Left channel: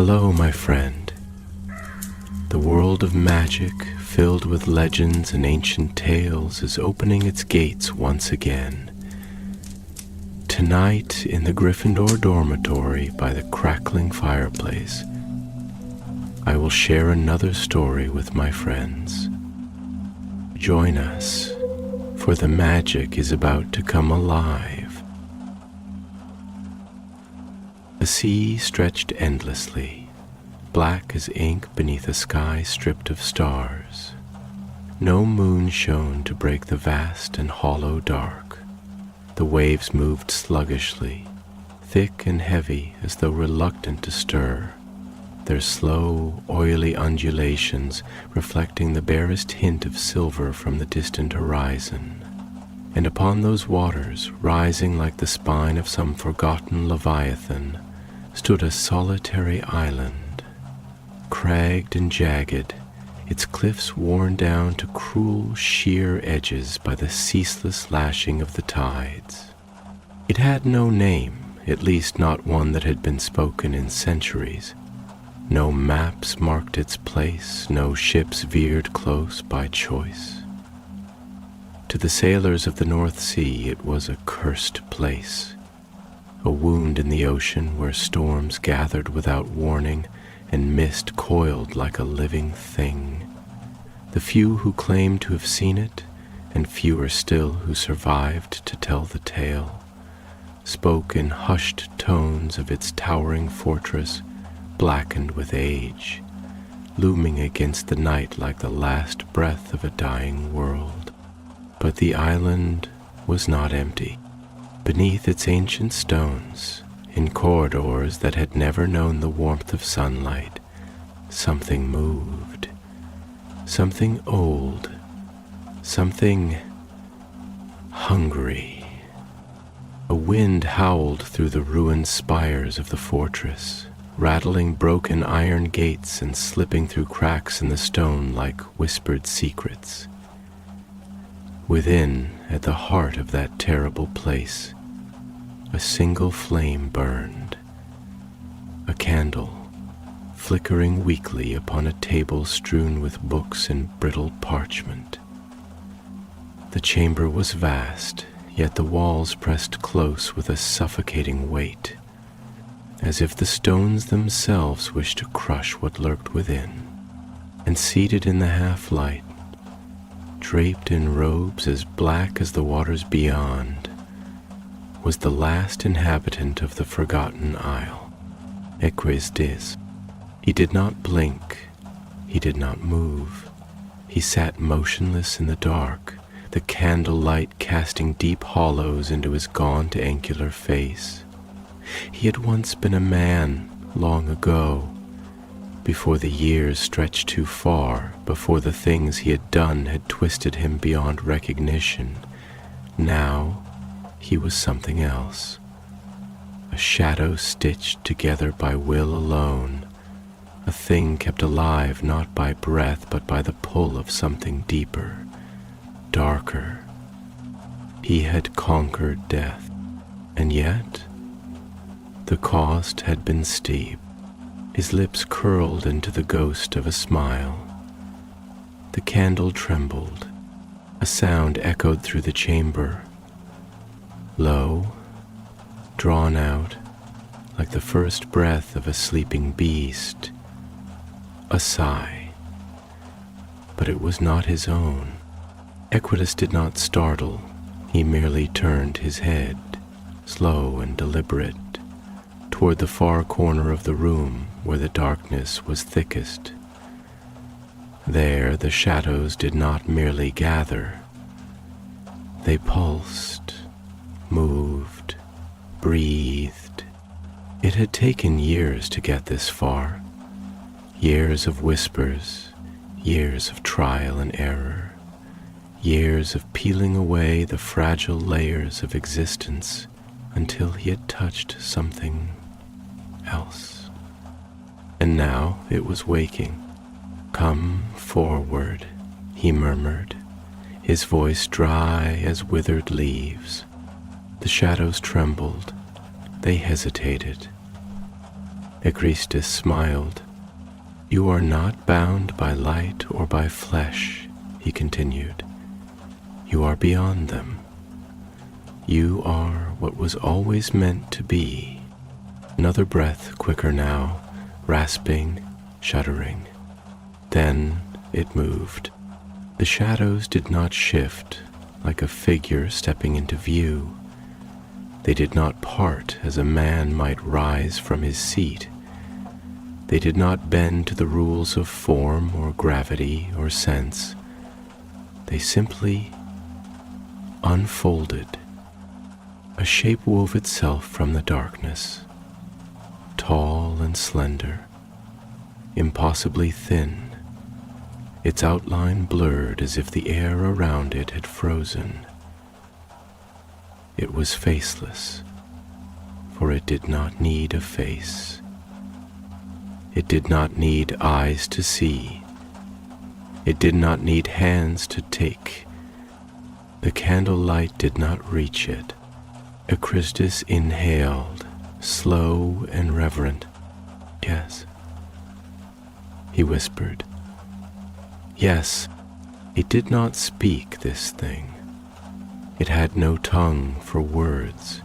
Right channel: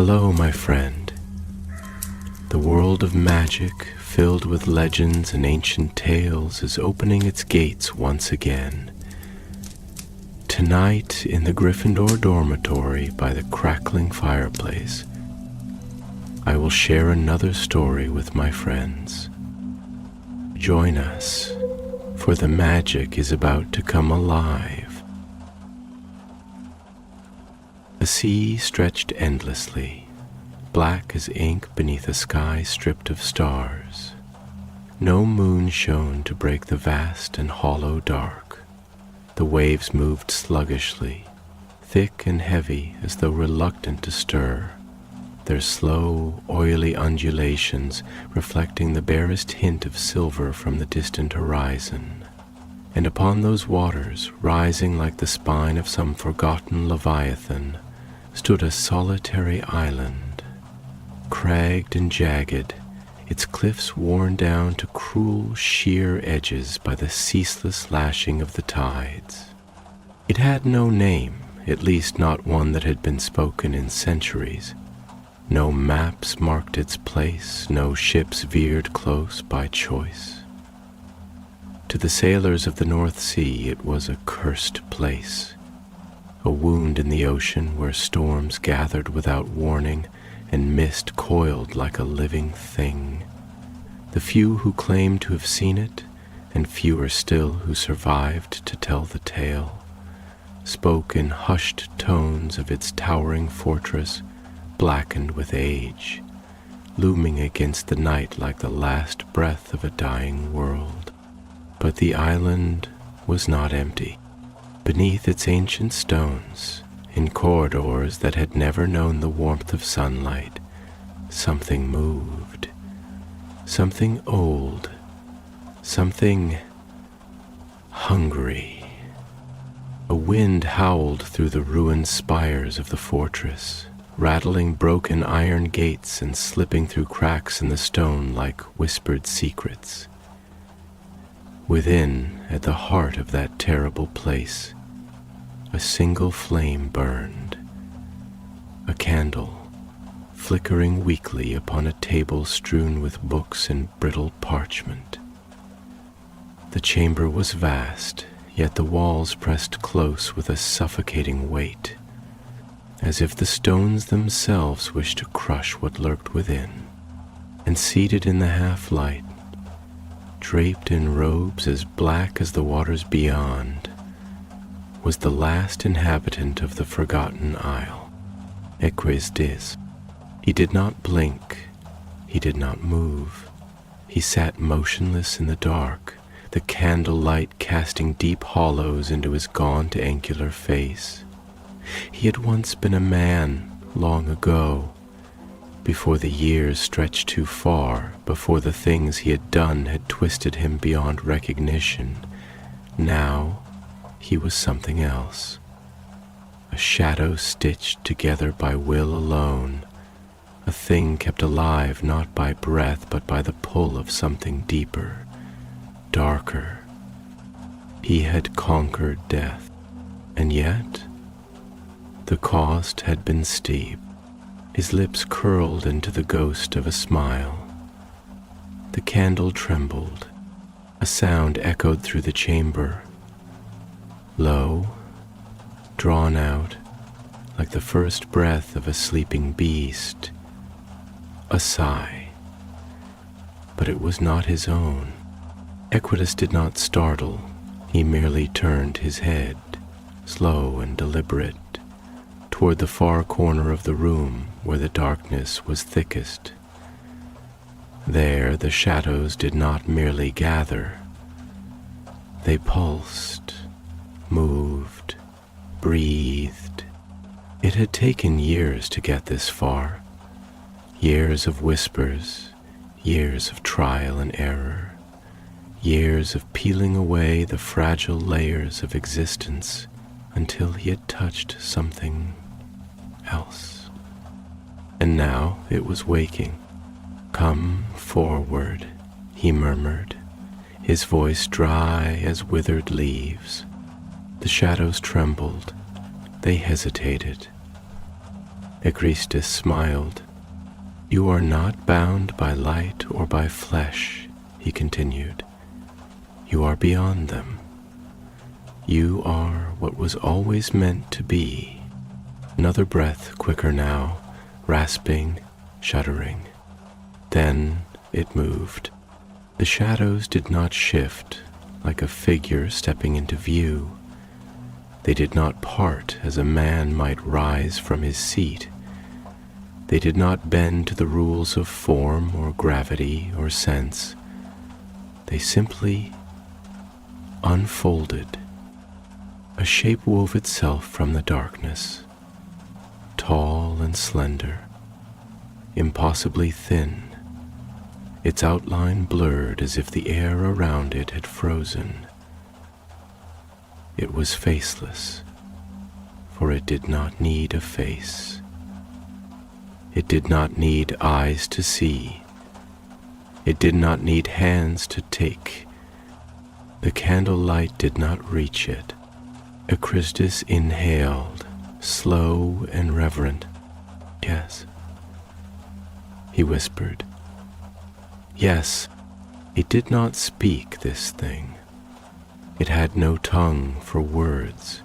Hello, my friend. The world of magic, filled with legends and ancient tales, is opening its gates once again. Tonight, in the Gryffindor dormitory by the crackling fireplace, I will share another story with my friends. Join us, for the magic is about to come alive. The sea stretched endlessly, black as ink beneath a sky stripped of stars. No moon shone to break the vast and hollow dark. The waves moved sluggishly, thick and heavy as though reluctant to stir, their slow, oily undulations reflecting the barest hint of silver from the distant horizon. And upon those waters, rising like the spine of some forgotten leviathan, stood a solitary island, cragged and jagged, its cliffs worn down to cruel, sheer edges by the ceaseless lashing of the tides. It had no name, at least not one that had been spoken in centuries. No maps marked its place, no ships veered close by choice. To the sailors of the North Sea it was a cursed place, a wound in the ocean where storms gathered without warning and mist coiled like a living thing. The few who claimed to have seen it, and fewer still who survived to tell the tale, spoke in hushed tones of its towering fortress, blackened with age, looming against the night like the last breath of a dying world. But the island was not empty. Beneath its ancient stones, in corridors that had never known the warmth of sunlight, something moved. Something old, something hungry. A wind howled through the ruined spires of the fortress, rattling broken iron gates and slipping through cracks in the stone like whispered secrets. Within, at the heart of that terrible place, a single flame burned, a candle flickering weakly upon a table strewn with books and brittle parchment. The chamber was vast, yet the walls pressed close with a suffocating weight, as if the stones themselves wished to crush what lurked within. And seated in the half-light, draped in robes as black as the waters beyond, was the last inhabitant of the forgotten isle, Eques Dis. He did not blink, he did not move. He sat motionless in the dark, the candlelight casting deep hollows into his gaunt, angular face. He had once been a man, long ago, before the years stretched too far, before the things he had done had twisted him beyond recognition. Now he was something else, a shadow stitched together by will alone, a thing kept alive not by breath but by the pull of something deeper, darker. He had conquered death, and yet the cost had been steep. His lips curled into the ghost of a smile. The candle trembled. A sound echoed through the chamber, low, drawn out, like the first breath of a sleeping beast. A sigh. But it was not his own. Equitus did not startle. He merely turned his head, slow and deliberate, toward the far corner of the room where the darkness was thickest. There the shadows did not merely gather. They pulsed, moved, breathed. It had taken years to get this far. Years of whispers, years of trial and error, years of peeling away the fragile layers of existence until he had touched something else. And now it was waking. "Come forward," he murmured, his voice dry as withered leaves. The shadows trembled. They hesitated. Echristus smiled. "You are not bound by light or by flesh," he continued. "You are beyond them. You are what was always meant to be." Another breath, quicker now, rasping, shuddering. Then it moved. The shadows did not shift like a figure stepping into view. They did not part as a man might rise from his seat. They did not bend to the rules of form or gravity or sense. They simply unfolded. A shape wove itself from the darkness, tall and slender, impossibly thin, its outline blurred as if the air around it had frozen. It was faceless, for it did not need a face. It did not need eyes to see. It did not need hands to take. The candlelight did not reach it. Echristus inhaled, slow and reverent. "Yes," he whispered. Yes, it did not speak, this thing. It had no tongue for words,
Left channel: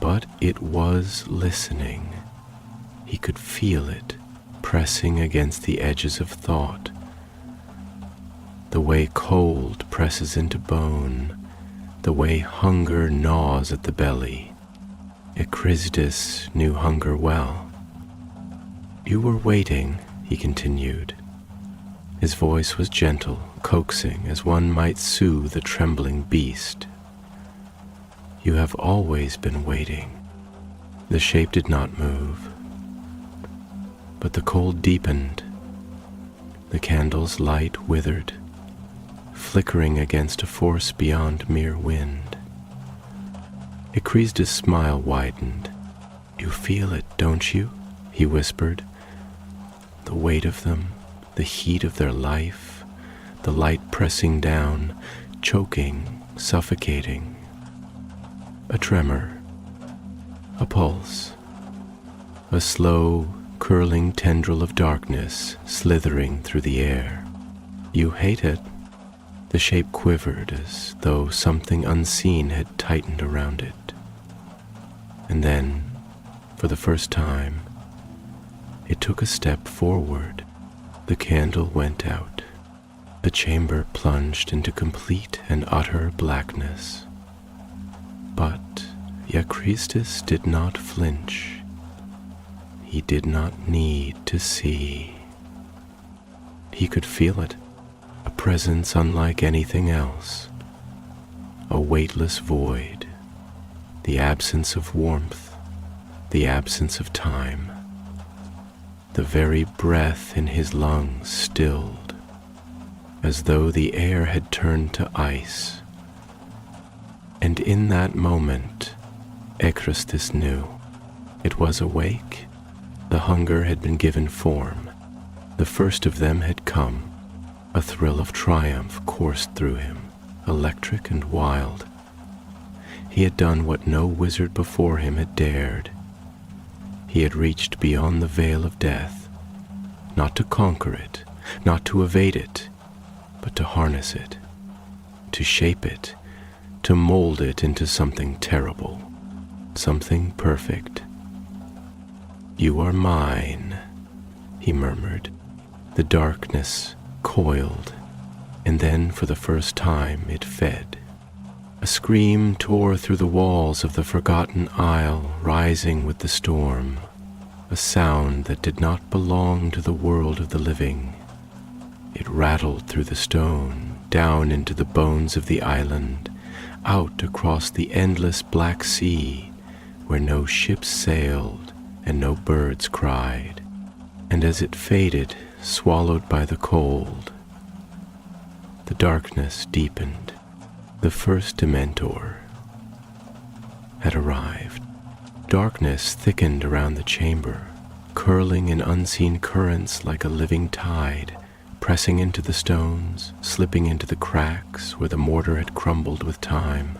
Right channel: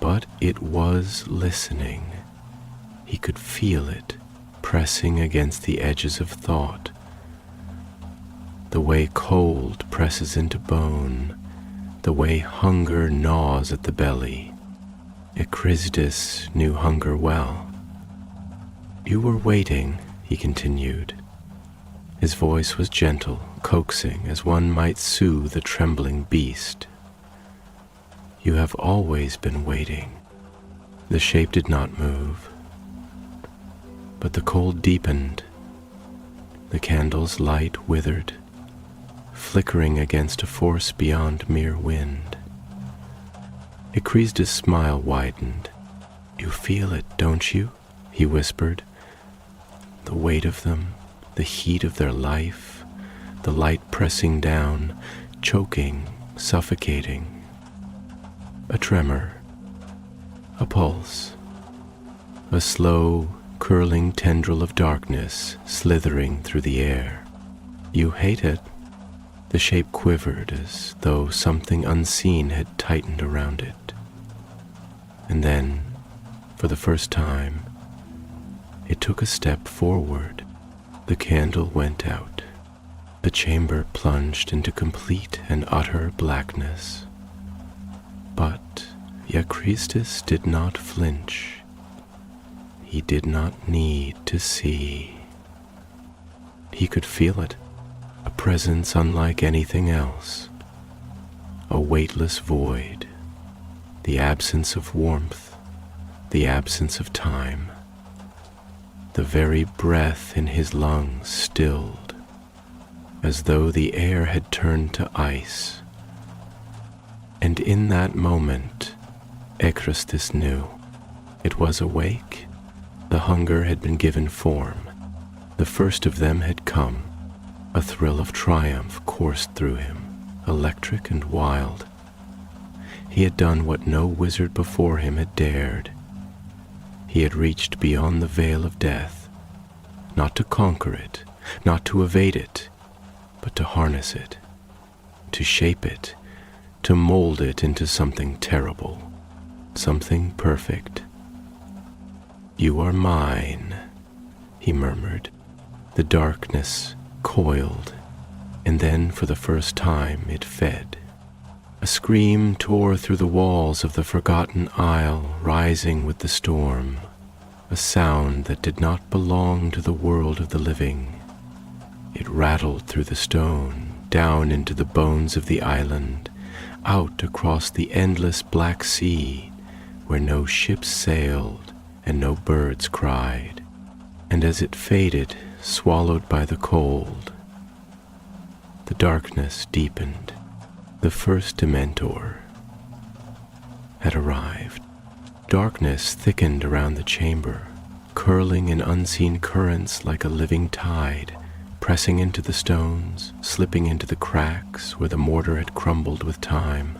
but it was listening. He could feel it pressing against the edges of thought, the way cold presses into bone, the way hunger gnaws at the belly. Echristus knew hunger well. "You were waiting," he continued. His voice was gentle, coaxing, as one might soothe a trembling beast. "You have always been waiting." The shape did not move, but the cold deepened. The candle's light withered, flickering against a force beyond mere wind. Echristus' smile widened. "You feel it, don't you?" he whispered. "The weight of them, the heat of their life, the light pressing down, choking, suffocating. A tremor, a pulse, a slow, curling tendril of darkness slithering through the air. You hate it." The shape quivered as though something unseen had tightened around it. And then, for the first time, it took a step forward. The candle went out. The chamber plunged into complete and utter blackness. But Echristus did not flinch. He did not need to see. He could feel it, a presence unlike anything else, a weightless void, the absence of warmth, the absence of time. The very breath in his lungs stilled, as though the air had turned to ice. And in that moment, Echristus knew. It was awake. The hunger had been given form. The first of them had come. A thrill of triumph coursed through him, electric and wild. He had done what no wizard before him had dared. He had reached beyond the veil of death, not to conquer it, not to evade it, but to harness it, to shape it, to mold it into something terrible, something perfect. "You are mine," he murmured. The darkness coiled, and then for the first time it fed. A scream tore through the walls of the forgotten isle, rising with the storm, a sound that did not belong to the world of the living. It rattled through the stone, down into the bones of the island, out across the endless black sea, where no ships sailed and no birds cried. And as it faded, swallowed by the cold, the darkness deepened. The first Dementor had arrived. Darkness thickened around the chamber, curling in unseen currents like a living tide, pressing into the stones, slipping into the cracks where the mortar had crumbled with time.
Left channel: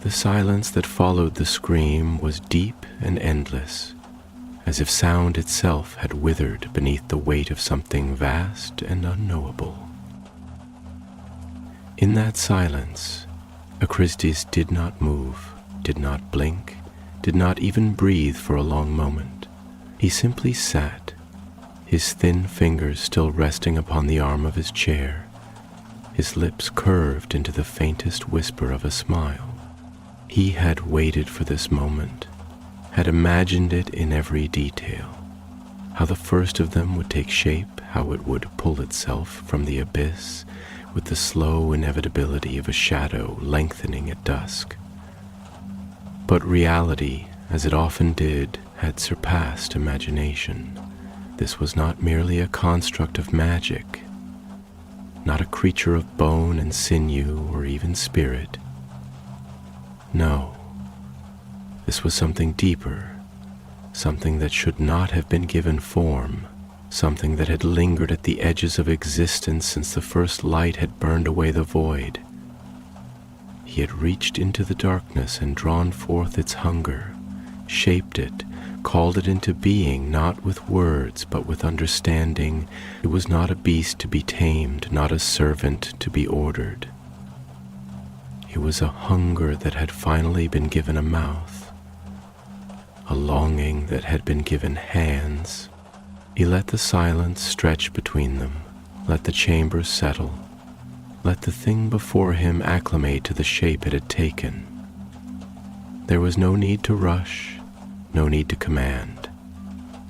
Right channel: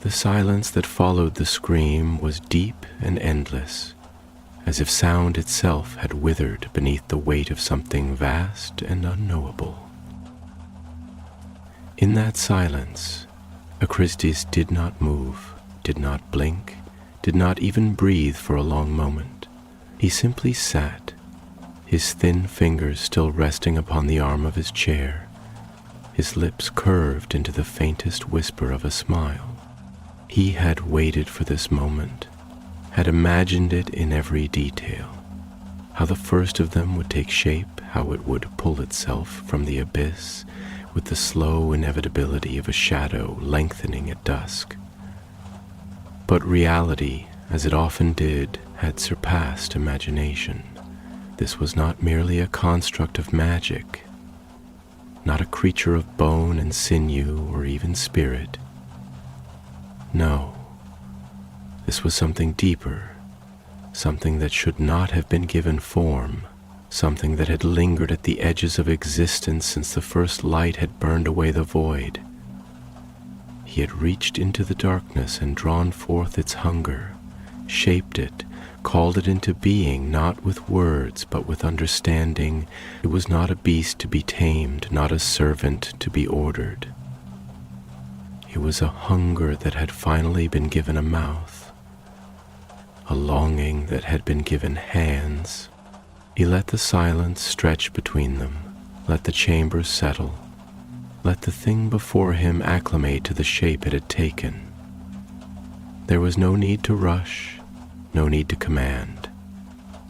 The silence that followed the scream was deep and endless, as if sound itself had withered beneath the weight of something vast and unknowable. In that silence, Achristes did not move, did not blink, did not even breathe for a long moment. He simply sat, his thin fingers still resting upon the arm of his chair, his lips curved into the faintest whisper of a smile. He had waited for this moment, had imagined it in every detail, how the first of them would take shape, how it would pull itself from the abyss with the slow inevitability of a shadow lengthening at dusk. But reality, as it often did, had surpassed imagination. This was not merely a construct of magic, not a creature of bone and sinew or even spirit. No, this was something deeper, something that should not have been given form, something that had lingered at the edges of existence since the first light had burned away the void. He had reached into the darkness and drawn forth its hunger, shaped it, called it into being, not with words but with understanding. It was not a beast to be tamed, not a servant to be ordered. It was a hunger that had finally been given a mouth, a longing that had been given hands. He let the silence stretch between them, let the chamber settle, let the thing before him acclimate to the shape it had taken. There was no need to rush, no need to command.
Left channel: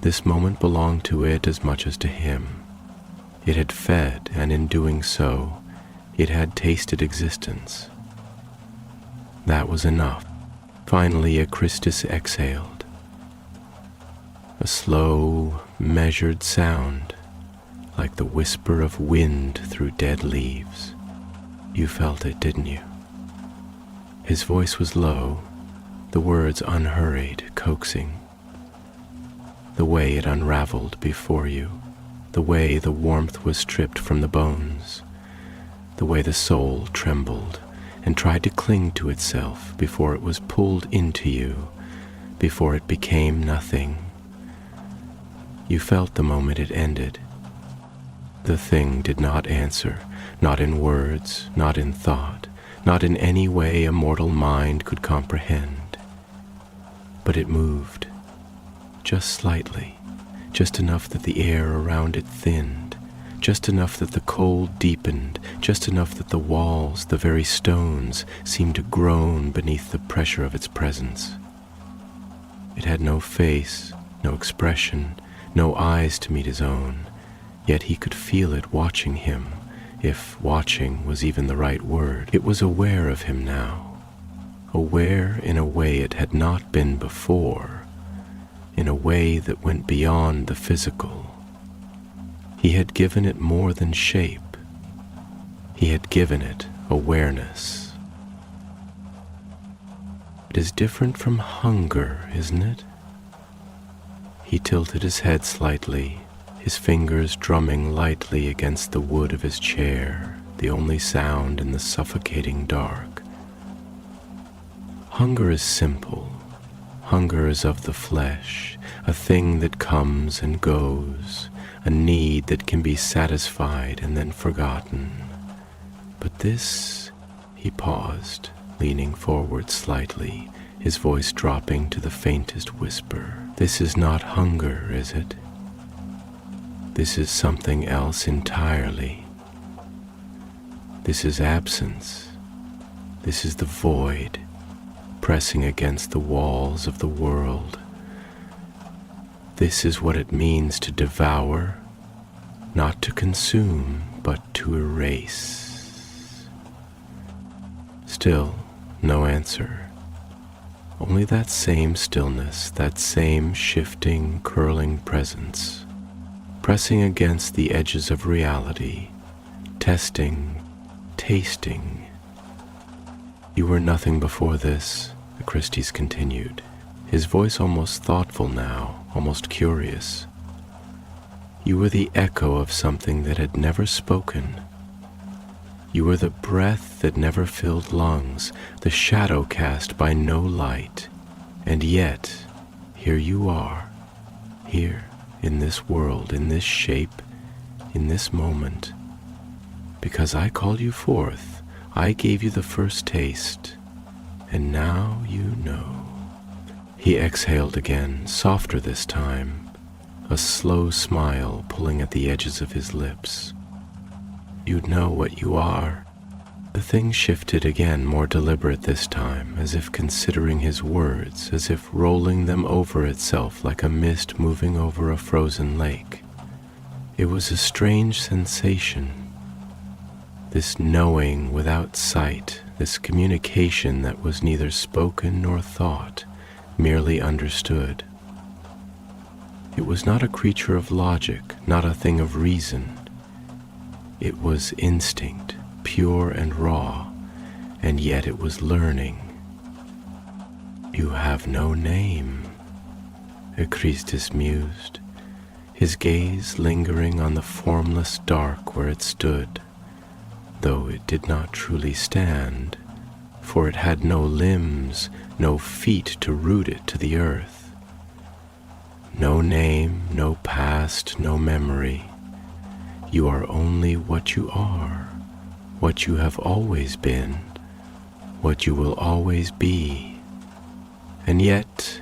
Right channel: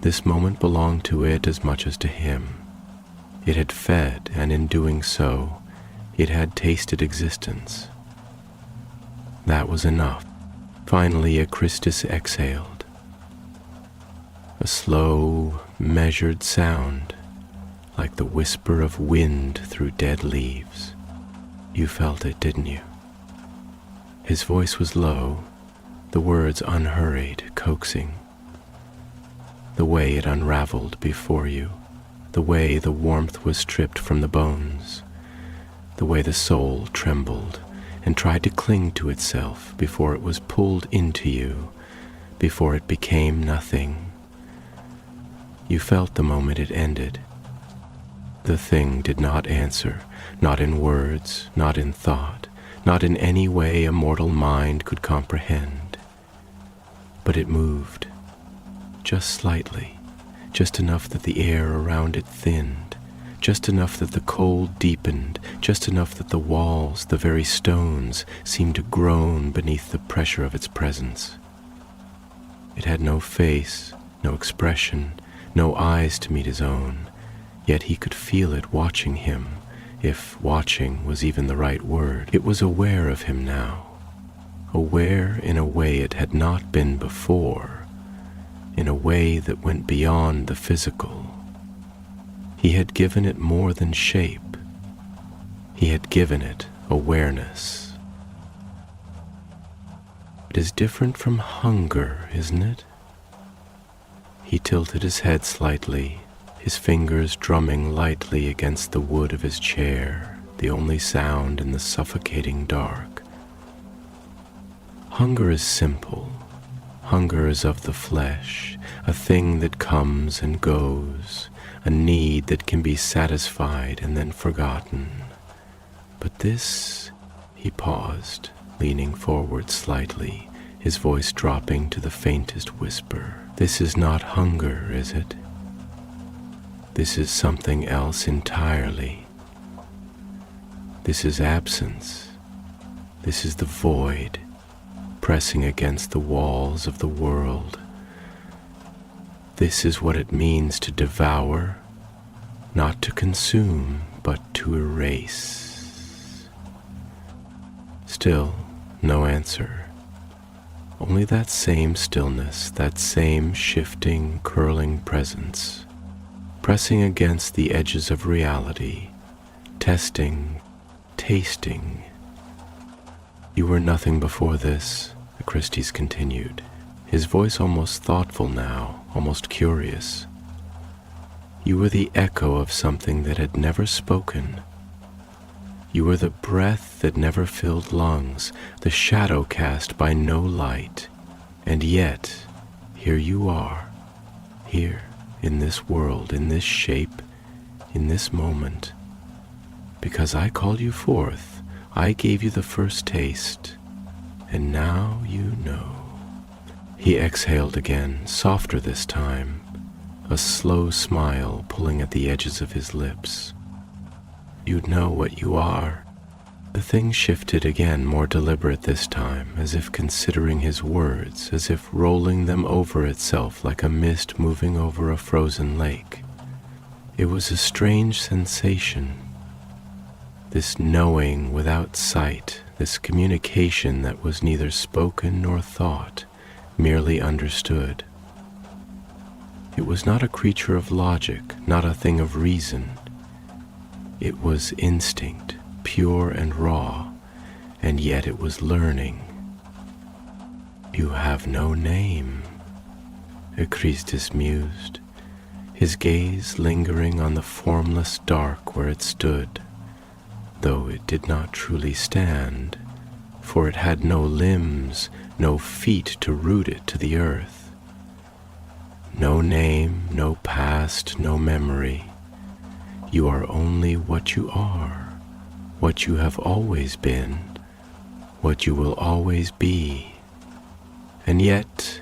This moment belonged to it as much as to him. It had fed, and in doing so, it had tasted existence. That was enough. Finally, Achristes exhaled. A slow, measured sound, like the whisper of wind through dead leaves. You felt it, didn't you? His voice was low, the words unhurried, coaxing. The way it unraveled before you, the way the warmth was stripped from the bones, the way the soul trembled and tried to cling to itself before it was pulled into you, before it became nothing. You felt the moment it ended. The thing did not answer, not in words, not in thought, not in any way a mortal mind could comprehend. But it moved, just slightly, just enough that the air around it thinned, just enough that the cold deepened, just enough that the walls, the very stones, seemed to groan beneath the pressure of its presence. It had no face, no expression, no eyes to meet his own, yet he could feel it watching him, if watching was even the right word. It was aware of him now, aware in a way it had not been before, in a way that went beyond the physical. He had given it more than shape. He had given it awareness. It is different from hunger, isn't it? He tilted his head slightly, his fingers drumming lightly against the wood of his chair, the only sound in the suffocating dark. Hunger is simple. Hunger is of the flesh, a thing that comes and goes, a need that can be satisfied and then forgotten. But this, he paused, leaning forward slightly, his voice dropping to the faintest whisper. This is not hunger, is it? This is something else entirely. This is absence. This is the void, pressing against the walls of the world. This is what it means to devour, not to consume, but to erase. Still, no answer. Only that same stillness, that same shifting, curling presence, pressing against the edges of reality, testing, tasting. You were nothing before this, Achristes continued, his voice almost thoughtful now, almost curious. You were the echo of something that had never spoken. You were the breath that never filled lungs, the shadow cast by no light, and yet, here you are, here, in this world, in this shape, in this moment, because I called you forth. I gave you the first taste, and now you know. He exhaled again, softer this time, a slow smile pulling at the edges of his lips. You know what you are. The thing shifted again, more deliberate this time, as if considering his words, as if rolling them over itself like a mist moving over a frozen lake. It was a strange sensation, this knowing without sight, this communication that was neither spoken nor thought, merely understood. It was not a creature of logic, not a thing of reason. It was instinct, pure and raw, and yet it was learning. You have no name, Echristus mused, his gaze lingering on the formless dark where it stood, though it did not truly stand, for it had no limbs, no feet to root it to the earth. No name, no past, no memory. You are only what you are, what you have always been, what you will always be. And yet,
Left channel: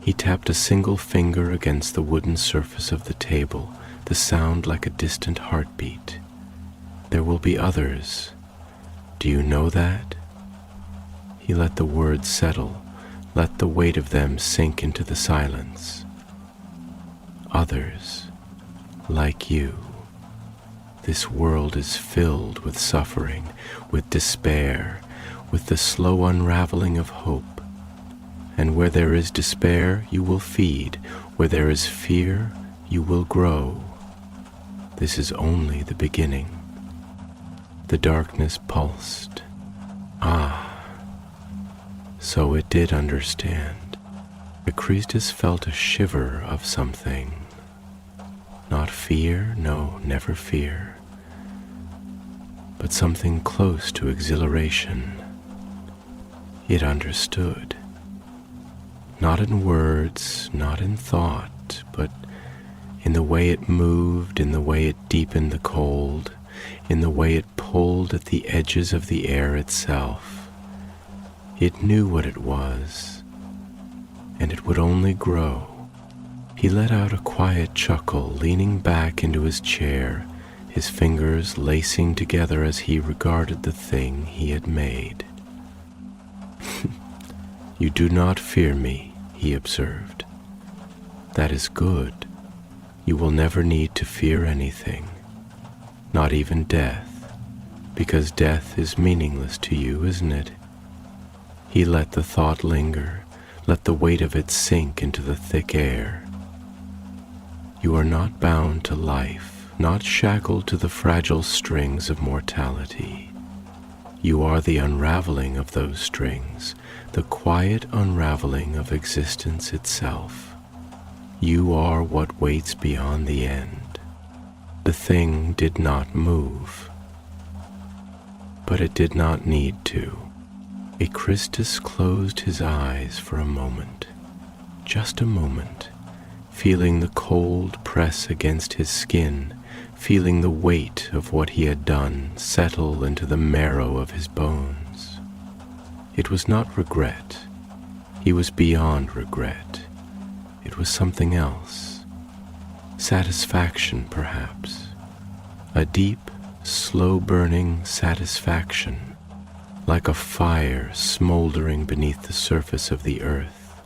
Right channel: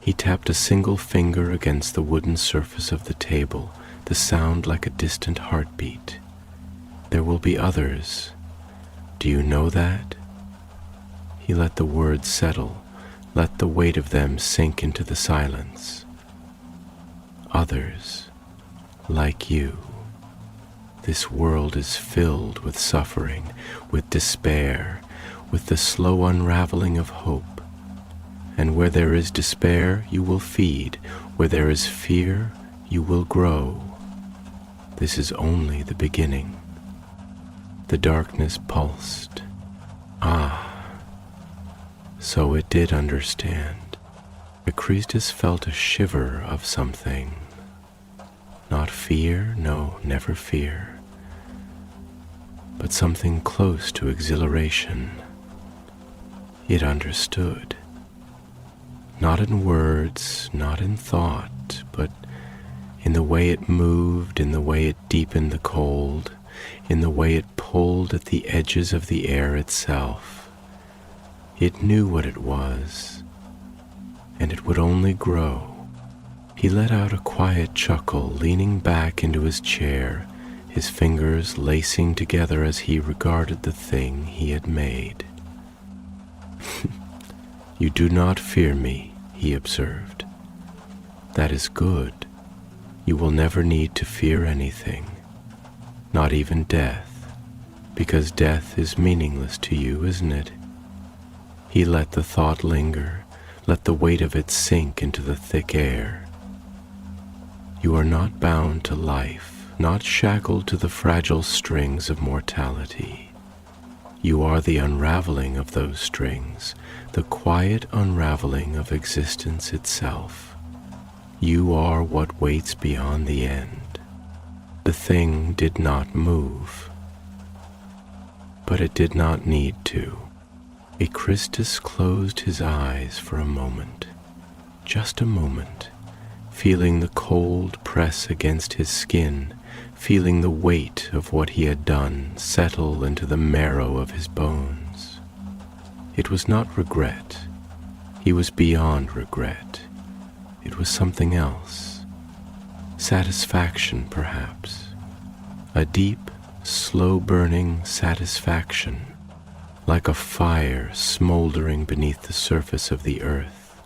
he tapped a single finger against the wooden surface of the table, the sound like a distant heartbeat. There will be others. Do you know that? He let the words settle, let the weight of them sink into the silence. Others, like you. This world is filled with suffering, with despair, with the slow unraveling of hope. And where there is despair, you will feed. Where there is fear, you will grow. This is only the beginning. The darkness pulsed. Ah, so it did understand. Echristus felt a shiver of something. Not fear, no, never fear, but something close to exhilaration. It understood. Not in words, not in thought, but in the way it moved, in the way it deepened the cold, in the way it pulled at the edges of the air itself. It knew what it was, and it would only grow. He let out a quiet chuckle, leaning back into his chair, his fingers lacing together as he regarded the thing he had made. You do not fear me, he observed. That is good. You will never need to fear anything, not even death, because death is meaningless to you, isn't it? He let the thought linger, let the weight of it sink into the thick air. You are not bound to life, not shackled to the fragile strings of mortality. You are the unraveling of those strings, the quiet unraveling of existence itself. You are what waits beyond the end. The thing did not move, but it did not need to. Echristus closed his eyes for a moment, just a moment, feeling the cold press against his skin, feeling the weight of what he had done settle into the marrow of his bones. It was not regret. He was beyond regret. It was something else. Satisfaction, perhaps. A deep, slow-burning satisfaction, like a fire smoldering beneath the surface of the earth.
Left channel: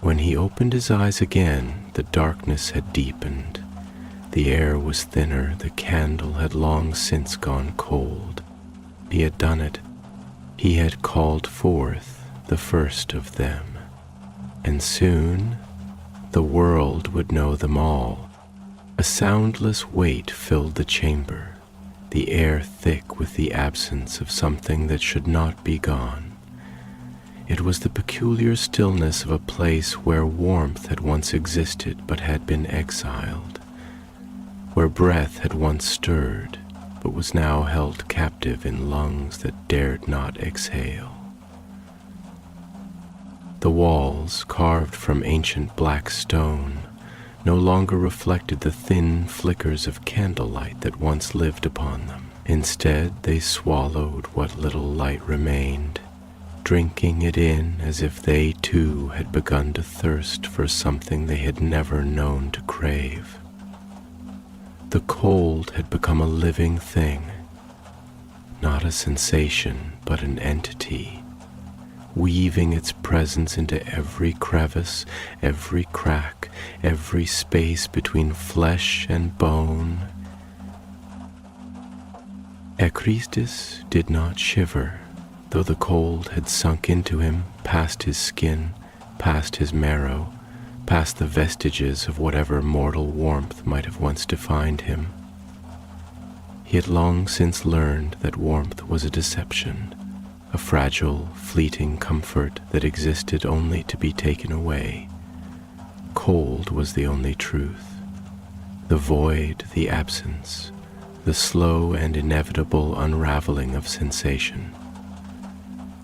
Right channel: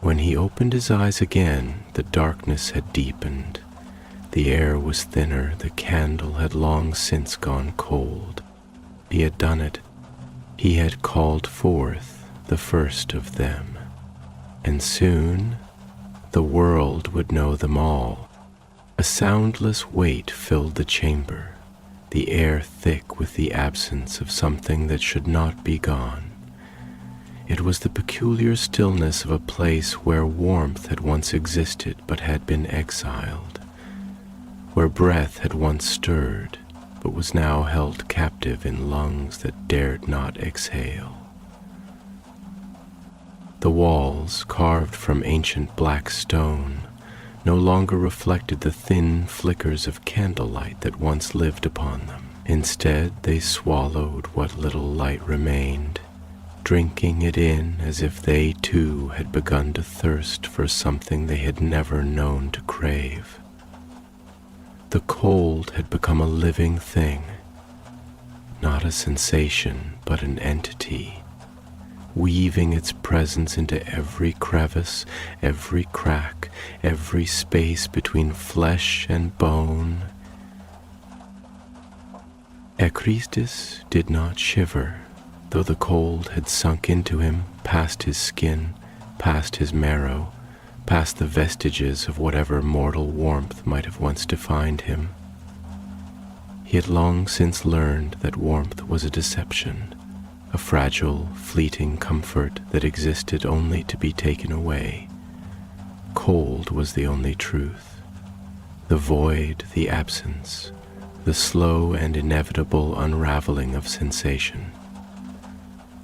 When he opened his eyes again, the darkness had deepened. The air was thinner, the candle had long since gone cold. He had done it. He had called forth the first of them. And soon the world would know them all. A soundless weight filled the chamber, the air thick with the absence of something that should not be gone. It was the peculiar stillness of a place where warmth had once existed but had been exiled, where breath had once stirred but was now held captive in lungs that dared not exhale. The walls, carved from ancient black stone, no longer reflected the thin flickers of candlelight that once lived upon them. Instead, they swallowed what little light remained, drinking it in as if they too had begun to thirst for something they had never known to crave. The cold had become a living thing, not a sensation, but an entity, weaving its presence into every crevice, every crack, every space between flesh and bone. Echristus did not shiver, though the cold had sunk into him, past his skin, past his marrow, past the vestiges of whatever mortal warmth might have once defined him. He had long since learned that warmth was a deception, a fragile, fleeting comfort that existed only to be taken away. Cold was the only truth, the void, the absence, the slow and inevitable unraveling of sensation.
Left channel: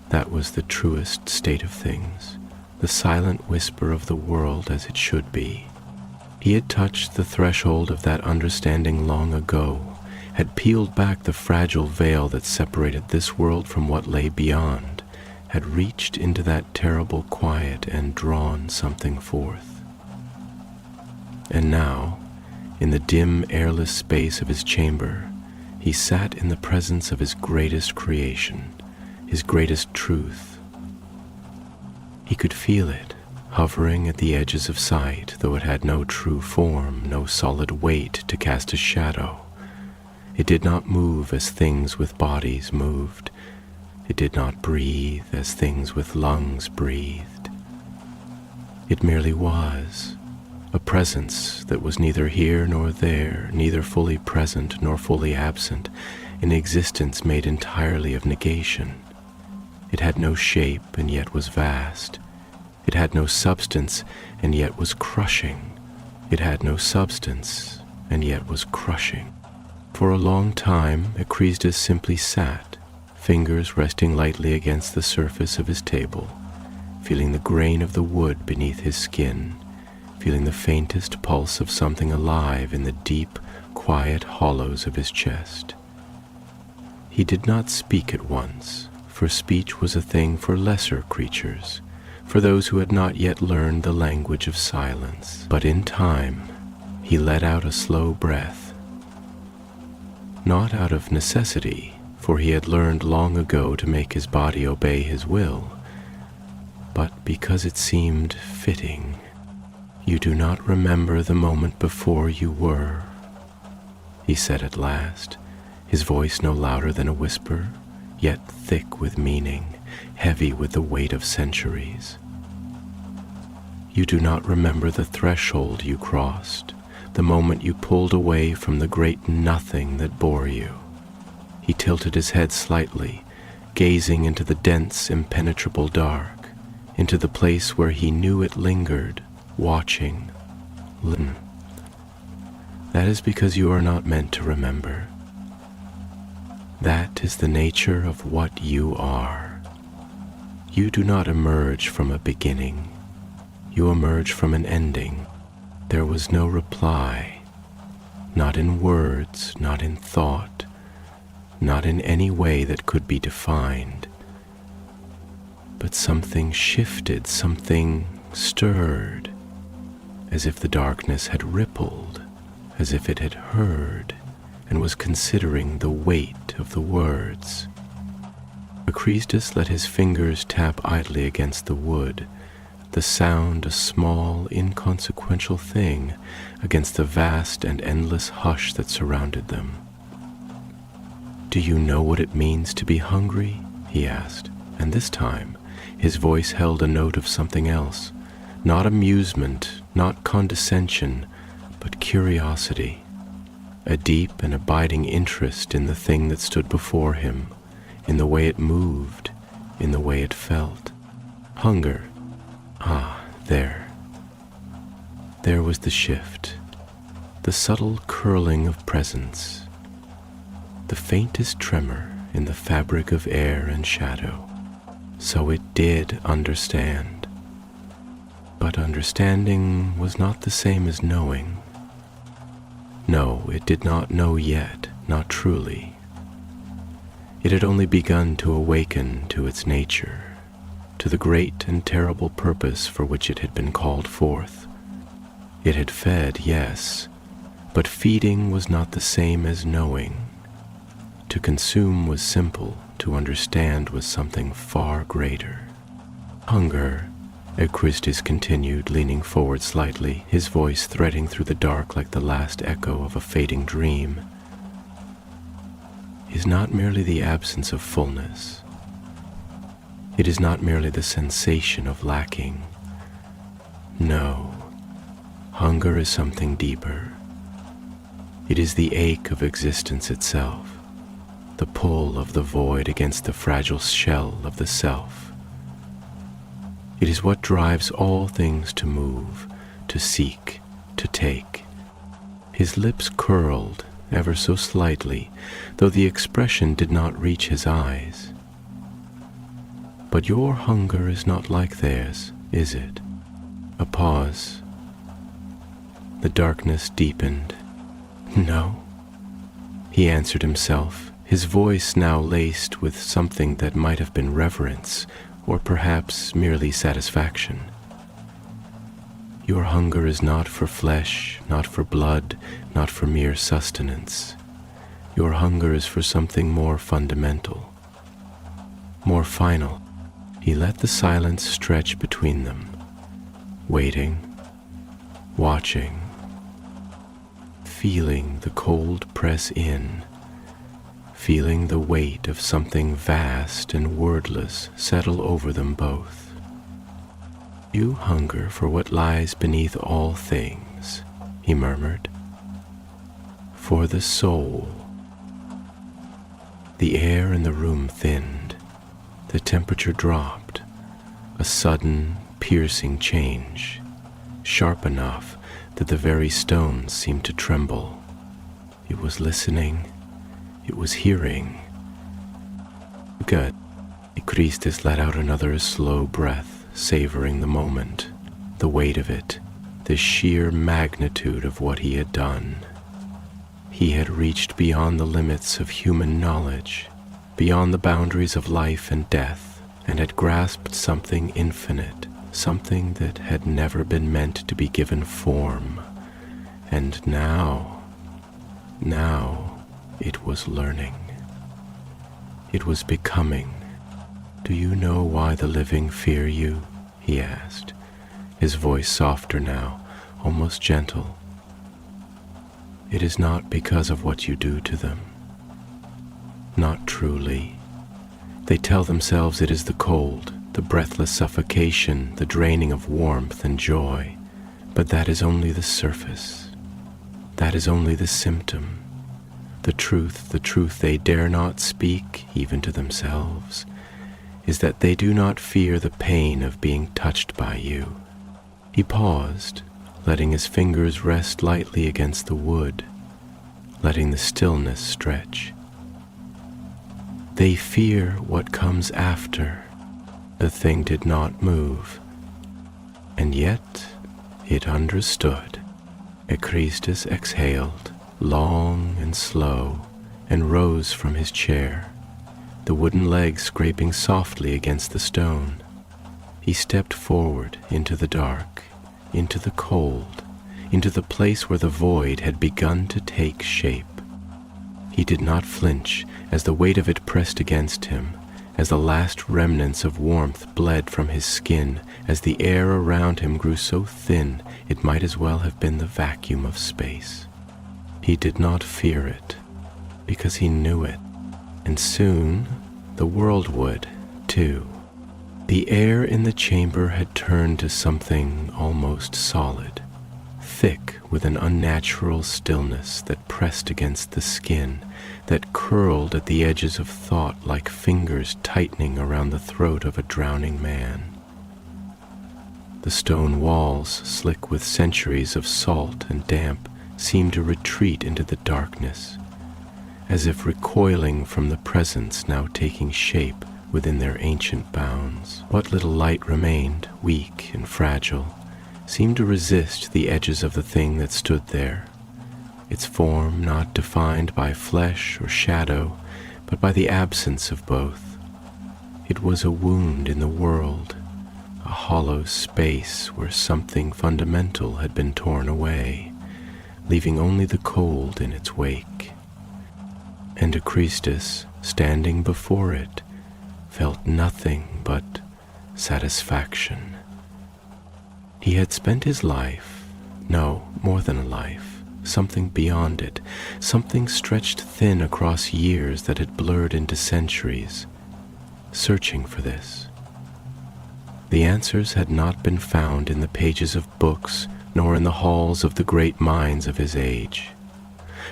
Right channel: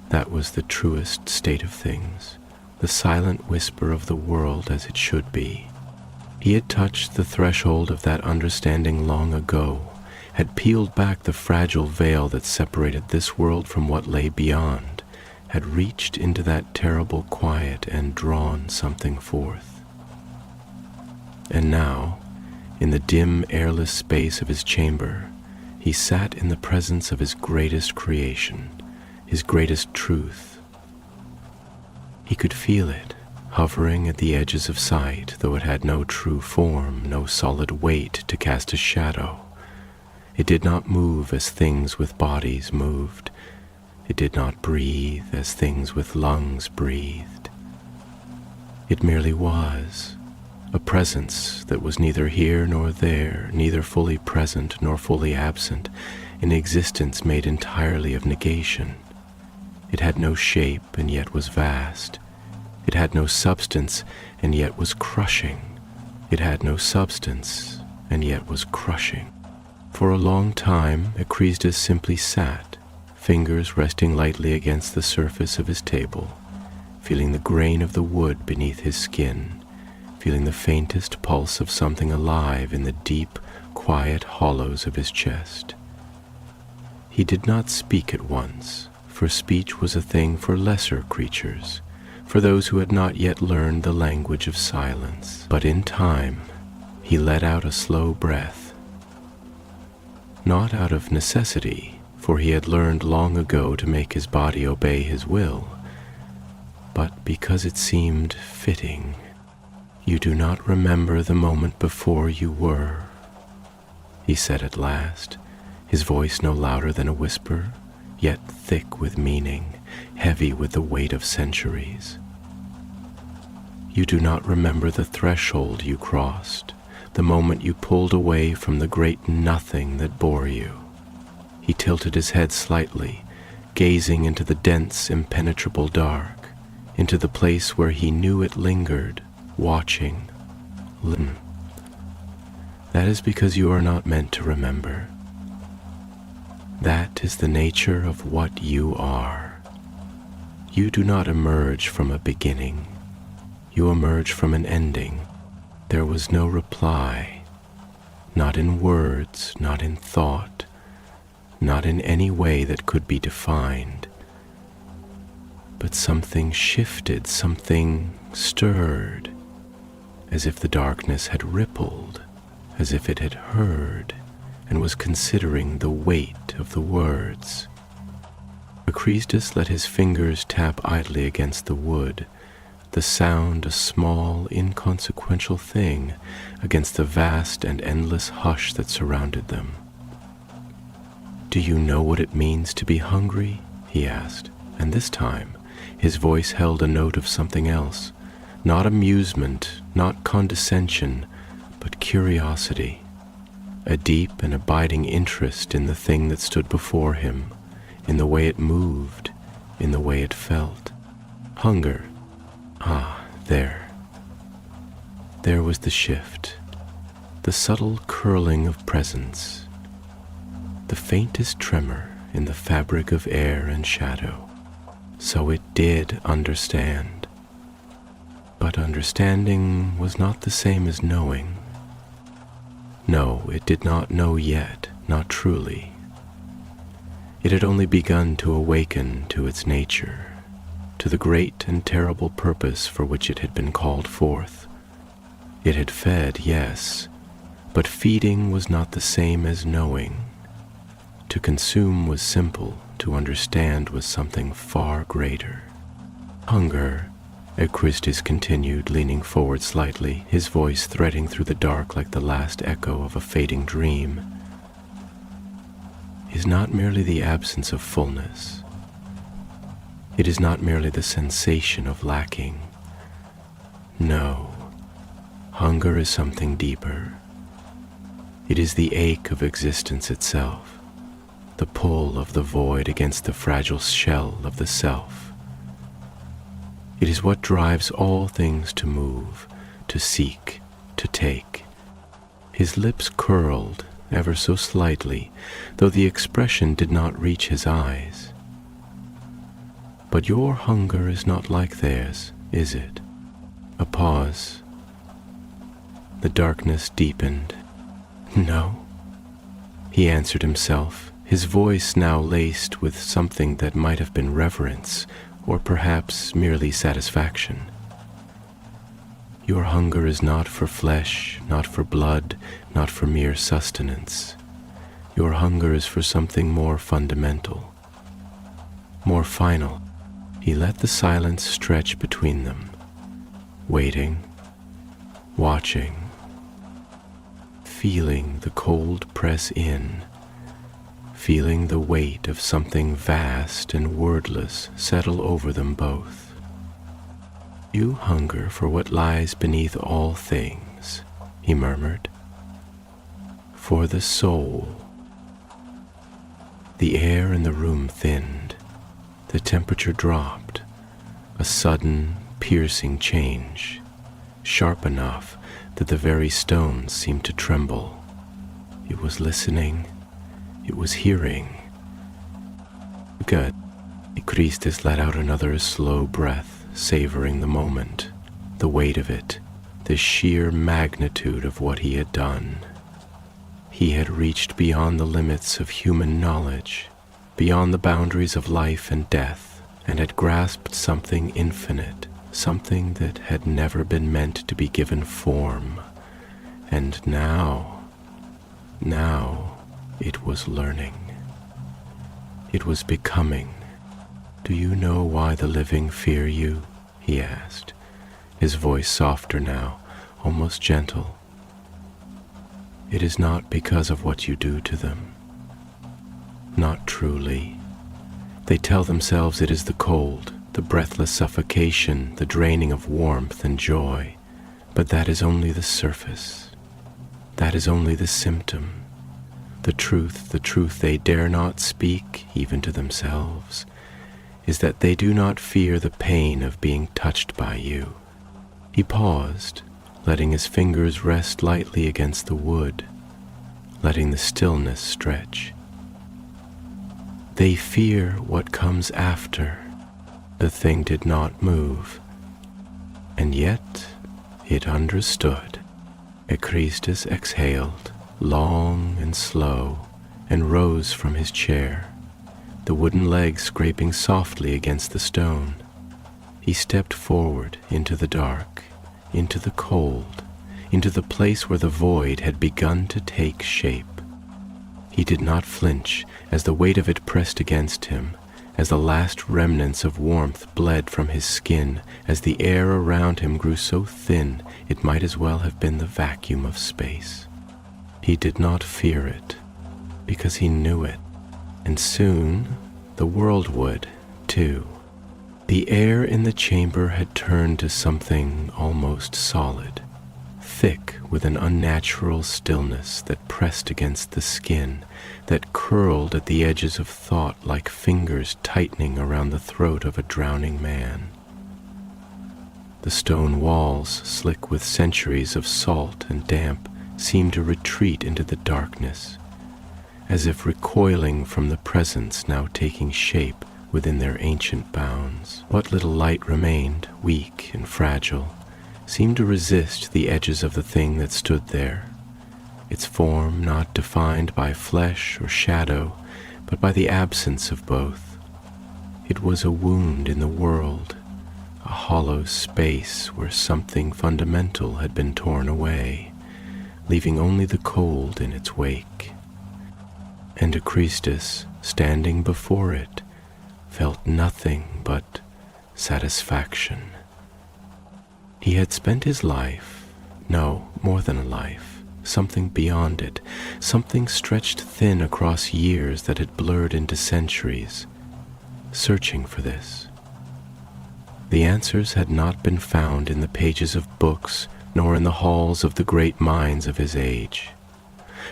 That was the truest state of things, the silent whisper of the world as it should be. He had touched the threshold of that understanding long ago, had peeled back the fragile veil that separated this world from what lay beyond, had reached into that terrible quiet and drawn something forth. And now, in the dim, airless space of his chamber, he sat in the presence of his greatest creation, his greatest truth. He could feel it, hovering at the edges of sight, though it had no true form, no solid weight to cast a shadow. It did not move as things with bodies moved. It did not breathe as things with lungs breathed. It merely was, a presence that was neither here nor there, neither fully present nor fully absent, an existence made entirely of negation. It had no shape and yet was vast. It had no substance and yet was crushing. It had no substance and yet was crushing. For a long time, Echristus simply sat, fingers resting lightly against the surface of his table, feeling the grain of the wood beneath his skin, feeling the faintest pulse of something alive in the deep, quiet hollows of his chest. He did not speak at once, for speech was a thing for lesser creatures, for those who had not yet learned the language of silence. But in time, he let out a slow breath, not out of necessity, for he had learned long ago to make his body obey his will, but because it seemed fitting. "You do not remember the moment before you were," he said at last, his voice no louder than a whisper, yet thick with meaning, heavy with the weight of centuries. "You do not remember the threshold you crossed, the moment you pulled away from the great nothing that bore you." He tilted his head slightly, gazing into the dense, impenetrable dark, into the place where he knew it lingered, watching. "That is because you are not meant to remember. That is the nature of what you are. You do not emerge from a beginning. You emerge from an ending. There was no reply, not in words, not in thought, not in any way that could be defined. But something shifted, something stirred, as if the darkness had rippled, as if it had heard and was considering the weight of the words. Echristus let his fingers tap idly against the wood, the sound a small, inconsequential thing against the vast and endless hush that surrounded them. "Do you know what it means to be hungry?" he asked, and this time his voice held a note of something else, not amusement, not condescension, but curiosity, a deep and abiding interest in the thing that stood before him, in the way it moved, in the way it felt. Hunger. Ah, there was the shift, the subtle curling of presence, the faintest tremor in the fabric of air and shadow. So it did understand. But understanding was not the same as knowing. No, it did not know yet, not truly. It had only begun to awaken to its nature, to the great and terrible purpose for which it had been called forth. It had fed, yes, but feeding was not the same as knowing. To consume was simple, to understand was something far greater. Hunger, Christus continued, leaning forward slightly, his voice threading through the dark like the last echo of a fading dream, is not merely the absence of fullness. It is not merely the sensation of lacking. No, hunger is something deeper. It is the ache of existence itself, the pull of the void against the fragile shell of the self. It is what drives all things to move, to seek, to take. His lips curled ever so slightly, though the expression did not reach his eyes. But your hunger is not like theirs, is it? A pause. The darkness deepened. No, he answered himself, his voice now laced with something that might have been reverence, or perhaps merely satisfaction. Your hunger is not for flesh, not for blood, not for mere sustenance. Your hunger is for something more fundamental, more final. He let the silence stretch between them, waiting, watching, feeling the cold press in, feeling the weight of something vast and wordless settle over them both. You hunger for what lies beneath all things, he murmured. For the soul. The air in the room thinned. The temperature dropped. A sudden, piercing change, sharp enough that the very stones seemed to tremble. It was listening. It was hearing. Good. Christus let out another slow breath, savoring the moment, the weight of it, the sheer magnitude of what he had done. He had reached beyond the limits of human knowledge, beyond the boundaries of life and death, and had grasped something infinite, something that had never been meant to be given form. And now, it was learning. It was becoming. Do you know why the living fear you? He asked, his voice softer now, almost gentle. It is not because of what you do to them. Not truly. They tell themselves it is the cold, the breathless suffocation, the draining of warmth and joy, but that is only the surface. That is only the symptom. The truth they dare not speak, even to themselves, is that they do not fear the pain of being touched by you. He paused, letting his fingers rest lightly against the wood, letting the stillness stretch. They fear what comes after. The thing did not move, and yet it understood. Christus exhaled, long and slow, and rose from his chair, the wooden legs scraping softly against the stone. He stepped forward into the dark, into the cold, into the place where the void had begun to take shape. He did not flinch as the weight of it pressed against him, as the last remnants of warmth bled from his skin, as the air around him grew so thin it might as well have been the vacuum of space. He did not fear it, because he knew it, and soon the world would, too. The air in the chamber had turned to something almost solid, thick with an unnatural stillness that pressed against the skin, that curled at the edges of thought like fingers tightening around the throat of a drowning man. The stone walls, slick with centuries of salt and damp, seemed to retreat into the darkness, as if recoiling from the presence now taking shape within their ancient bounds. What little light remained, weak and fragile, seemed to resist the edges of the thing that stood there, its form not defined by flesh or shadow, but by the absence of both. It was a wound in the world, a hollow space where something fundamental had been torn away, leaving only the cold in its wake. And Acrisius, standing before it, felt nothing but satisfaction. He had spent his life, no, more than a life, something beyond it, something stretched thin across years that had blurred into centuries, searching for this. The answers had not been found in the pages of books, nor in the halls of the great minds of his age.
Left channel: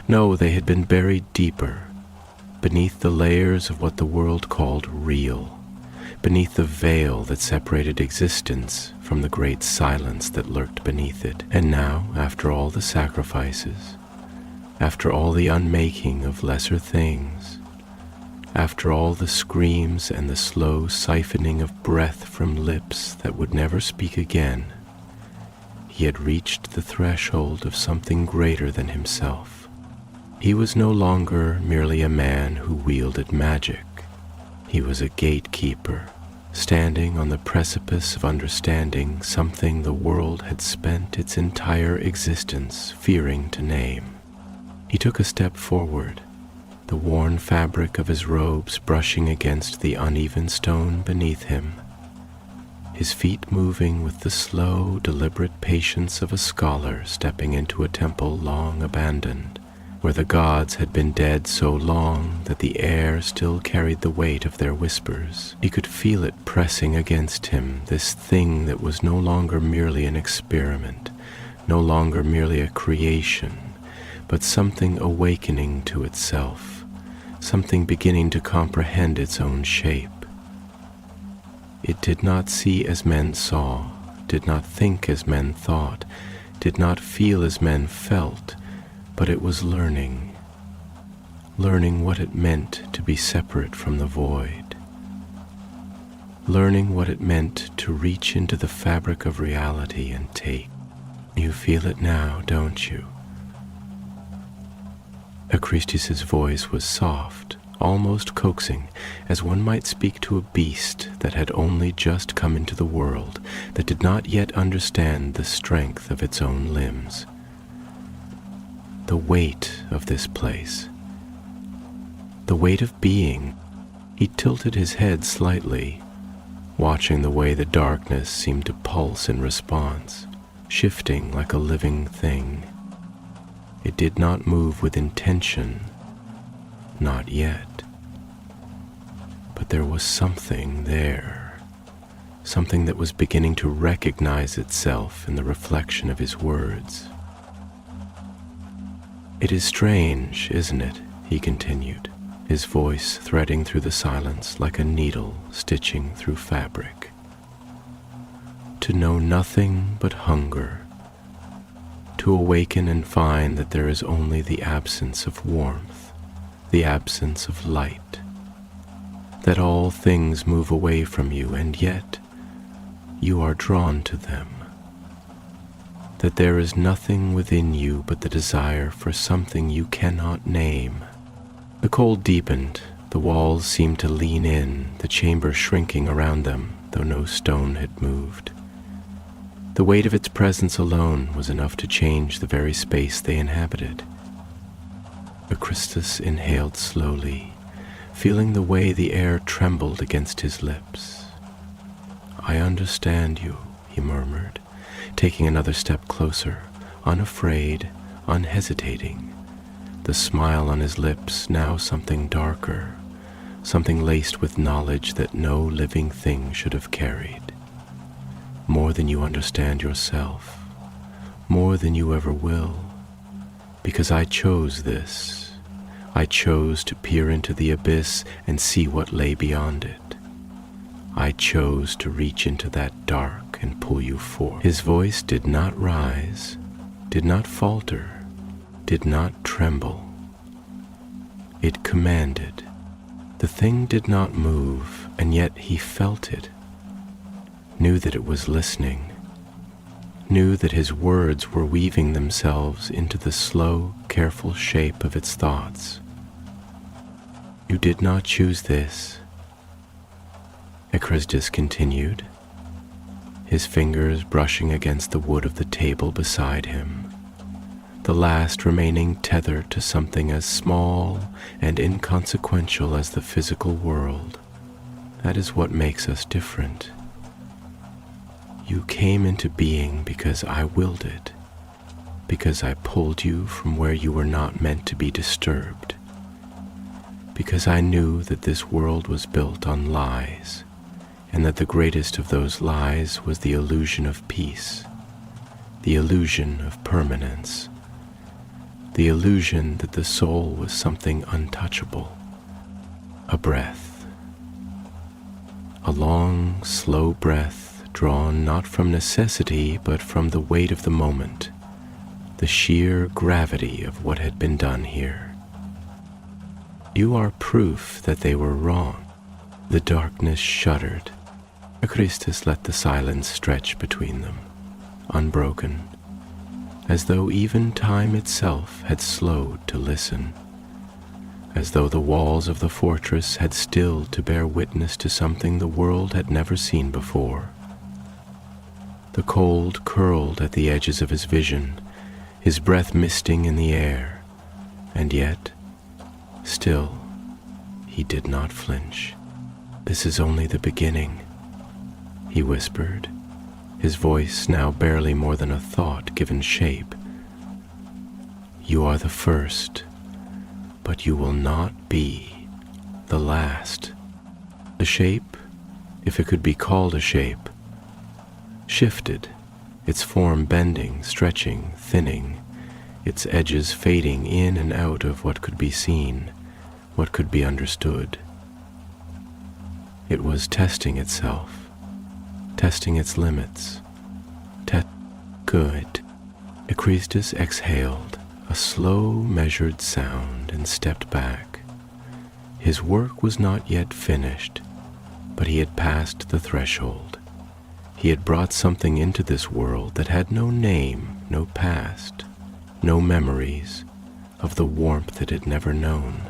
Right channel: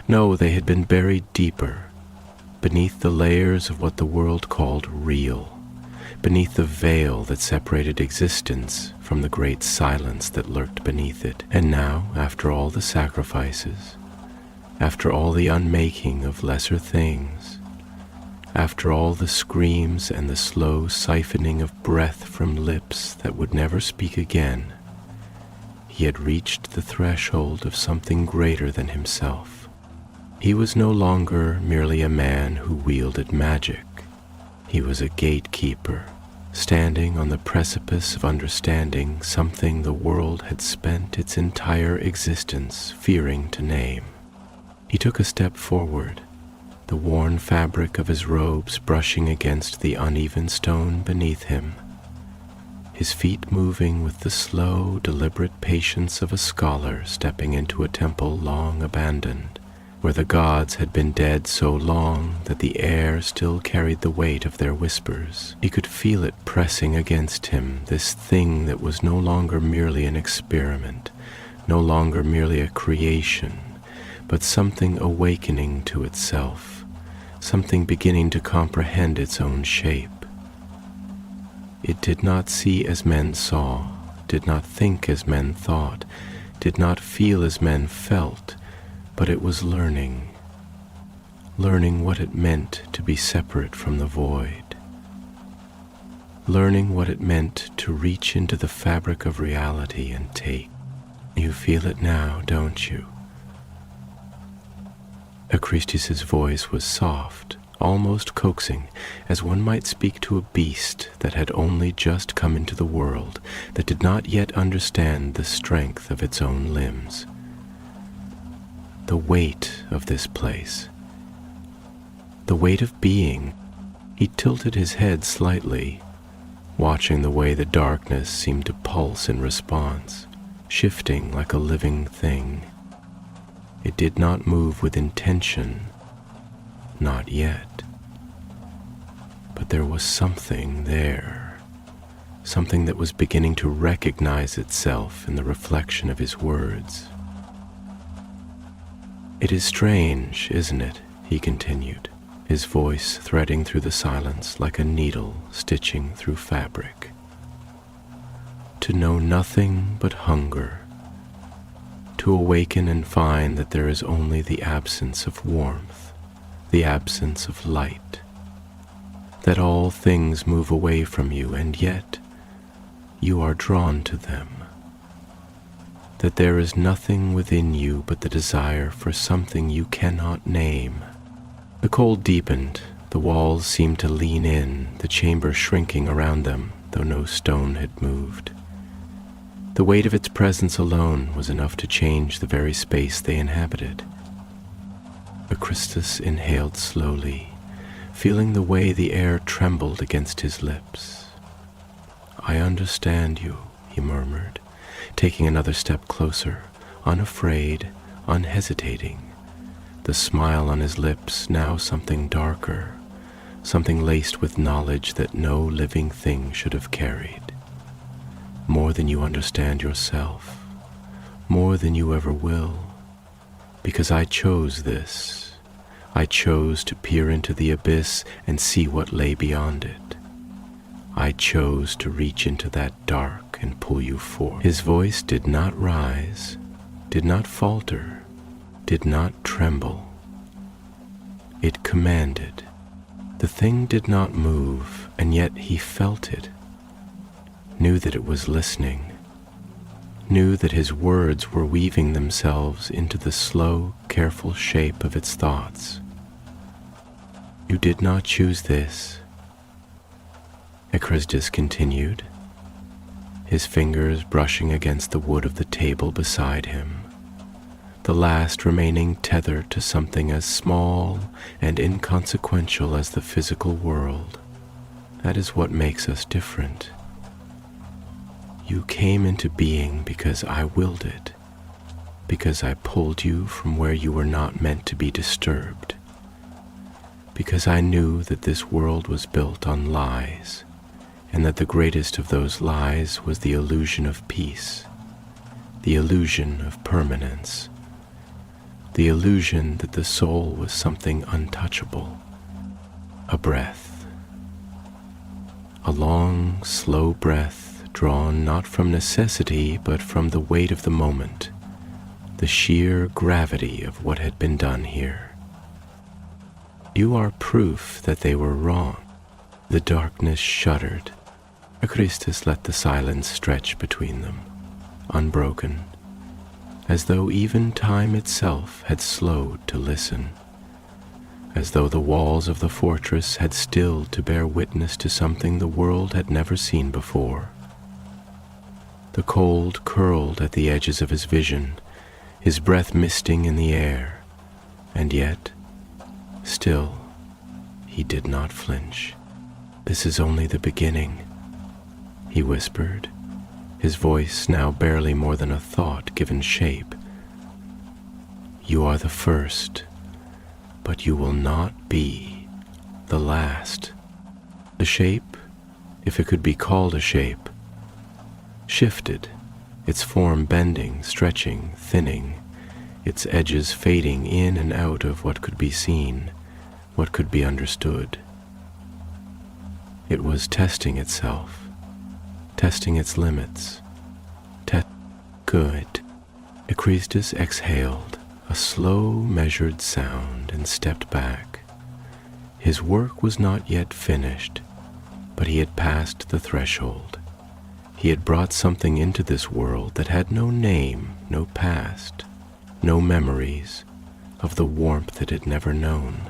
No, they had been buried deeper, beneath the layers of what the world called real, beneath the veil that separated existence from the great silence that lurked beneath it. And now, after all the sacrifices, after all the unmaking of lesser things, after all the screams and the slow siphoning of breath from lips that would never speak again, he had reached the threshold of something greater than himself. He was no longer merely a man who wielded magic. He was a gatekeeper, standing on the precipice of understanding something the world had spent its entire existence fearing to name. He took a step forward, the worn fabric of his robes brushing against the uneven stone beneath him, his feet moving with the slow, deliberate patience of a scholar stepping into a temple long abandoned, where the gods had been dead so long that the air still carried the weight of their whispers. He could feel it pressing against him, this thing that was no longer merely an experiment, no longer merely a creation, but something awakening to itself, something beginning to comprehend its own shape. It did not see as men saw, did not think as men thought, did not feel as men felt, but it was learning what it meant to be separate from the void, learning what it meant to reach into the fabric of reality and take. You feel it now, don't you? Acrisius's voice was soft, almost coaxing, as one might speak to a beast that had only just come into the world, that did not yet understand the strength of its own limbs. The weight of this place, the weight of being. He tilted his head slightly, watching the way the darkness seemed to pulse in response, shifting like a living thing. It did not move with intention, not yet. But there was something there, something that was beginning to recognize itself in the reflection of his words. "It is strange, isn't it?" he continued, his voice threading through the silence like a needle stitching through fabric. "To know nothing but hunger, to awaken and find that there is only the absence of warmth, the absence of light, that all things move away from you and yet you are drawn to them, that there is nothing within you but the desire for something you cannot name." The cold deepened, the walls seemed to lean in, the chamber shrinking around them, though no stone had moved. The weight of its presence alone was enough to change the very space they inhabited. Acrisius inhaled slowly, feeling the way the air trembled against his lips. "I understand you," he murmured, taking another step closer, unafraid, unhesitating, the smile on his lips now something darker, something laced with knowledge that no living thing should have carried. "More than you understand yourself, more than you ever will, because I chose this. I chose to peer into the abyss and see what lay beyond it. I chose to reach into that dark and pull you forth." His voice did not rise, did not falter, did not tremble. It commanded. The thing did not move, and yet he felt it, knew that it was listening. knew that his words were weaving themselves into the slow, careful shape of its thoughts. "You did not choose this," Echristus continued, his fingers brushing against the wood of the table beside him, the last remaining tether to something as small and inconsequential as the physical world. That is what makes us different. You came into being because I willed it, because I pulled you from where you were not meant to be disturbed, because I knew that this world was built on lies, and that the greatest of those lies was the illusion of peace, the illusion of permanence, the illusion that the soul was something untouchable, a breath, a long, slow breath drawn not from necessity but from the weight of the moment, the sheer gravity of what had been done here. You are proof that they were wrong. The darkness shuddered. Echristus let the silence stretch between them, unbroken, as though even time itself had slowed to listen, as though the walls of the fortress had stilled to bear witness to something the world had never seen before. The cold curled at the edges of his vision, his breath misting in the air, and yet, still, he did not flinch. "This is only the beginning," he whispered, his voice now barely more than a thought given shape. "You are the first, but you will not be the last." The shape, if it could be called a shape, shifted, its form bending, stretching, thinning, its edges fading in and out of what could be seen, what could be understood. It was testing itself, testing its limits. Good. Echristus exhaled, a slow, measured sound, and stepped back. His work was not yet finished, but he had passed the threshold. He had brought something into this world that had no name, no past, no memories of the warmth it had never known.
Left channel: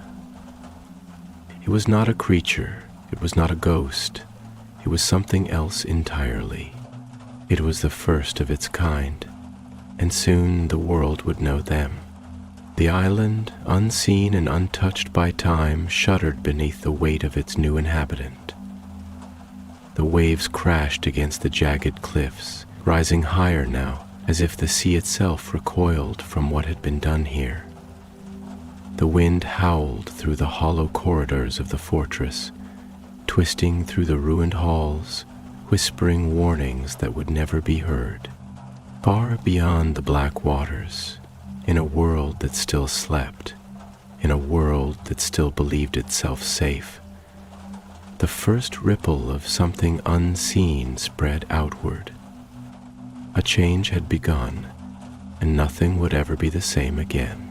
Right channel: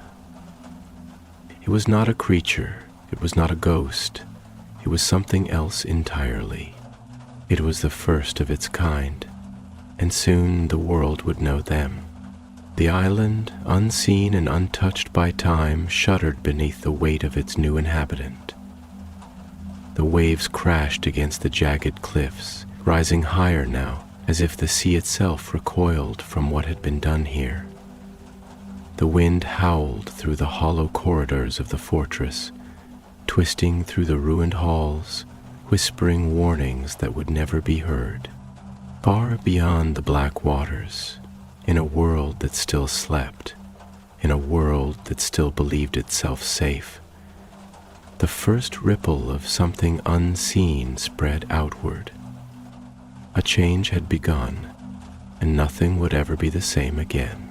It was not a creature, it was not a ghost, it was something else entirely. It was the first of its kind, and soon the world would know them. The island, unseen and untouched by time, shuddered beneath the weight of its new inhabitant. The waves crashed against the jagged cliffs, rising higher now, as if the sea itself recoiled from what had been done here. The wind howled through the hollow corridors of the fortress, twisting through the ruined halls, whispering warnings that would never be heard. Far beyond the black waters, in a world that still slept, in a world that still believed itself safe, the first ripple of something unseen spread outward. A change had begun, and nothing would ever be the same again.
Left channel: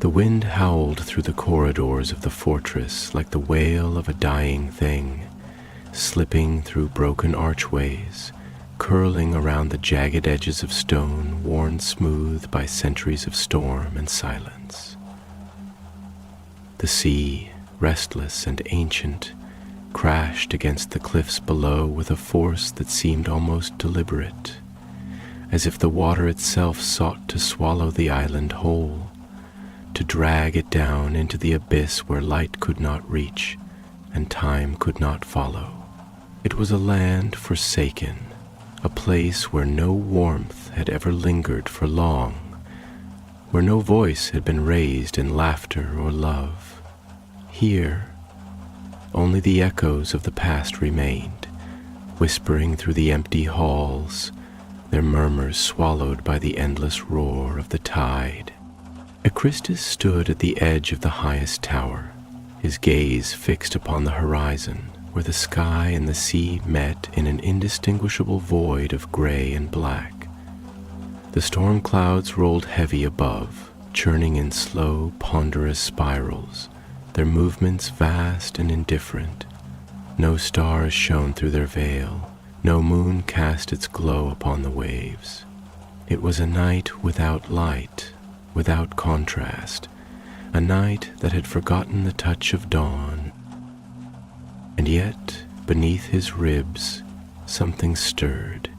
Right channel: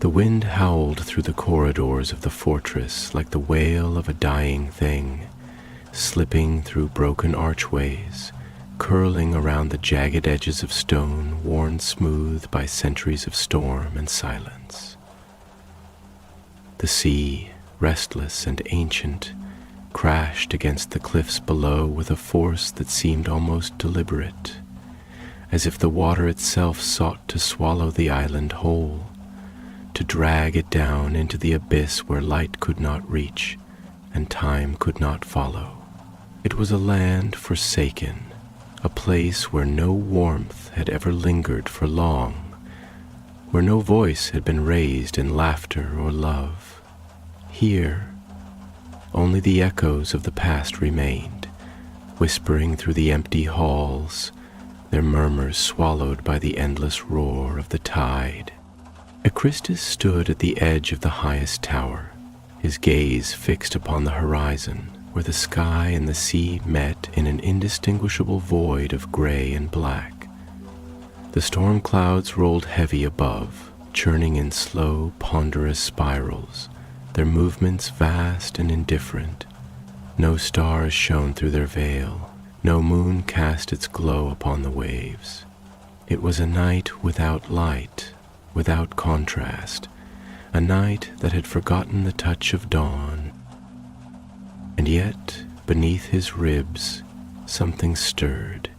The wind howled through the corridors of the fortress like the wail of a dying thing, slipping through broken archways, curling around the jagged edges of stone worn smooth by centuries of storm and silence. The sea, restless and ancient, crashed against the cliffs below with a force that seemed almost deliberate, as if the water itself sought to swallow the island whole, to drag it down into the abyss where light could not reach and time could not follow. It was a land forsaken, a place where no warmth had ever lingered for long, where no voice had been raised in laughter or love. Here, only the echoes of the past remained, whispering through the empty halls, their murmurs swallowed by the endless roar of the tide. Echristus stood at the edge of the highest tower, his gaze fixed upon the horizon, where the sky and the sea met in an indistinguishable void of gray and black. The storm clouds rolled heavy above, churning in slow, ponderous spirals, their movements vast and indifferent. No stars shone through their veil, no moon cast its glow upon the waves. It was a night without light, without contrast, a night that had forgotten the touch of dawn. And yet, beneath his ribs, something stirred,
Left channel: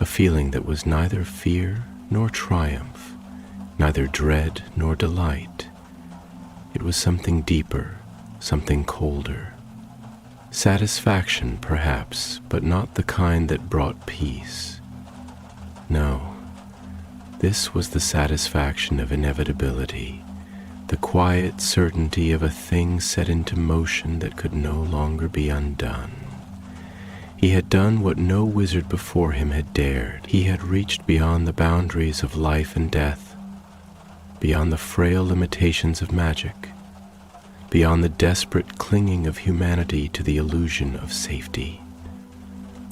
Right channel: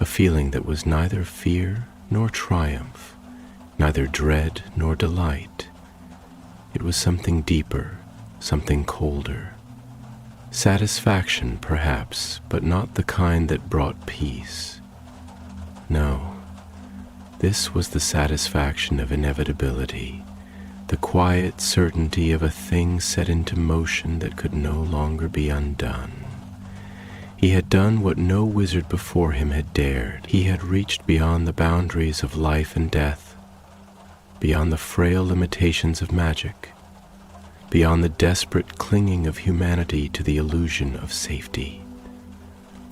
a feeling that was neither fear nor triumph, neither dread nor delight. It was something deeper, something colder. Satisfaction, perhaps, but not the kind that brought peace. No, this was the satisfaction of inevitability, the quiet certainty of a thing set into motion that could no longer be undone. He had done what no wizard before him had dared. He had reached beyond the boundaries of life and death, beyond the frail limitations of magic, beyond the desperate clinging of humanity to the illusion of safety.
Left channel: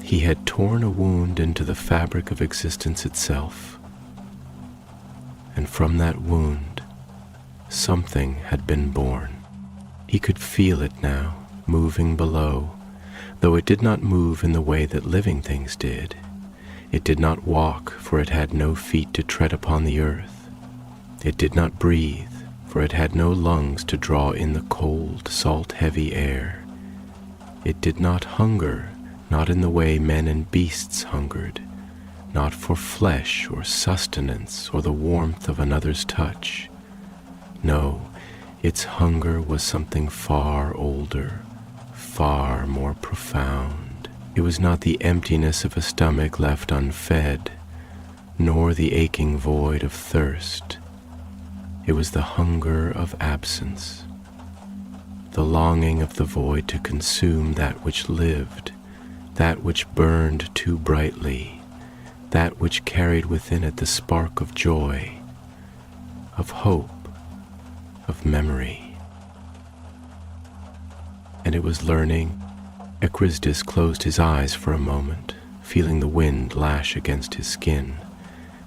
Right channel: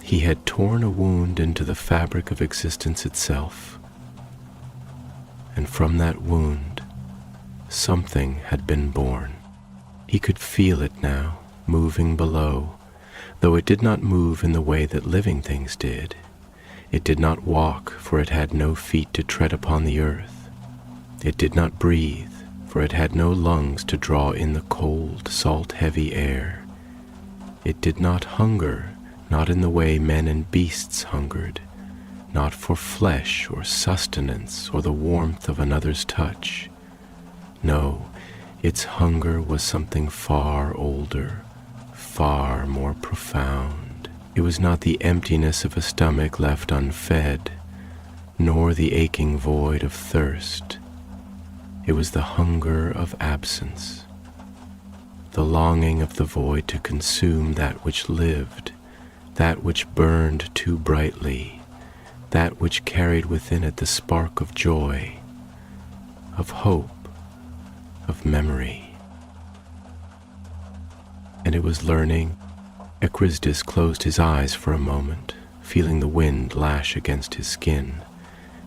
He had torn a wound into the fabric of existence itself, and from that wound, something had been born. He could feel it now, moving below, though it did not move in the way that living things did. It did not walk, for it had no feet to tread upon the earth. It did not breathe, for it had no lungs to draw in the cold, salt-heavy air. It did not hunger, not in the way men and beasts hungered, not for flesh or sustenance or the warmth of another's touch. No, its hunger was something far older, far more profound. It was not the emptiness of a stomach left unfed, nor the aching void of thirst. It was the hunger of absence, the longing of the void to consume that which lived, that which burned too brightly, that which carried within it the spark of joy, of hope, of memory. And it was learning. Echrisdis closed his eyes for a moment, feeling the wind lash against his skin,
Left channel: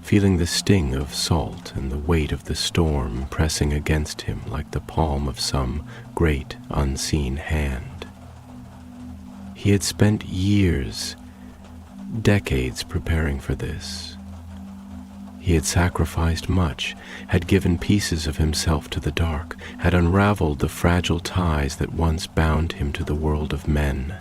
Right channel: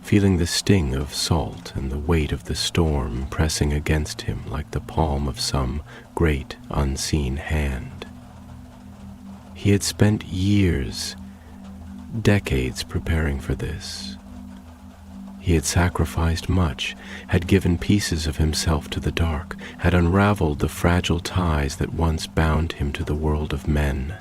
feeling the sting of salt and the weight of the storm pressing against him like the palm of some great unseen hand. He had spent years, decades preparing for this. He had sacrificed much, had given pieces of himself to the dark, had unraveled the fragile ties that once bound him to the world of men.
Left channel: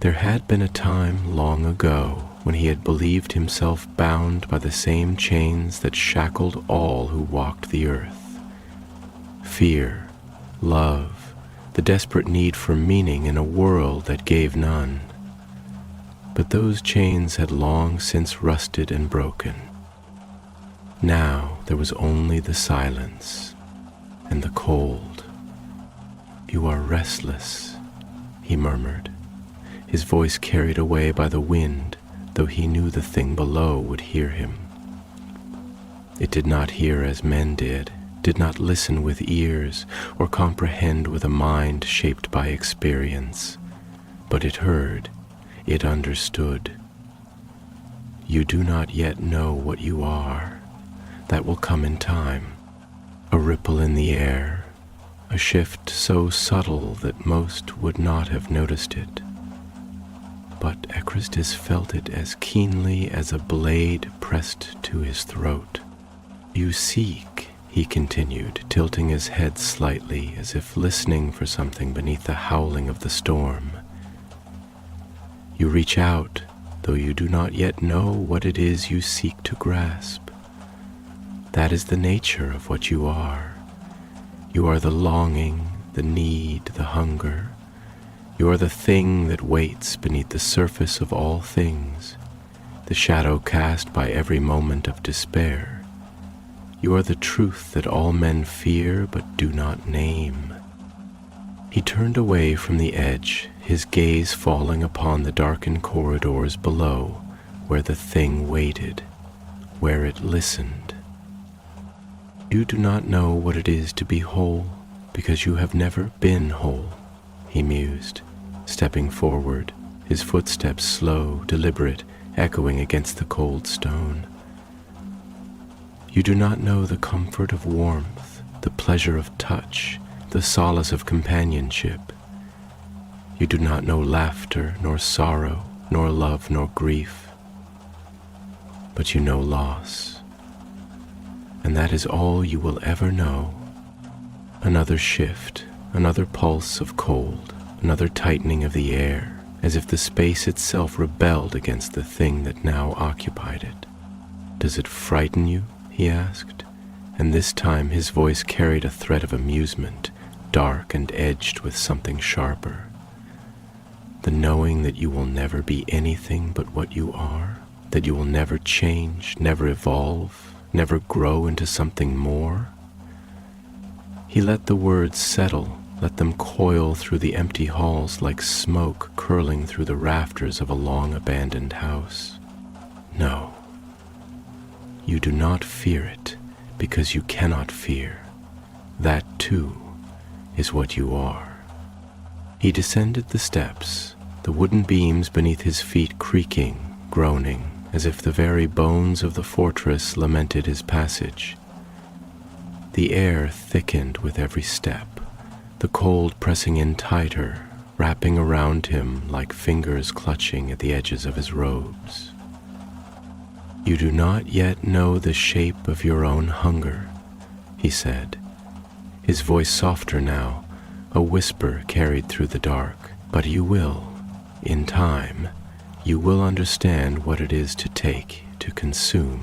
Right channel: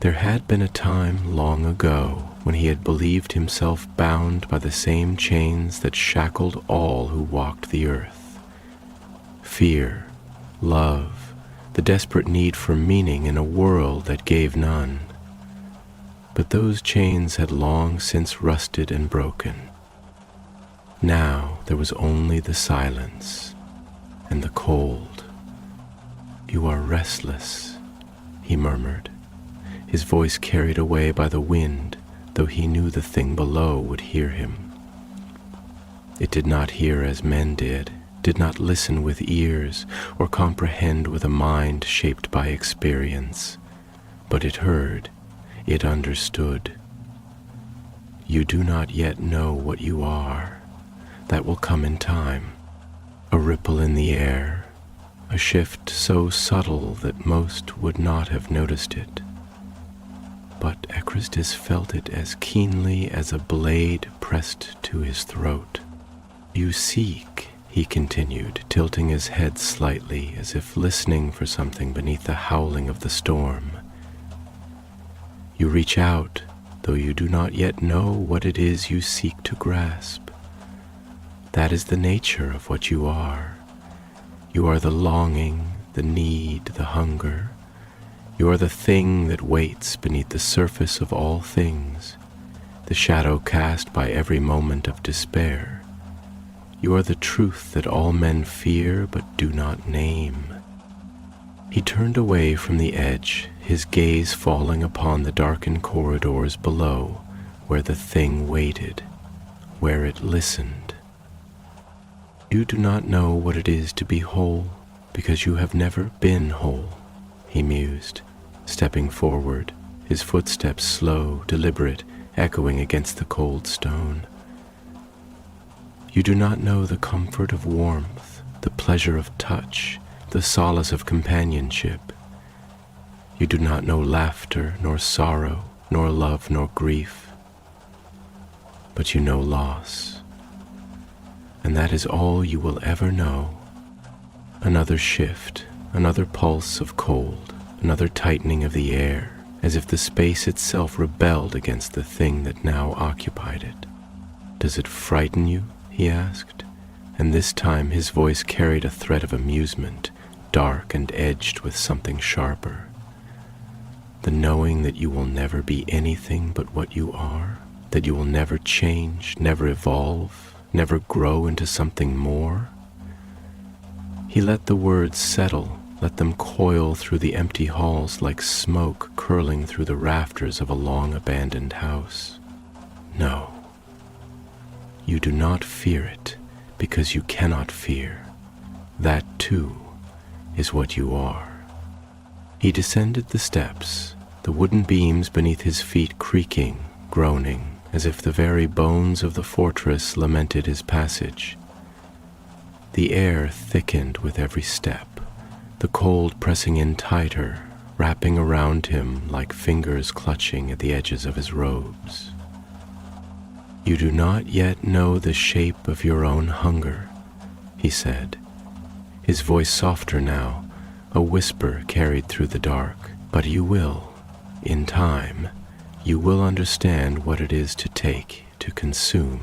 There had been a time long ago when he had believed himself bound by the same chains that shackled all who walked the earth. Fear, love, the desperate need for meaning in a world that gave none. But those chains had long since rusted and broken. Now there was only the silence and the cold. "You are restless," he murmured, his voice carried away by the wind, though he knew the thing below would hear him. It did not hear as men did not listen with ears or comprehend with a mind shaped by experience, but it heard, it understood. "You do not yet know what you are. That will come in time." A ripple in the air, a shift so subtle that most would not have noticed it. But Echrisdis felt it as keenly as a blade pressed to his throat. "You seek," he continued, tilting his head slightly as if listening for something beneath the howling of the storm. "You reach out, though you do not yet know what it is you seek to grasp. That is the nature of what you are. You are the longing, the need, the hunger. You are the thing that waits beneath the surface of all things, the shadow cast by every moment of despair. You are the truth that all men fear but do not name." He turned away from the edge, his gaze falling upon the darkened corridors below, where the thing waited, where it listened. "You do not know what it is to be whole, because you have never been whole," he mused, stepping forward, his footsteps slow, deliberate, echoing against the cold stone. "You do not know the comfort of warmth, the pleasure of touch, the solace of companionship. You do not know laughter, nor sorrow, nor love, nor grief. but you know loss. And that is all you will ever know. Another shift, another pulse of cold, another tightening of the air, as if the space itself rebelled against the thing that now occupied it. "Does it frighten you?" he asked, and this time his voice carried a threat of amusement, dark and edged with something sharper. "The knowing that you will never be anything but what you are, that you will never change, never evolve, never grow into something more?" He let the words settle, let them coil through the empty halls like smoke curling through the rafters of a long-abandoned house. "No, you do not fear it because you cannot fear. That, too, is what you are." He descended the steps, the wooden beams beneath his feet creaking, groaning, as if the very bones of the fortress lamented his passage. The air thickened with every step, the cold pressing in tighter, wrapping around him like fingers clutching at the edges of his robes. "You do not yet know the shape of your own hunger," he said, his voice softer now, a whisper carried through the dark. "But you will, in time, you will understand what it is to take, to consume.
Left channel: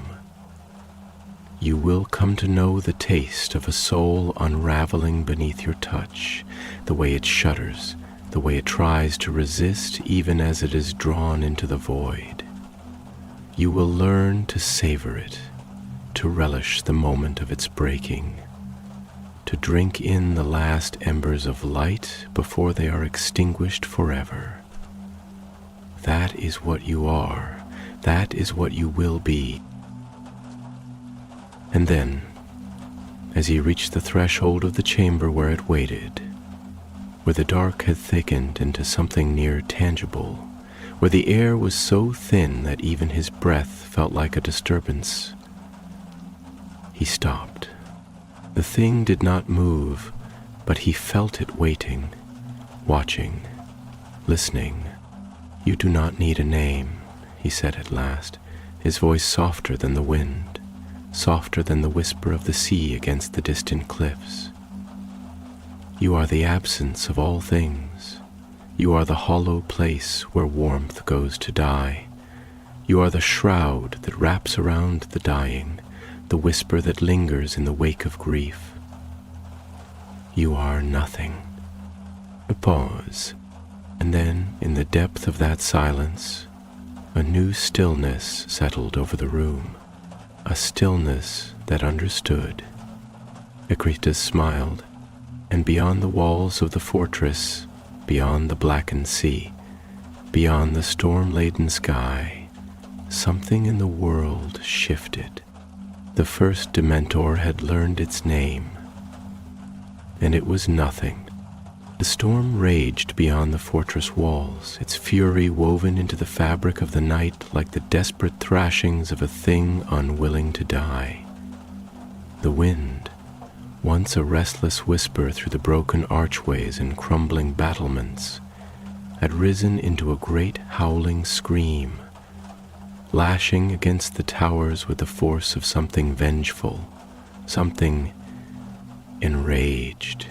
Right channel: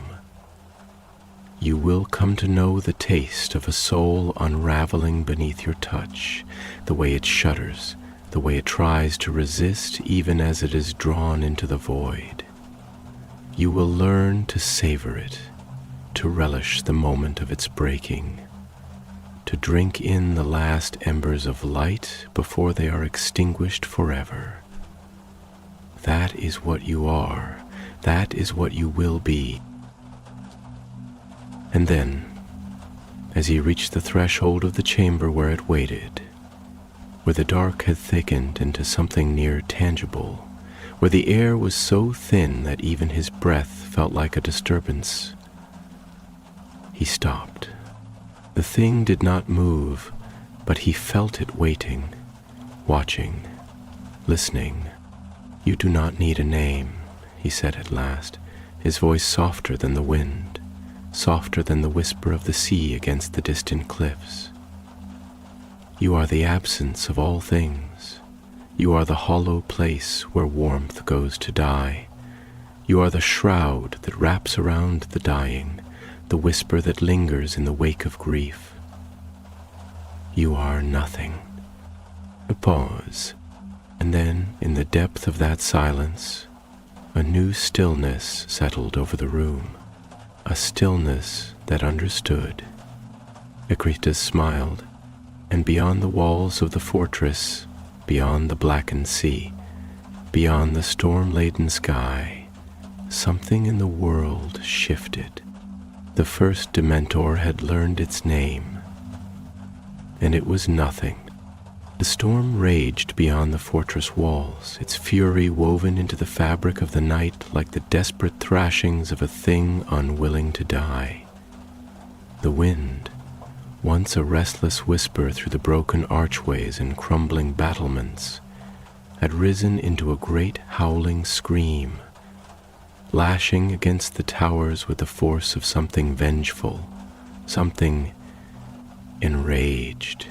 You will come to know the taste of a soul unraveling beneath your touch, the way it shudders, the way it tries to resist even as it is drawn into the void. You will learn to savor it, to relish the moment of its breaking, to drink in the last embers of light before they are extinguished forever. That is what you are. That is what you will be." And then, as he reached the threshold of the chamber where it waited, where the dark had thickened into something near tangible, where the air was so thin that even his breath felt like a disturbance, he stopped. The thing did not move, but he felt it waiting, watching, listening. "You do not need a name," he said at last, his voice softer than the wind, softer than the whisper of the sea against the distant cliffs. "You are the absence of all things. You are the hollow place where warmth goes to die. You are the shroud that wraps around the dying, the whisper that lingers in the wake of grief. You are nothing." A pause, and then, in the depth of that silence, a new stillness settled over the room, a stillness that understood. Akritas smiled, and beyond the walls of the fortress, beyond the blackened sea, beyond the storm-laden sky, something in the world shifted. The first Dementor had learned its name, and it was nothing. The storm raged beyond the fortress walls, its fury woven into the fabric of the night like the desperate thrashings of a thing unwilling to die. The wind, once a restless whisper through the broken archways and crumbling battlements, had risen into a great howling scream, lashing against the towers with the force of something vengeful, something enraged.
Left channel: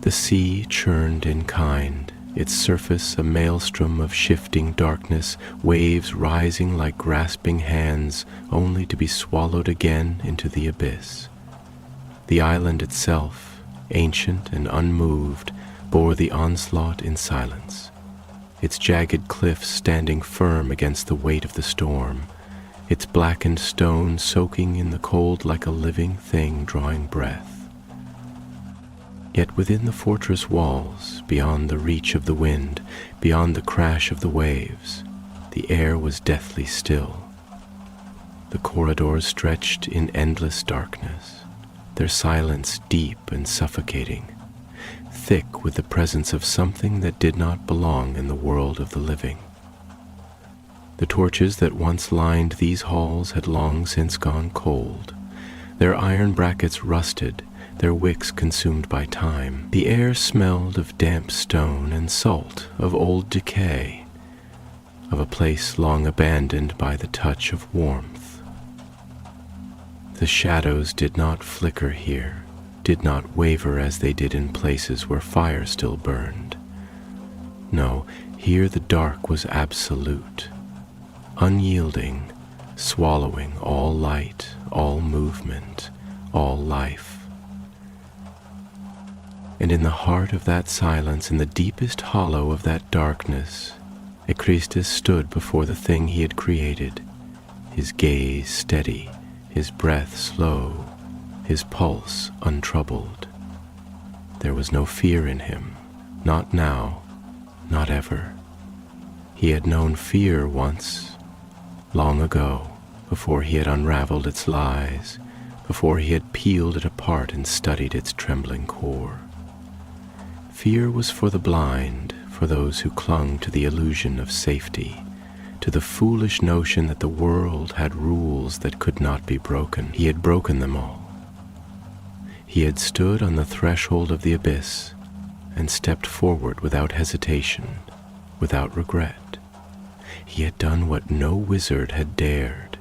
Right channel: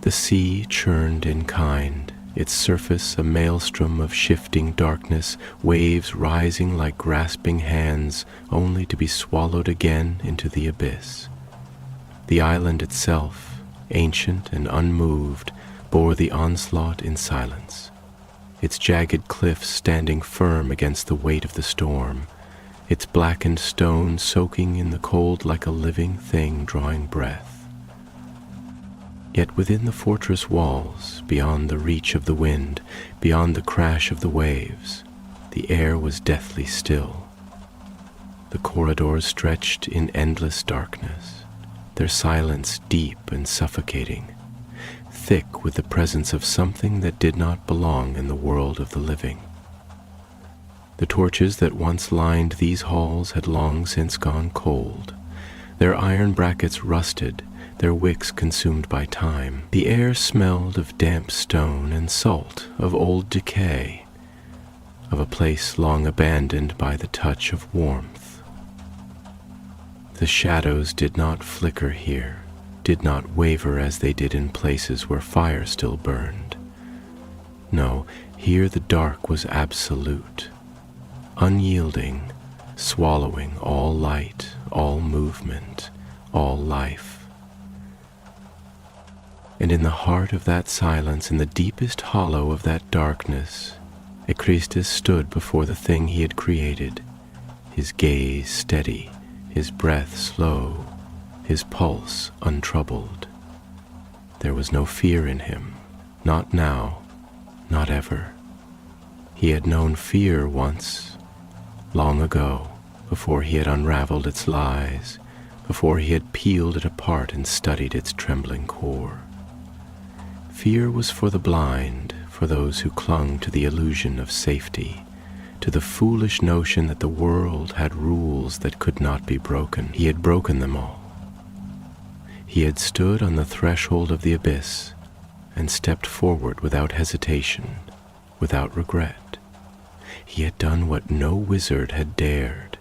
The sea churned in kind, its surface a maelstrom of shifting darkness, waves rising like grasping hands, only to be swallowed again into the abyss. The island itself, ancient and unmoved, bore the onslaught in silence, its jagged cliffs standing firm against the weight of the storm, its blackened stone soaking in the cold like a living thing drawing breath. Yet within the fortress walls, beyond the reach of the wind, beyond the crash of the waves, the air was deathly still. The corridors stretched in endless darkness, their silence deep and suffocating, thick with the presence of something that did not belong in the world of the living. The torches that once lined these halls had long since gone cold, their iron brackets rusted, their wicks consumed by time. The air smelled of damp stone and salt, of old decay, of a place long abandoned by the touch of warmth. The shadows did not flicker here, did not waver as they did in places where fire still burned. No, here the dark was absolute, unyielding, swallowing all light, all movement, all life. And in the heart of that silence, in the deepest hollow of that darkness, Echristus stood before the thing he had created, his gaze steady, his breath slow, his pulse untroubled. There was no fear in him, not now, not ever. He had known fear once, long ago, before he had unraveled its lies, before he had peeled it apart and studied its trembling core. Fear was for the blind, for those who clung to the illusion of safety, to the foolish notion that the world had rules that could not be broken. He had broken them all. He had stood on the threshold of the abyss and stepped forward without hesitation, without regret. He had done what no wizard had dared.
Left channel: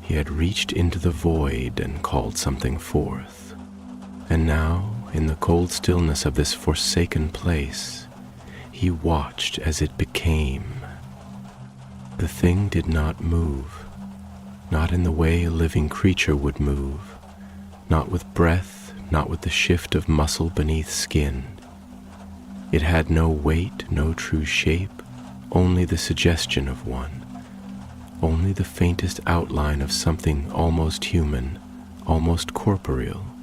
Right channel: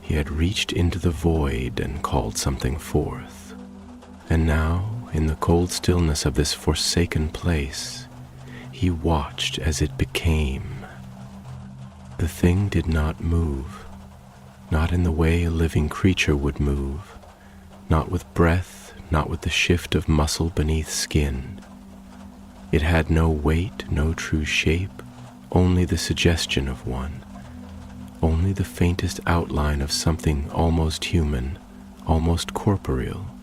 He had reached into the void and called something forth. And now, in the cold stillness of this forsaken place, he watched as it became. The thing did not move, not in the way a living creature would move, not with breath, not with the shift of muscle beneath skin. It had no weight, no true shape, only the suggestion of one, only the faintest outline of something almost human, almost corporeal.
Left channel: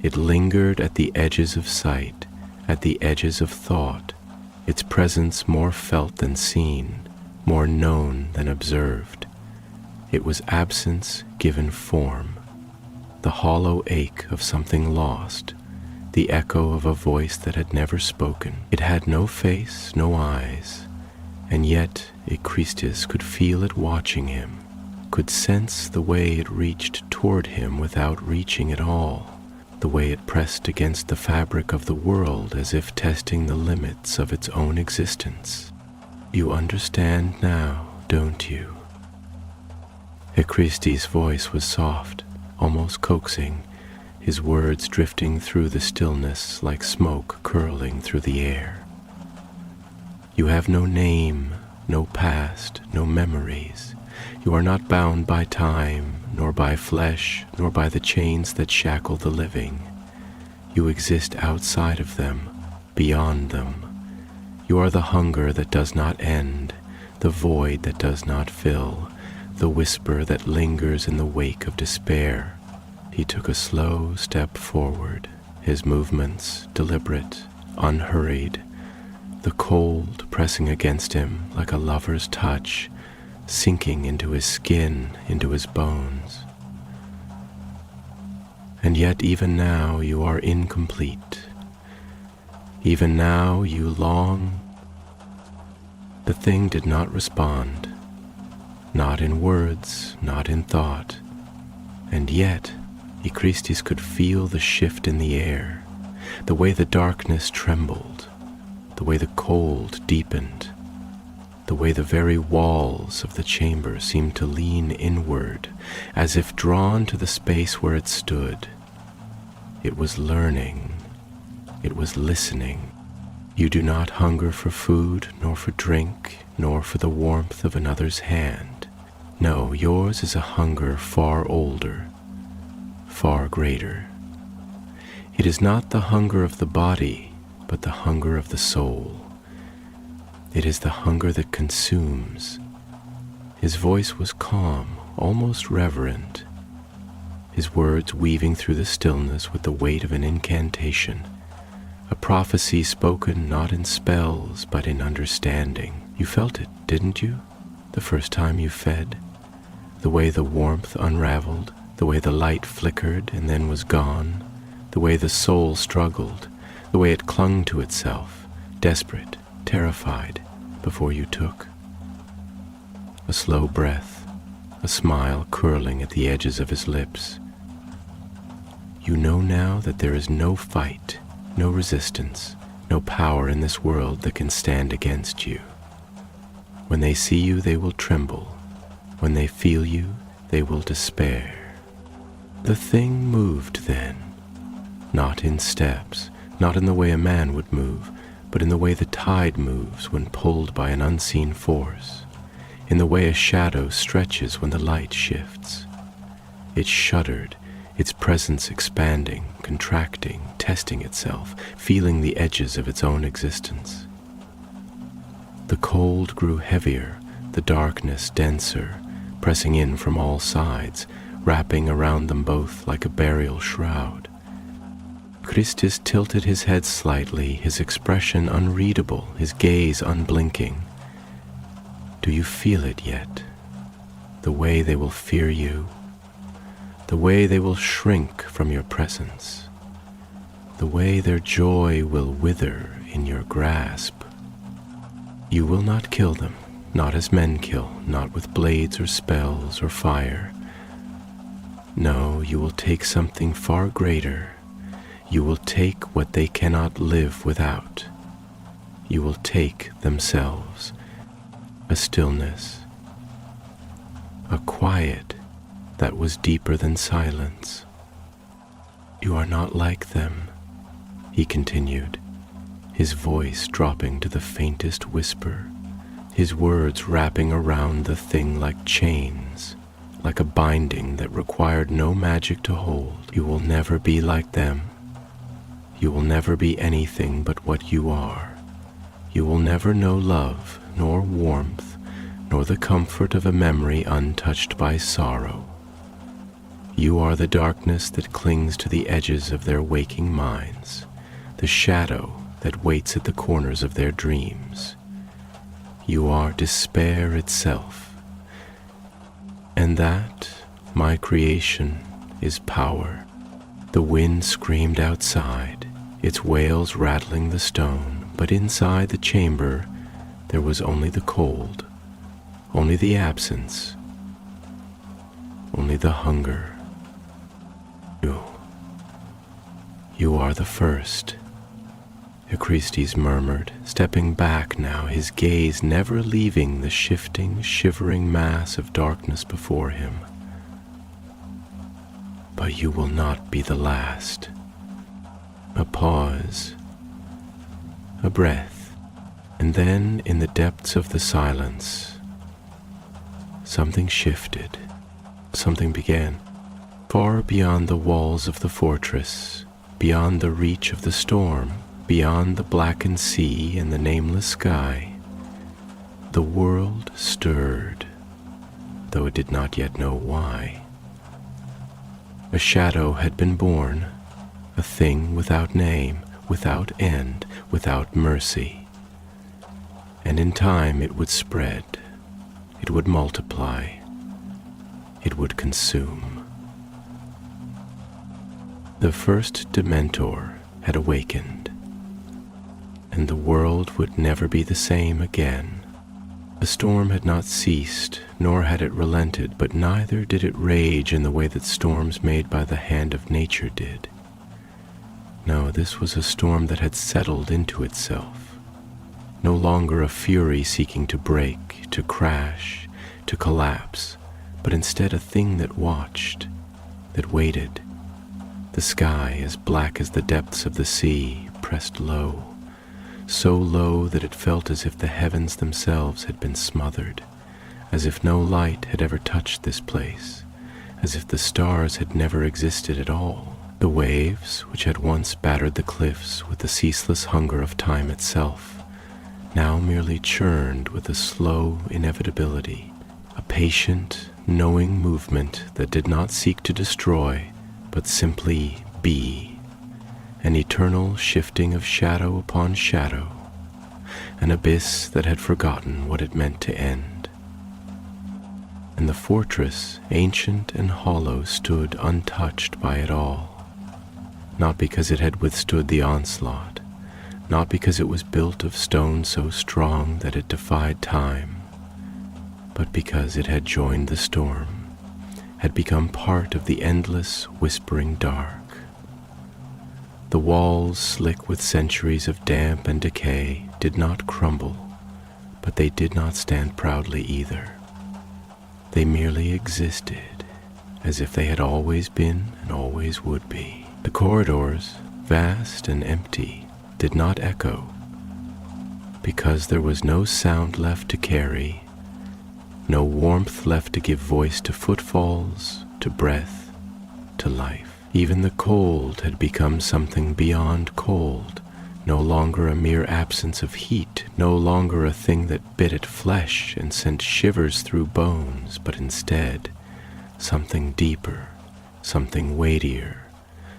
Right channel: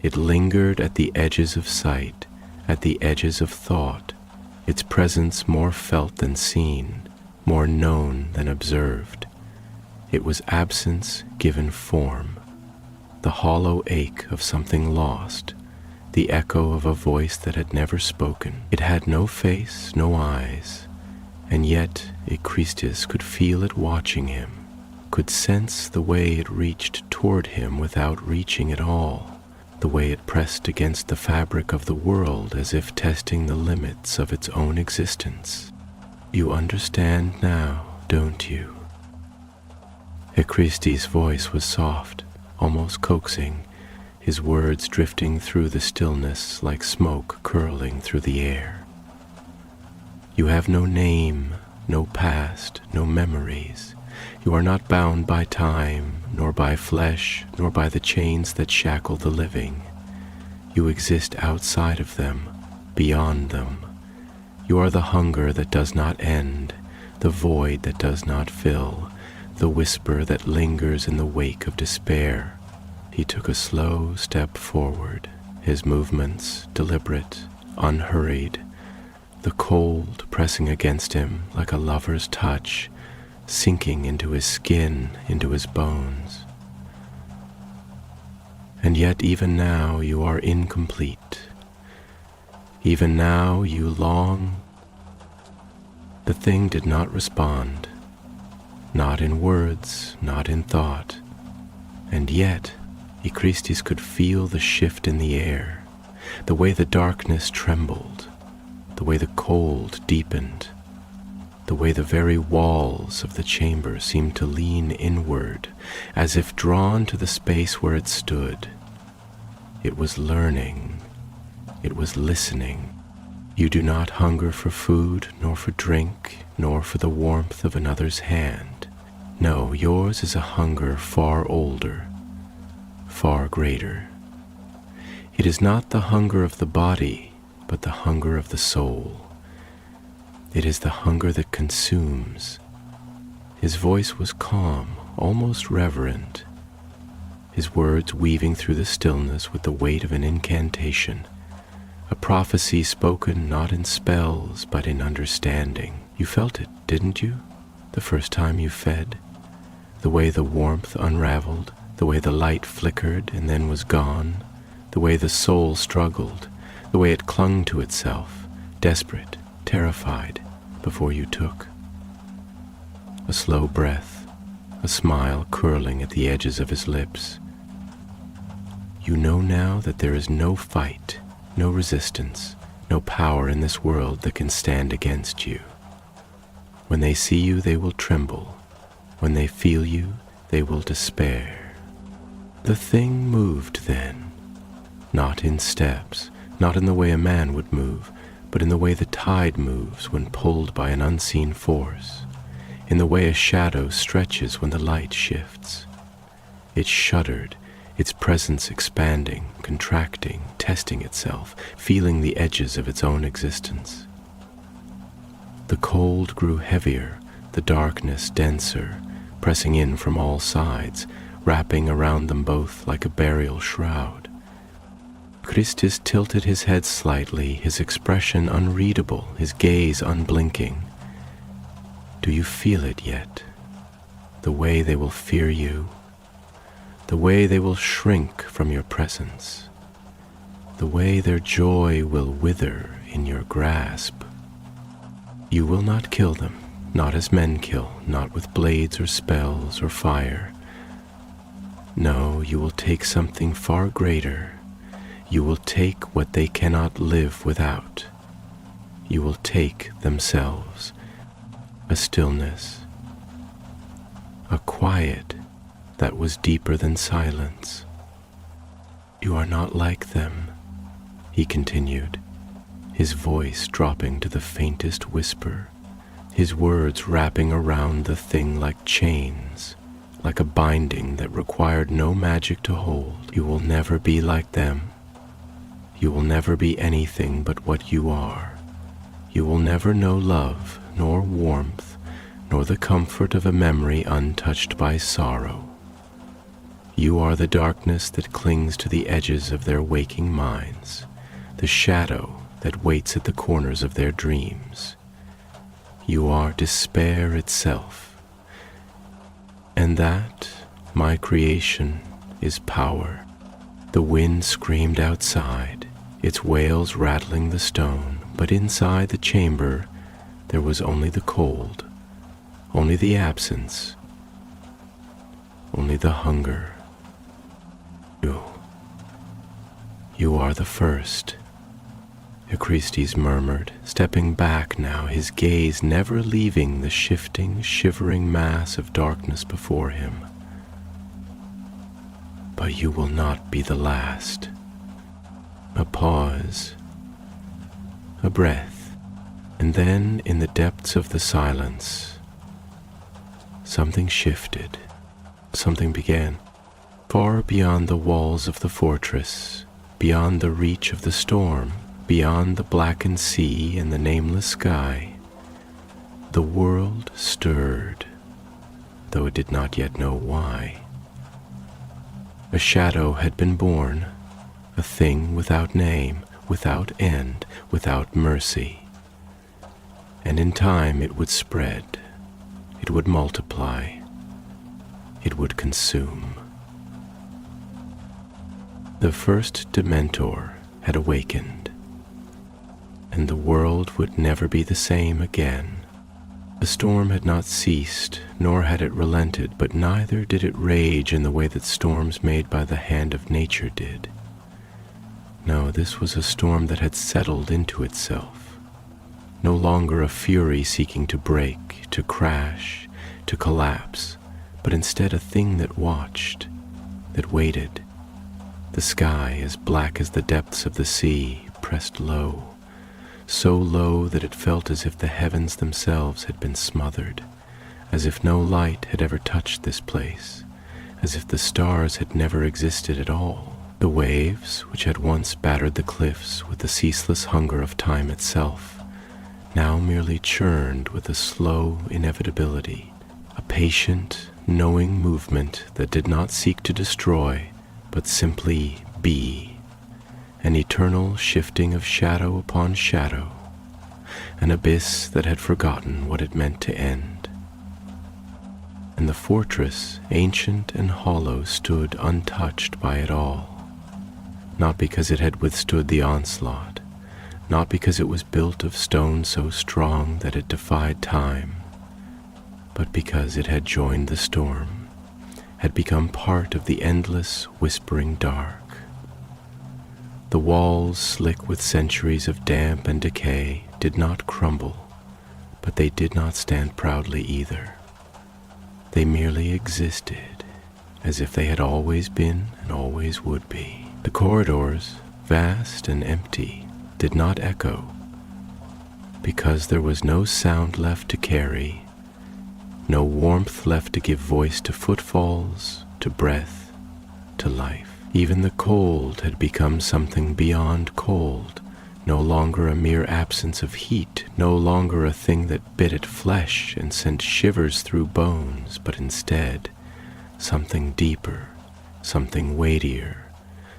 It lingered at the edges of sight, at the edges of thought, its presence more felt than seen, more known than observed. It was absence given form, the hollow ache of something lost, the echo of a voice that had never spoken. It had no face, no eyes, and yet Echristus could feel it watching him, could sense the way it reached toward him without reaching at all, the way it pressed against the fabric of the world as if testing the limits of its own existence. You understand now, don't you? Echristus' voice was soft, almost coaxing, his words drifting through the stillness like smoke curling through the air. You have no name, no past, no memories. You are not bound by time, nor by flesh, nor by the chains that shackle the living. You exist outside of them, beyond them. You are the hunger that does not end, the void that does not fill, the whisper that lingers in the wake of despair. He took a slow step forward, his movements deliberate, unhurried, the cold pressing against him like a lover's touch, sinking into his skin, into his bones. And yet even now you are incomplete. Even now you long. The thing did not respond, not in words, not in thought, and yet Echristus could feel the shift in the air, the way the darkness trembled, the way the cold deepened, the way the very walls of the chamber seemed to lean inward, as if drawn to the space where it stood. It was learning. It was listening. You do not hunger for food, nor for drink, nor for the warmth of another's hand. No, yours is a hunger far older, far greater. It is not the hunger of the body, but the hunger of the soul. It is the hunger that consumes. His voice was calm, almost reverent, his words weaving through the stillness with the weight of an incantation, a prophecy spoken not in spells, but in understanding. You felt it, didn't you, the first time you fed? The way the warmth unraveled, the way the light flickered and then was gone, the way the soul struggled, the way it clung to itself, desperate, terrified, before you took. A slow breath, a smile curling at the edges of his lips. You know now that there is no fight, no resistance, no power in this world that can stand against you. When they see you, they will tremble. When they feel you, they will despair. The thing moved then, not in steps, not in the way a man would move, but in the way the tide moves when pulled by an unseen force, in the way a shadow stretches when the light shifts. It shuddered, its presence expanding, contracting, testing itself, feeling the edges of its own existence. The cold grew heavier, the darkness denser, pressing in from all sides, wrapping around them both like a burial shroud. Christus tilted his head slightly, his expression unreadable, his gaze unblinking. Do you feel it yet? The way they will fear you, the way they will shrink from your presence, the way their joy will wither in your grasp. You will not kill them, not as men kill, not with blades or spells or fire. No, you will take something far greater. You will take what they cannot live without. You will take themselves, a stillness, a quiet that was deeper than silence. You are not like them, he continued, his voice dropping to the faintest whisper, his words wrapping around the thing like chains, like a binding that required no magic to hold. You will never be like them. You will never be anything but what you are. You will never know love, nor warmth, nor the comfort of a memory untouched by sorrow. You are the darkness that clings to the edges of their waking minds, the shadow that waits at the corners of their dreams. You are despair itself, and that, my creation, is power. The wind screamed outside, its wails rattling the stone, but inside the chamber there was only the cold, only the absence, only the hunger. You are the first, Echristes murmured, stepping back now, his gaze never leaving the shifting, shivering mass of darkness before him. But you will not be the last. A pause, a breath, and then in the depths of the silence, something shifted, something began. Far beyond the walls of the fortress, beyond the reach of the storm, beyond the blackened sea and the nameless sky, the world stirred, though it did not yet know why. A shadow had been born, a thing without name, without end, without mercy. And in time it would spread, it would multiply, it would consume. The first Dementor had awakened, and the world would never be the same again. The storm had not ceased, nor had it relented, but neither did it rage in the way that storms made by the hand of nature did. No, this was a storm that had settled into itself, no longer a fury seeking to break, to crash, to collapse, but instead a thing that watched, that waited. The sky, as black as the depths of the sea, pressed low, so low that it felt as if the heavens themselves had been smothered, as if no light had ever touched this place, as if the stars had never existed at all. The waves, which had once battered the cliffs with the ceaseless hunger of time itself, now merely churned with a slow inevitability, a patient, knowing movement that did not seek to destroy, but simply be, an eternal shifting of shadow upon shadow, an abyss that had forgotten what it meant to end. And the fortress, ancient and hollow, stood untouched by it all, not because it had withstood the onslaught, not because it was built of stone so strong that it defied time, but because it had joined the storm, had become part of the endless, whispering dark. The walls, slick with centuries of damp and decay, did not crumble, but they did not stand proudly either. They merely existed, as if they had always been and always would be. The corridors, vast and empty, did not echo, because there was no sound left to carry, no warmth left to give voice to footfalls, to breath, to life. Even the cold had become something beyond cold, no longer a mere absence of heat, no longer a thing that bit at flesh and sent shivers through bones, but instead something deeper, something weightier,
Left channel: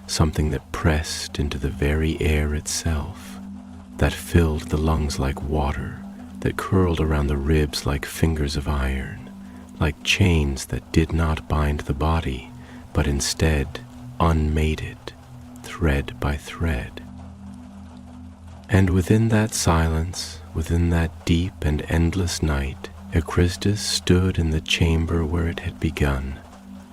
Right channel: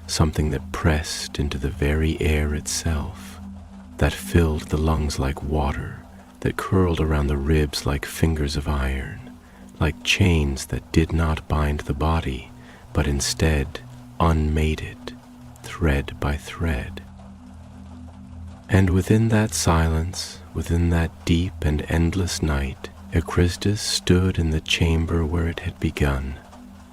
something that pressed into the very air itself, that filled the lungs like water, that curled around the ribs like fingers of iron, like chains that did not bind the body, but instead unmated, thread by thread. And within that silence, within that deep and endless night, Echristus stood in the chamber where it had begun,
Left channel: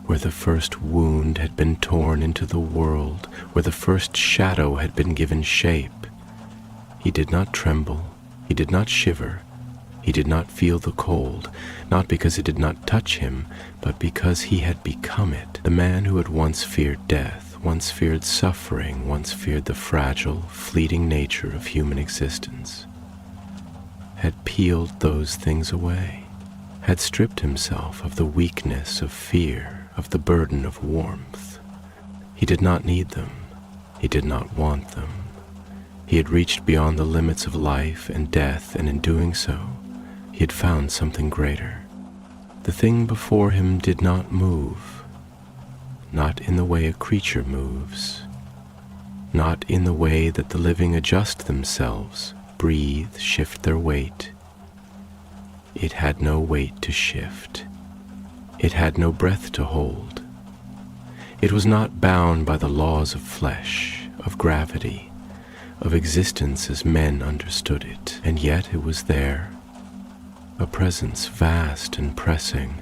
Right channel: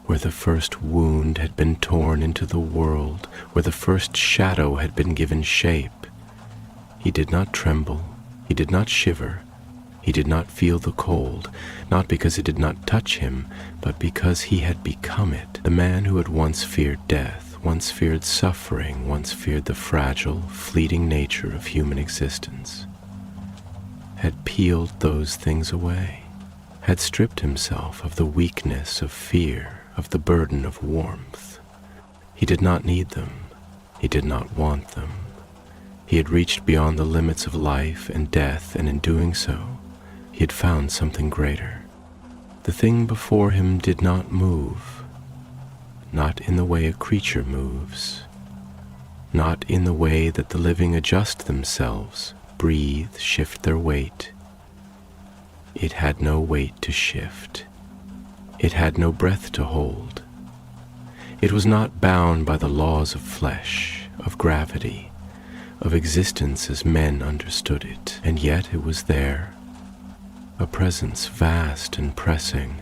where the first wound had been torn into the world, where the first shadow had been given shape. He did not tremble, he did not shiver, he did not feel the cold, not because it did not touch him, but because he had become it. The man who had once feared death, once feared suffering, once feared the fragile, fleeting nature of human existence, had peeled those things away, had stripped himself of the weakness of fear, of the burden of warmth. He did not need them. He did not want them. He had reached beyond the limits of life and death, and in doing so, he had found something greater. The thing before him did not move, not in the way a creature moves, not in the way that the living adjust themselves, breathe, shift their weight. It had no weight to shift. It had no breath to hold. It was not bound by the laws of flesh, of gravity, of existence as men understood it, and yet it was there, a presence vast and pressing,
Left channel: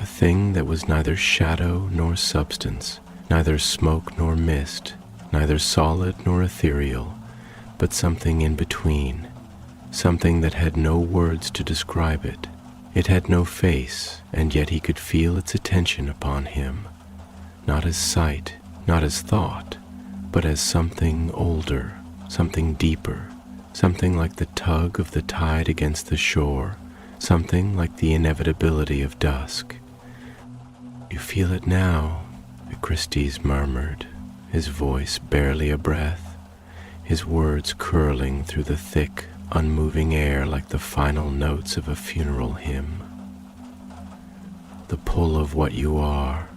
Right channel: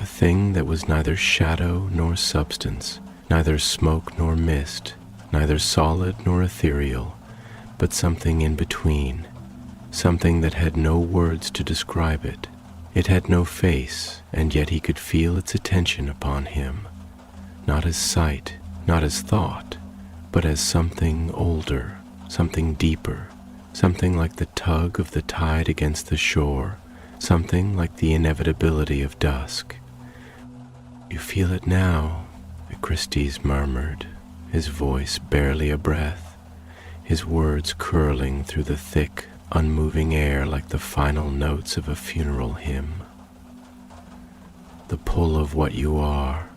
a thing that was neither shadow nor substance, neither smoke nor mist, neither solid nor ethereal, but something in between, something that had no words to describe it. It had no face, and yet he could feel its attention upon him, not as sight, not as thought, but as something older, something deeper, something like the tug of the tide against the shore, something like the inevitability of dusk. "You feel it now," Echristus murmured, his voice barely a breath, his words curling through the thick, unmoving air like the final notes of a funeral hymn. "The pull of what you are,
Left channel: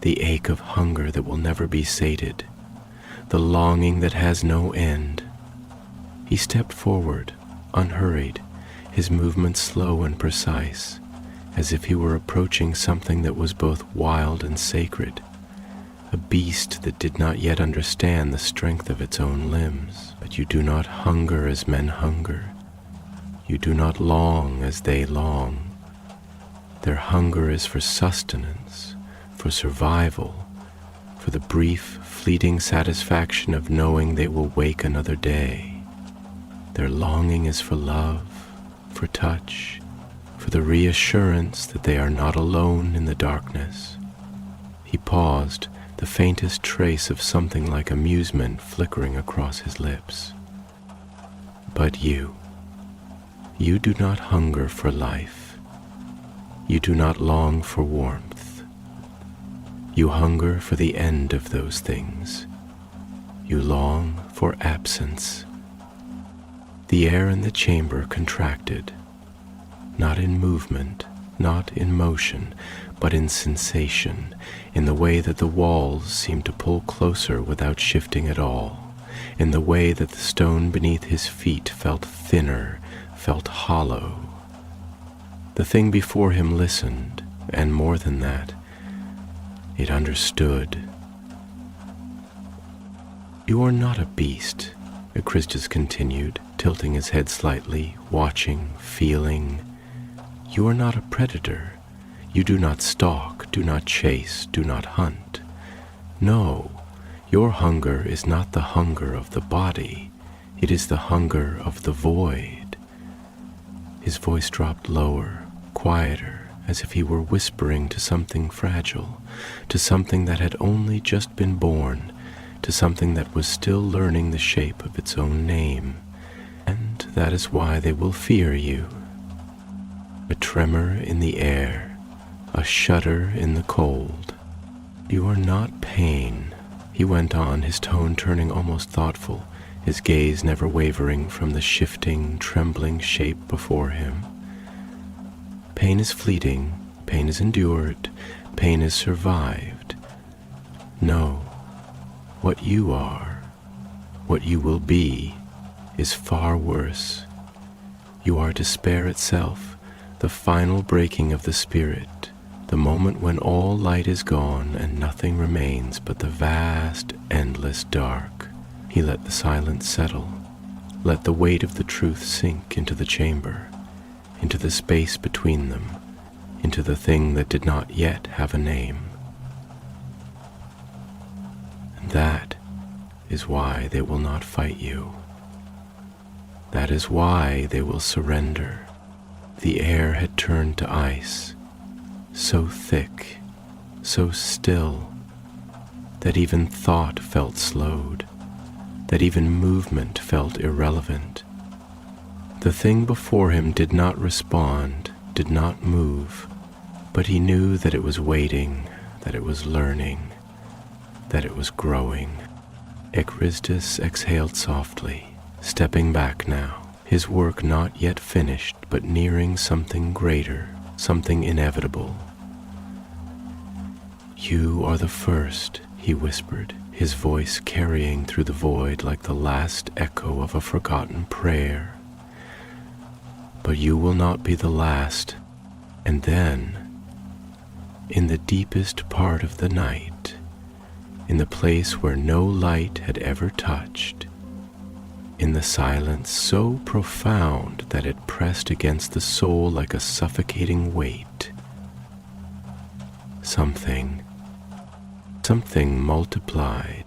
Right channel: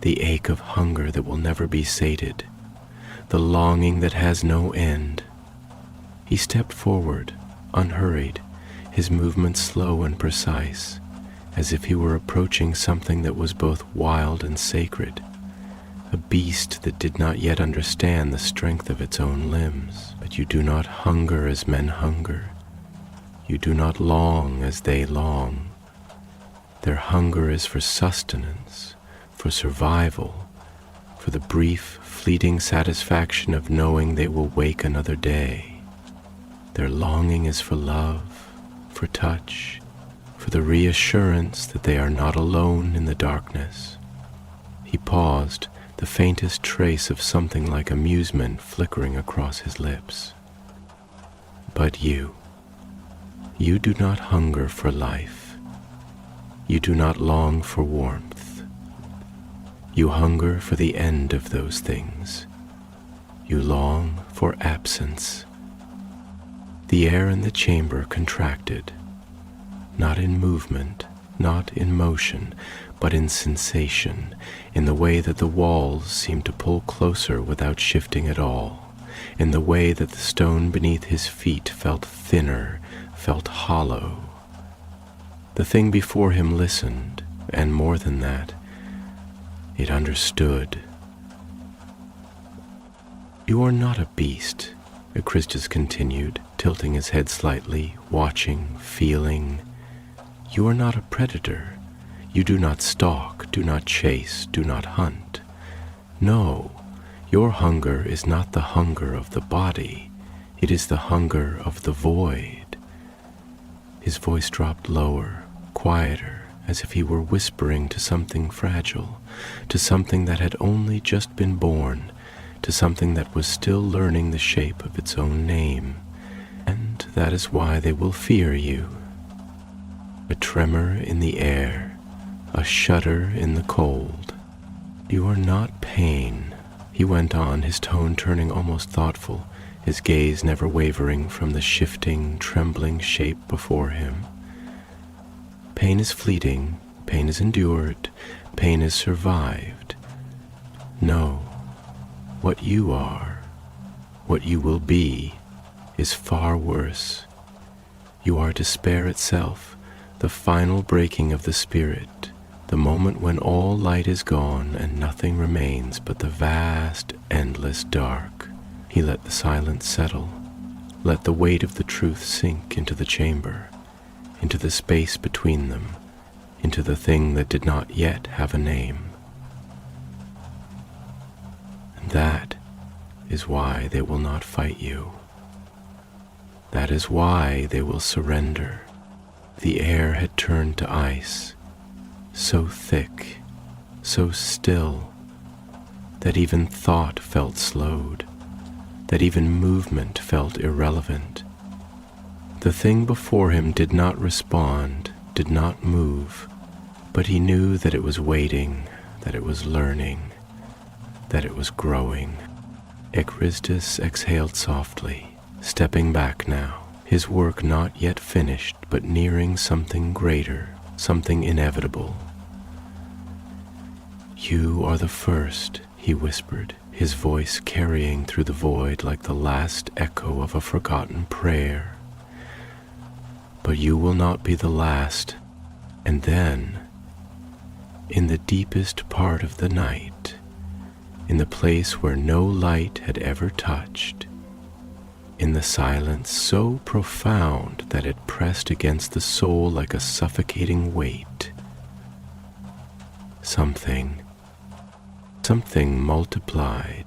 the ache of hunger that will never be sated, the longing that has no end." He stepped forward, unhurried, his movements slow and precise, as if he were approaching something that was both wild and sacred, a beast that did not yet understand the strength of its own limbs. "But you do not hunger as men hunger. You do not long as they long. Their hunger is for sustenance, for survival, for the brief, fleeting satisfaction of knowing they will wake another day. Their longing is for love, for touch, for the reassurance that they are not alone in the darkness." He paused, the faintest trace of something like amusement flickering across his lips. "But you do not hunger for life. You do not long for warmth. You hunger for the end of those things. You long for absence." The air in the chamber contracted, not in movement, not in motion, but in sensation, in the way that the walls seemed to pull closer without shifting at all, in the way that the stone beneath his feet felt thinner, felt hollow. The thing before him listened, and more than that, it understood. "You are not a beast," Echristus continued, tilting his head slightly, watching, feeling. "You are not a predator. You do not stalk, do not chase, do not hunt. No, your hunger is not the hunger of the body. It is the hunger of the void." His voice dropped lower, quieter, as if he were whispering to something fragile, to something that had only just been born, to something that was still learning the shape of its own name. And that is why they will fear you. A tremor in the air, a shudder in the cold. You are not pain, he went on, his tone turning almost thoughtful, his gaze never wavering from the shifting, trembling shape before him. Pain is fleeting, pain is endured, pain is survived. No, what you are, what you will be, is far worse. You are despair itself, the final breaking of the spirit, the moment when all light is gone and nothing remains but the vast, endless dark. He let the silence settle, let the weight of the truth sink into the chamber, into the space between them, into the thing that did not yet have a name. And that is why they will not fight you. That is why they will surrender. The air had turned to ice, so thick, so still, that even thought felt slowed, that even movement felt irrelevant. The thing before him did not respond, did not move, but he knew that it was waiting, that it was learning, that it was growing. Ekristus exhaled softly, stepping back now, his work not yet finished, but nearing something greater, something inevitable. You are the first, he whispered, his voice carrying through the void like the last echo of a forgotten prayer. But you will not be the last. And then, in the deepest part of the night, in the place where no light had ever touched, in the silence so profound that it pressed against the soul like a suffocating weight, something multiplied.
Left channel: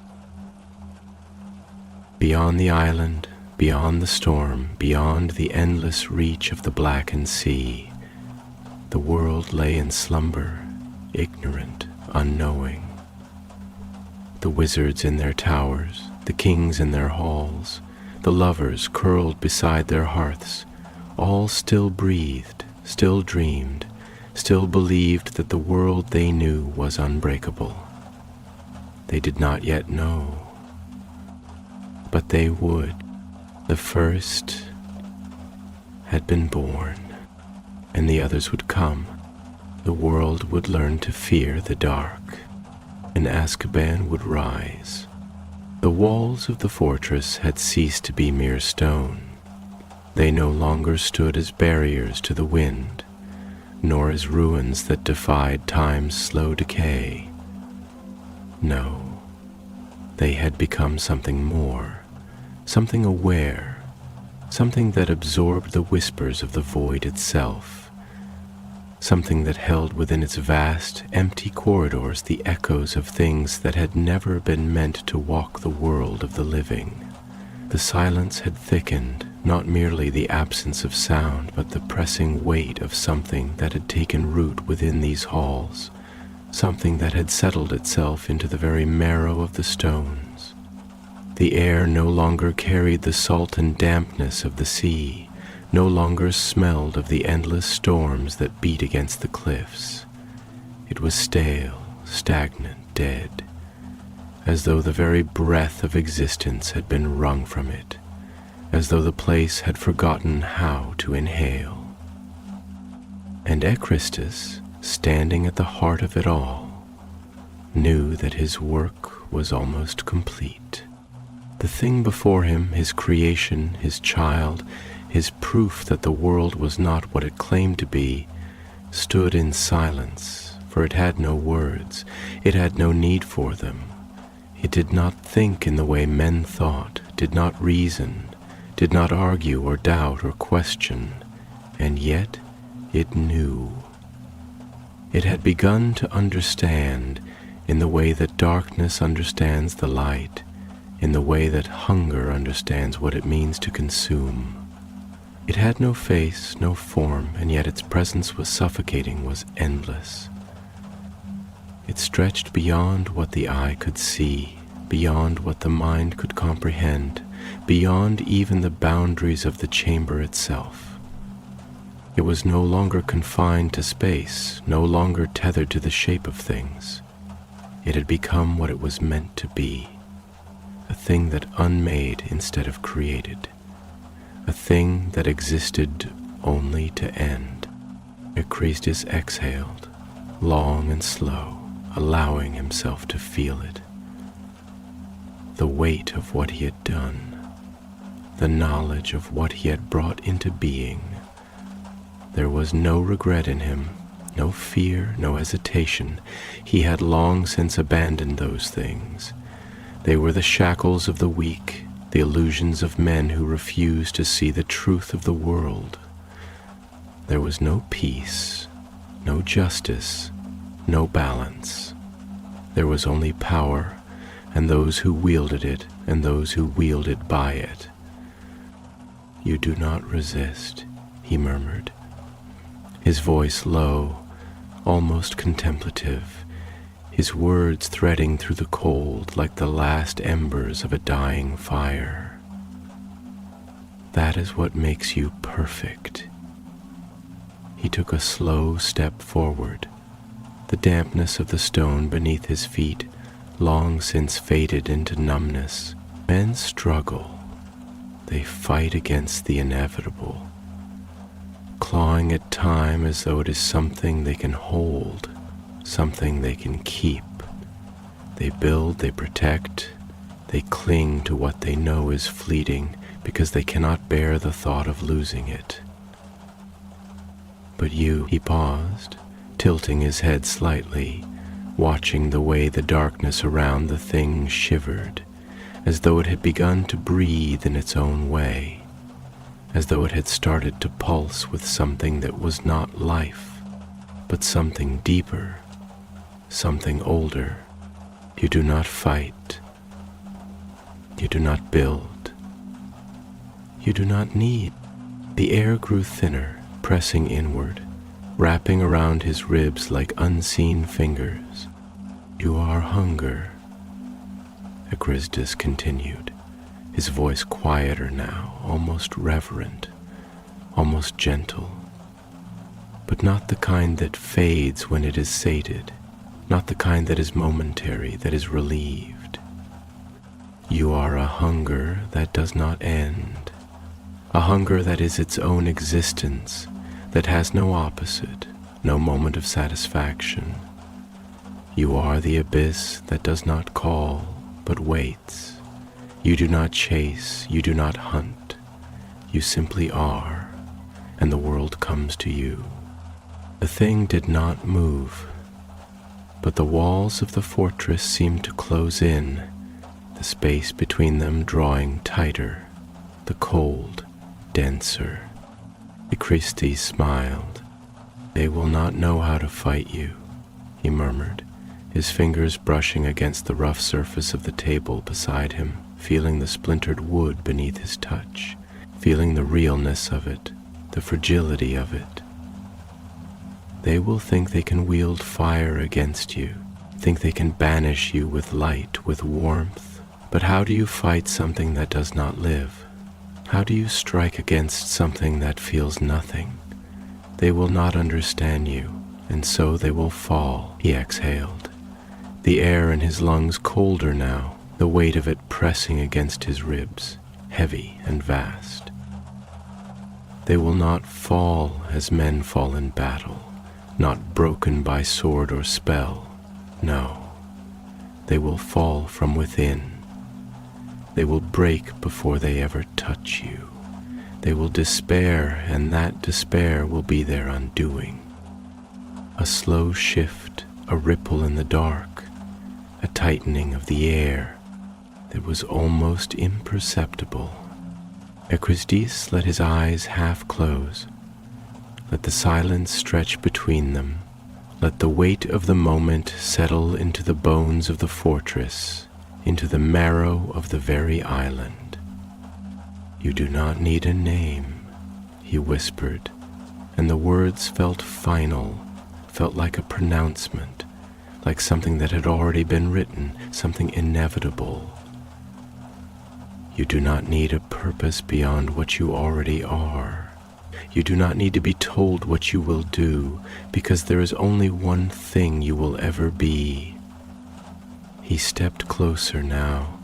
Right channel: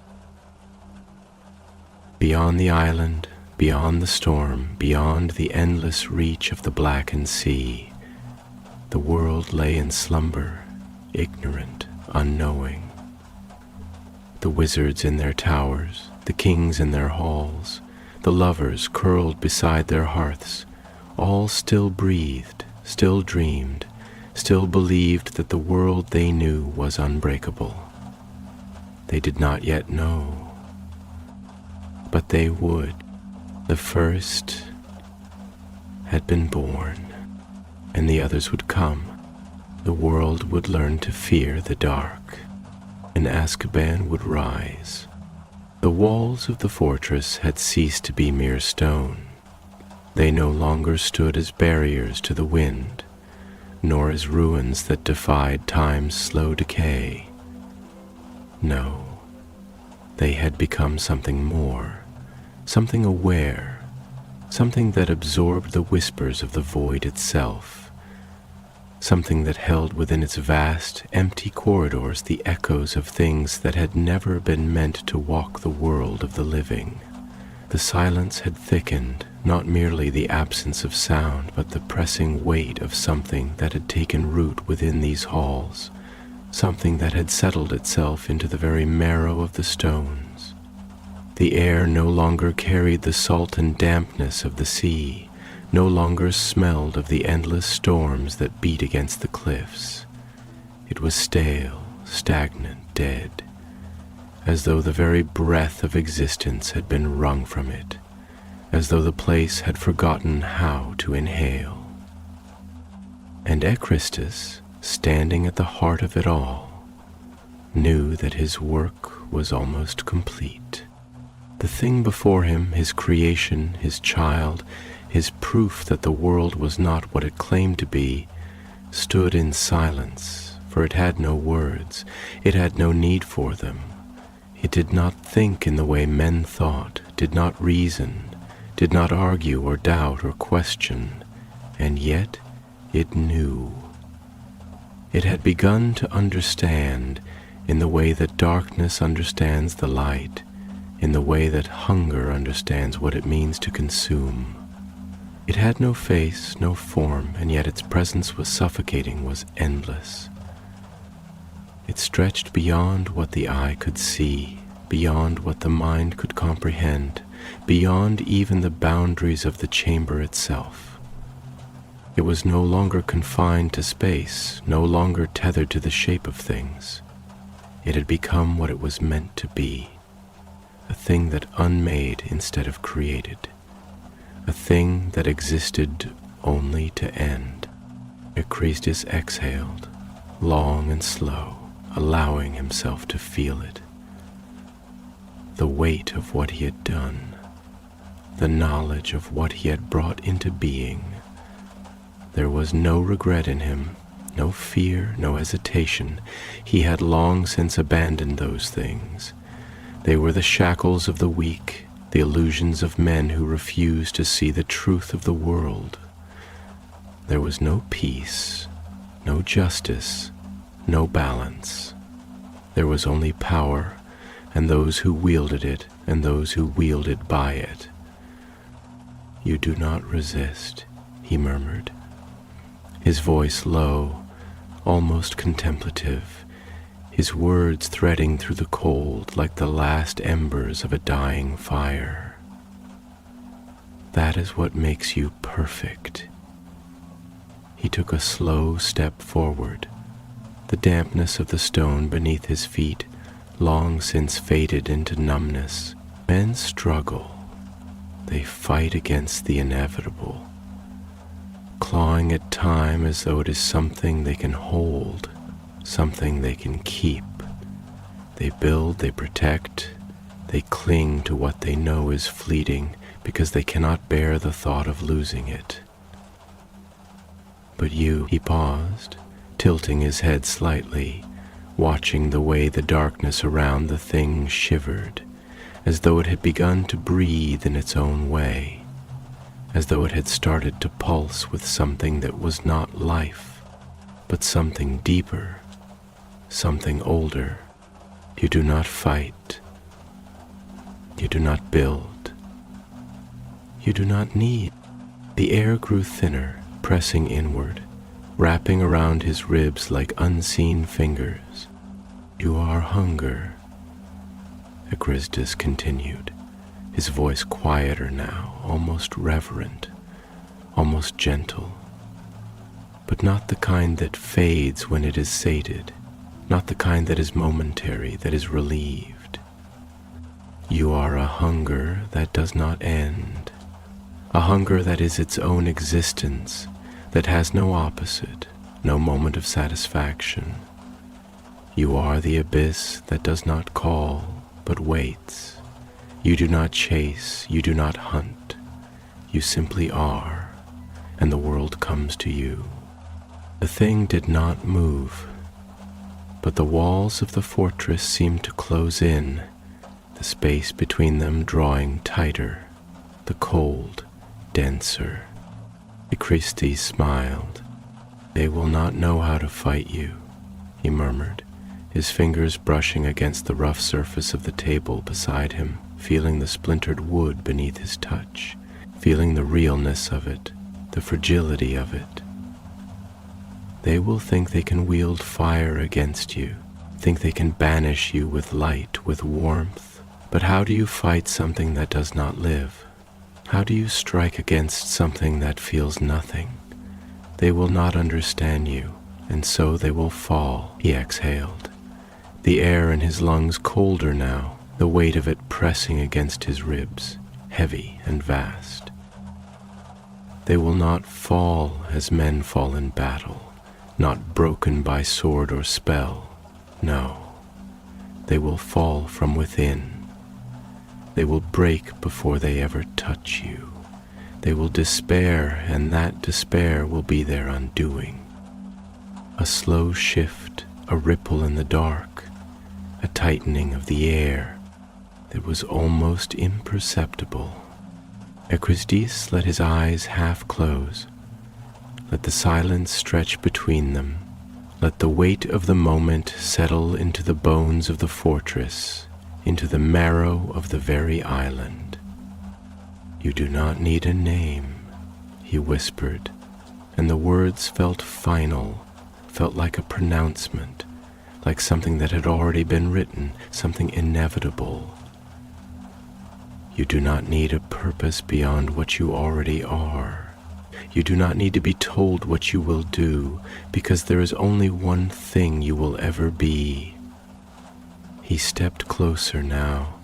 Beyond the island, beyond the storm, beyond the endless reach of the blackened sea, the world lay in slumber, ignorant, unknowing. The wizards in their towers, the kings in their halls, the lovers curled beside their hearths, all still breathed, still dreamed, still believed that the world they knew was unbreakable. They did not yet know, but they would. The first had been born, and the others would come. The world would learn to fear the dark, and Azkaban would rise. The walls of the fortress had ceased to be mere stone. They no longer stood as barriers to the wind, nor as ruins that defied time's slow decay. No, they had become something more, something aware, something that absorbed the whispers of the void itself, something that held within its vast, empty corridors the echoes of things that had never been meant to walk the world of the living. The silence had thickened, not merely the absence of sound, but the pressing weight of something that had taken root within these halls, something that had settled itself into the very marrow of the stones. The air no longer carried the salt and dampness of the sea, no longer smelled of the endless storms that beat against the cliffs. It was stale, stagnant, dead, as though the very breath of existence had been wrung from it, as though the place had forgotten how to inhale. And Ekristus, standing at the heart of it all, knew that his work was almost complete. The thing before him, his creation, his child, his proof that the world was not what it claimed to be, stood in silence, for it had no words, it had no need for them. It did not think in the way men thought, did not reason, did not argue or doubt or question, and yet it knew. It had begun to understand in the way that darkness understands the light, in the way that hunger understands what it means to consume. It had no face, no form, and yet its presence was suffocating, was endless. It stretched beyond what the eye could see, beyond what the mind could comprehend, beyond even the boundaries of the chamber itself. It was no longer confined to space, no longer tethered to the shape of things. It had become what it was meant to be, a thing that unmade instead of created, a thing that existed only to end. Christus exhaled, long and slow, allowing himself to feel it. The weight of what he had done, the knowledge of what he had brought into being. There was no regret in him, no fear, no hesitation. He had long since abandoned those things. They were the shackles of the weak, the illusions of men who refused to see the truth of the world. There was no peace, no justice, no balance. There was only power, and those who wielded it, and those who wielded by it. "You do not resist," he murmured, his voice low, almost contemplative, his words threading through the cold like the last embers of a dying fire. "That is what makes you perfect." He took a slow step forward. The dampness of the stone beneath his feet long since faded into numbness. Men struggle. They fight against the inevitable, clawing at time as though it is something they can hold, something they can keep. They build, they protect, they cling to what they know is fleeting because they cannot bear the thought of losing it. But you, he paused, tilting his head slightly, watching the way the darkness around the thing shivered, as though it had begun to breathe in its own way, as though it had started to pulse with something that was not life, but something deeper, something older. You do not fight. You do not build. You do not need. The air grew thinner, pressing inward, wrapping around his ribs like unseen fingers. "You are hunger," Christus continued, his voice quieter now, almost reverent, almost gentle, but not the kind that fades when it is sated, not the kind that is momentary, that is relieved. You are a hunger that does not end, a hunger that is its own existence, that has no opposite, no moment of satisfaction. You are the abyss that does not call, but waits. You do not chase, you do not hunt. You simply are, and the world comes to you. The thing did not move, but the walls of the fortress seemed to close in, the space between them drawing tighter, the cold denser. Christus smiled. "They will not know how to fight you," he murmured, his fingers brushing against the rough surface of the table beside him, feeling the splintered wood beneath his touch, feeling the realness of it, the fragility of it. They will think they can wield fire against you, think they can banish you with light, with warmth. But how do you fight something that does not live? How do you strike against something that feels nothing? They will not understand you, and so they will fall. He exhaled, the air in his lungs colder now, the weight of it pressing against his ribs, heavy and vast. They will not fall as men fall in battle, not broken by sword or spell. No, they will fall from within. They will break before they ever touch you. They will despair, and that despair will be their undoing. A slow shift, a ripple in the dark, a tightening of the air that was almost imperceptible. Christus let his eyes half close. Let the silence stretch between them. Let the weight of the moment settle into the bones of the fortress, into the marrow of the very island. You do not need a name. he whispered, and the words felt final, felt like a pronouncement, like something that had already been written, something inevitable. You do not need a purpose beyond what you already are. You do not need to be told what you will do, because there is only one thing you will ever be. He stepped closer now,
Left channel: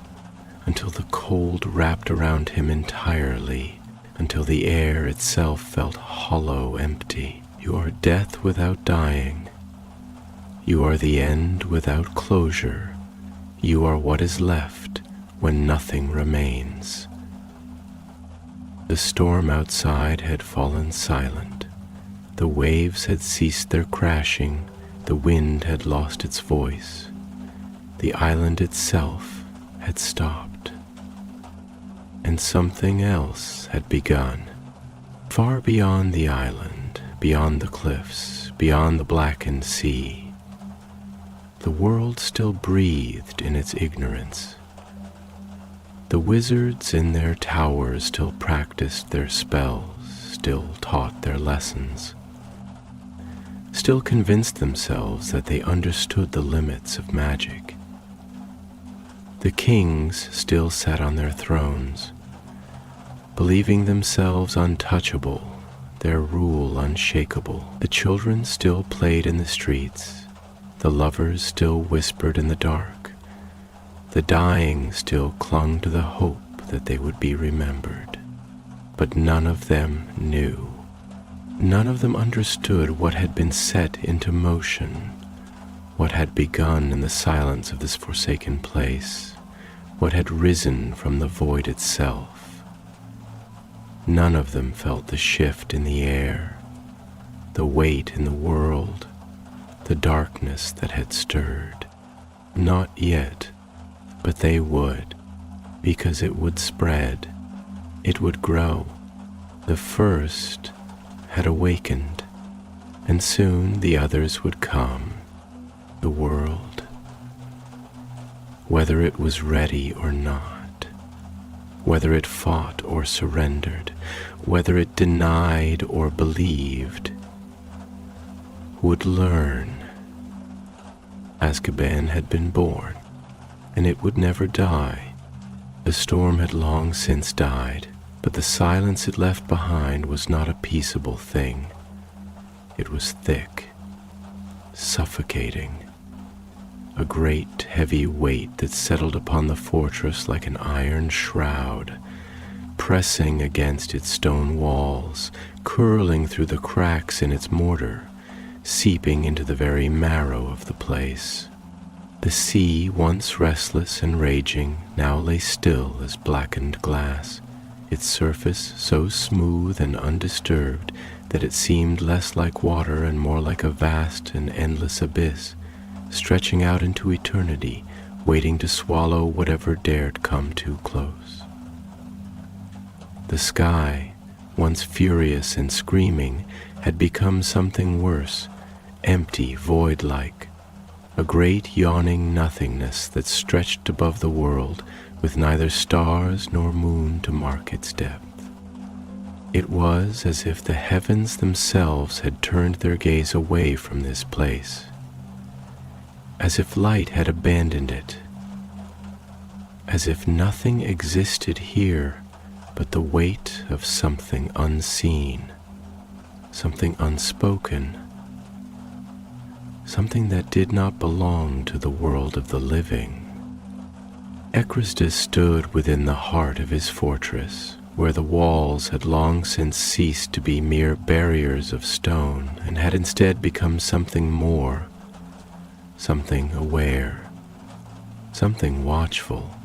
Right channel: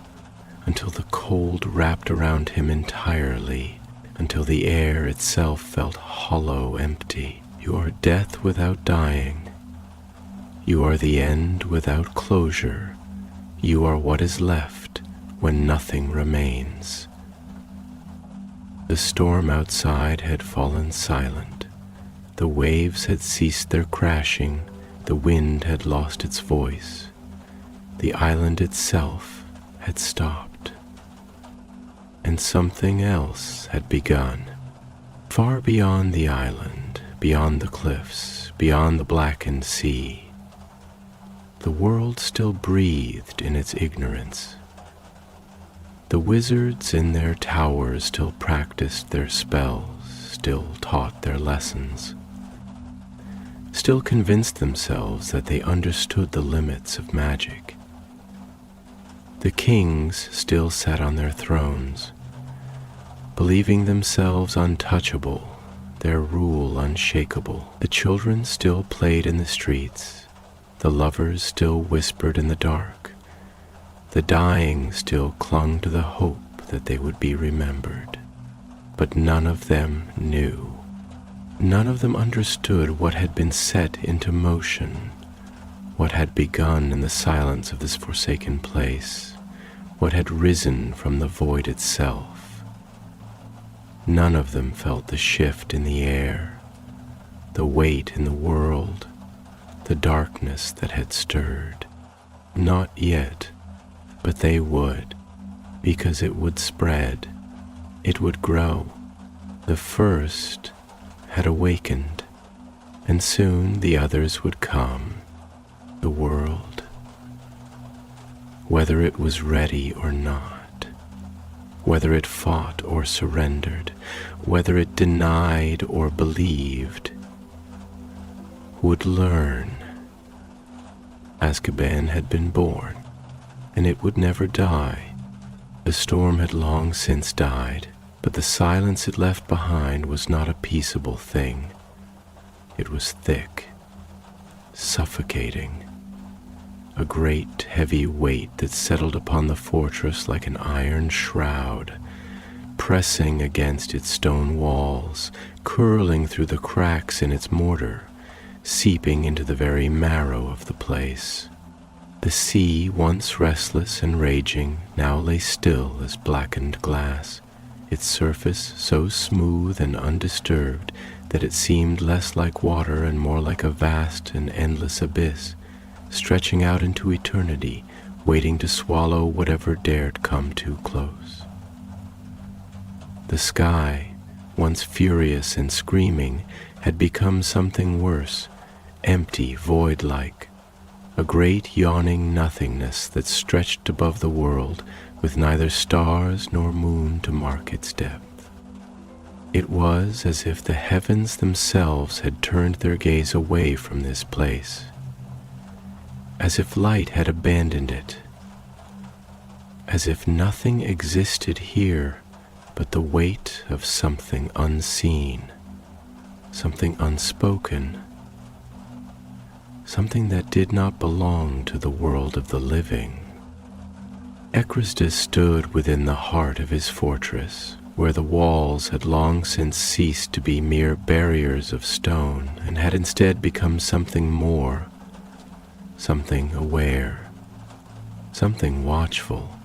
until the cold wrapped around him entirely, until the air itself felt hollow, empty. You are death without dying. You are the end without closure. You are what is left when nothing remains. The storm outside had fallen silent. The waves had ceased their crashing. The wind had lost its voice. The island itself had stopped. And something else had begun. Far beyond the island, beyond the cliffs, beyond the blackened sea, the world still breathed in its ignorance. The wizards in their towers still practiced their spells, still taught their lessons, still convinced themselves that they understood the limits of magic. The kings still sat on their thrones, believing themselves untouchable, their rule unshakable. The children still played in the streets, the lovers still whispered in the dark. The dying still clung to the hope that they would be remembered. But none of them knew. None of them understood what had been set into motion, what had begun in the silence of this forsaken place, what had risen from the void itself. None of them felt the shift in the air, the weight in the world, the darkness that had stirred. Not yet. But they would, because it would spread, it would grow. The first had awakened, and soon the others would come. The world, whether it was ready or not, whether it fought or surrendered, whether it denied or believed, would learn. Azkaban had been born, and it would never die. The storm had long since died, but the silence it left behind was not a peaceable thing. It was thick, suffocating, a great heavy weight that settled upon the fortress like an iron shroud, pressing against its stone walls, curling through the cracks in its mortar, seeping into the very marrow of the place. The sea, once restless and raging, now lay still as blackened glass, its surface so smooth and undisturbed that it seemed less like water and more like a vast and endless abyss, stretching out into eternity, waiting to swallow whatever dared come too close. The sky, once furious and screaming, had become something worse, empty, void-like, a great yawning nothingness that stretched above the world with neither stars nor moon to mark its depth. It was as if the heavens themselves had turned their gaze away from this place, as if light had abandoned it, as if nothing existed here but the weight of something unseen, something unspoken, something that did not belong to the world of the living. Ekrasdis stood within the heart of his fortress, where the walls had long since ceased to be mere barriers of stone and had instead become something more, something aware, something watchful.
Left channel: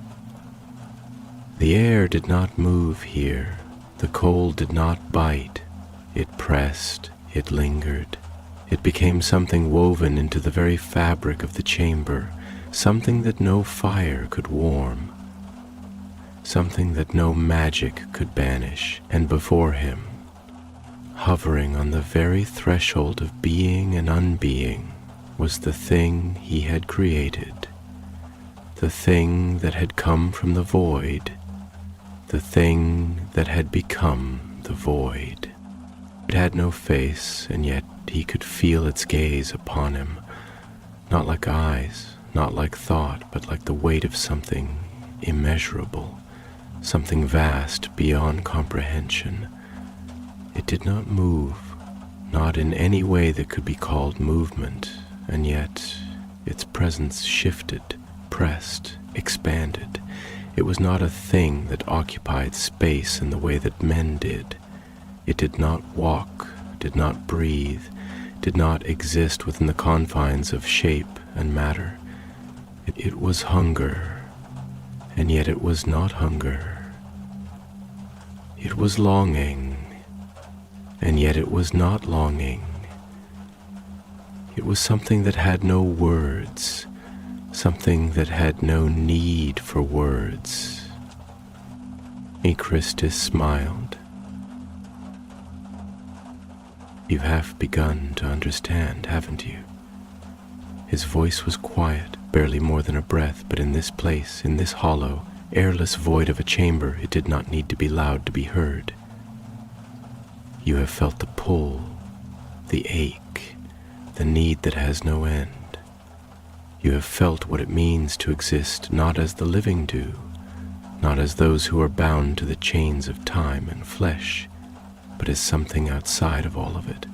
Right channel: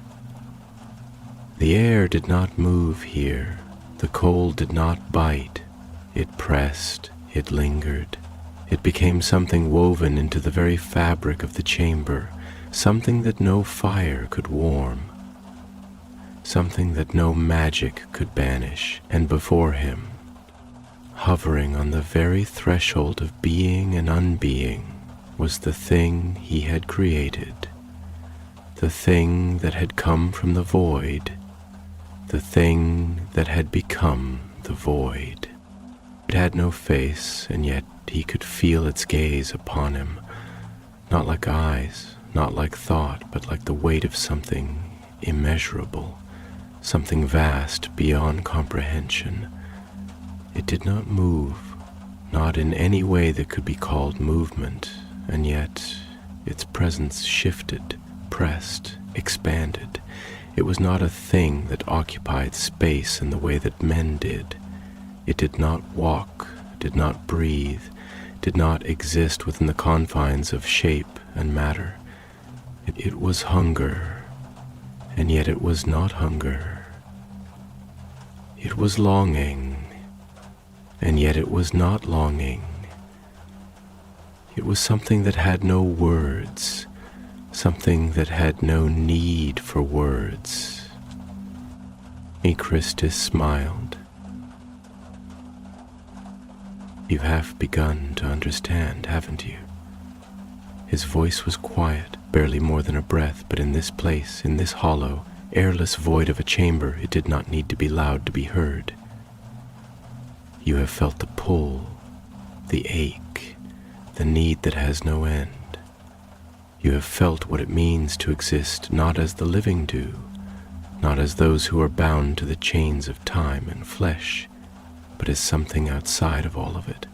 The air did not move here, the cold did not bite, it pressed, it lingered. It became something woven into the very fabric of the chamber, something that no fire could warm, something that no magic could banish. And before him, hovering on the very threshold of being and unbeing, was the thing he had created, the thing that had come from the void, the thing that had become the void. It had no face, and yet he could feel its gaze upon him, not like eyes, not like thought, but like the weight of something immeasurable, something vast beyond comprehension. It did not move, not in any way that could be called movement, and yet its presence shifted, pressed, expanded. It was not a thing that occupied space in the way that men did. It did not walk, did not breathe, did not exist within the confines of shape and matter. It was hunger, and yet it was not hunger. It was longing, and yet it was not longing. It was something that had no words, something that had no need for words. Christus smiled. You have begun to understand, haven't you? His voice was quiet, barely more than a breath, but in this place, in this hollow, airless void of a chamber, it did not need to be loud to be heard. You have felt the pull, the ache, the need that has no end. You have felt what it means to exist not as the living do, not as those who are bound to the chains of time and flesh, but as something outside of all of it,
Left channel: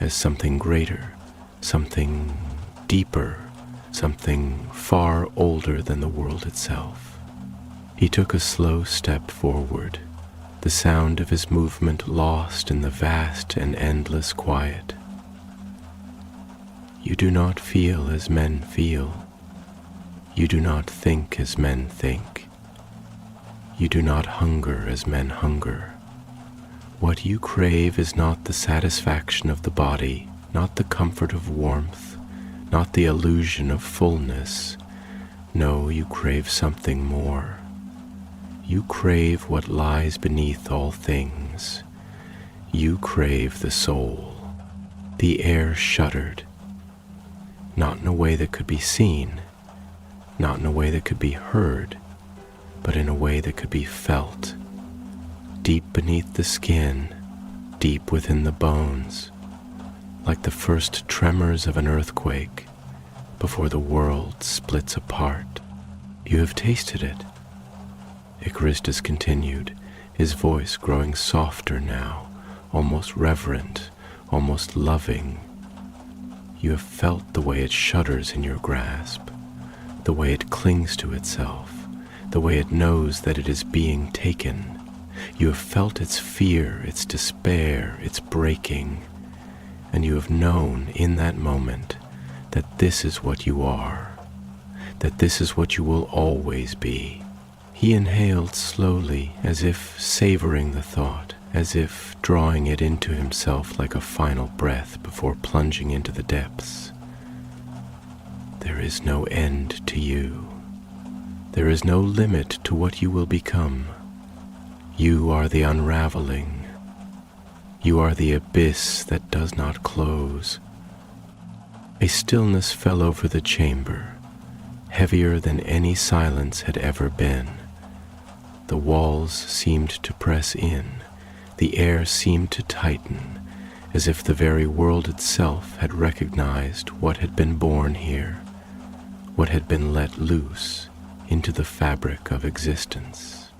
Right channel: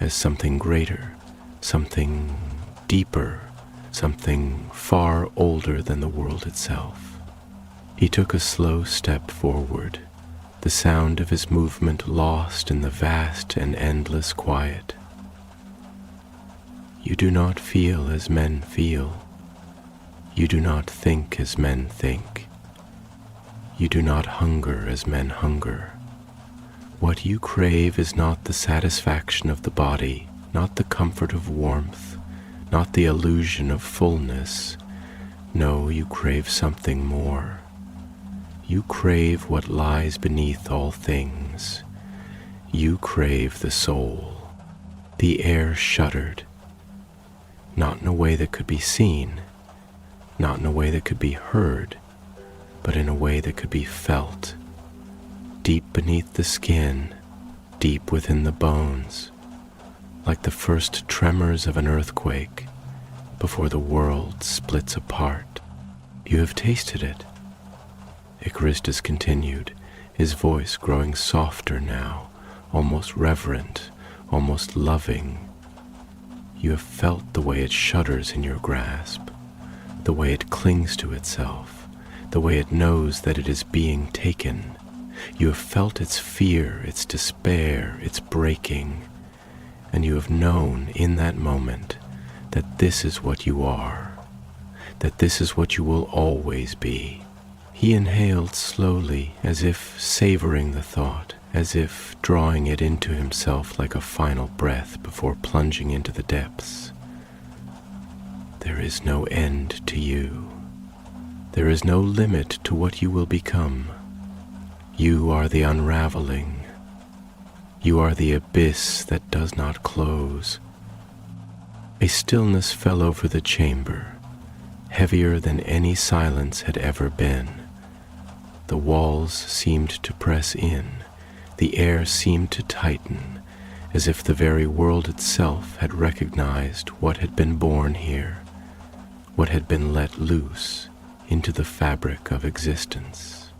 as something greater, something deeper, something far older than the world itself. He took a slow step forward, the sound of his movement lost in the vast and endless quiet. You do not feel as men feel. You do not think as men think. You do not hunger as men hunger. What you crave is not the satisfaction of the body, not the comfort of warmth, not the illusion of fullness. No, you crave something more. You crave what lies beneath all things. You crave the soul. The air shuddered, not in a way that could be seen, not in a way that could be heard, but in a way that could be felt. Deep beneath the skin, deep within the bones, like the first tremors of an earthquake before the world splits apart. You have tasted it. Christus continued, his voice growing softer now, almost reverent, almost loving. You have felt the way it shudders in your grasp, the way it clings to itself, the way it knows that it is being taken. You have felt its fear, its despair, its breaking, and you have known in that moment that this is what you are, that this is what you will always be. He inhaled slowly, as if savoring the thought, as if drawing it into himself like a final breath before plunging into the depths. There is no end to you. There is no limit to what you will become. You are the unraveling. You are the abyss that does not close. A stillness fell over the chamber, heavier than any silence had ever been. The walls seemed to press in. The air seemed to tighten, as if the very world itself had recognized what had been born here, what had been let loose into the fabric of existence.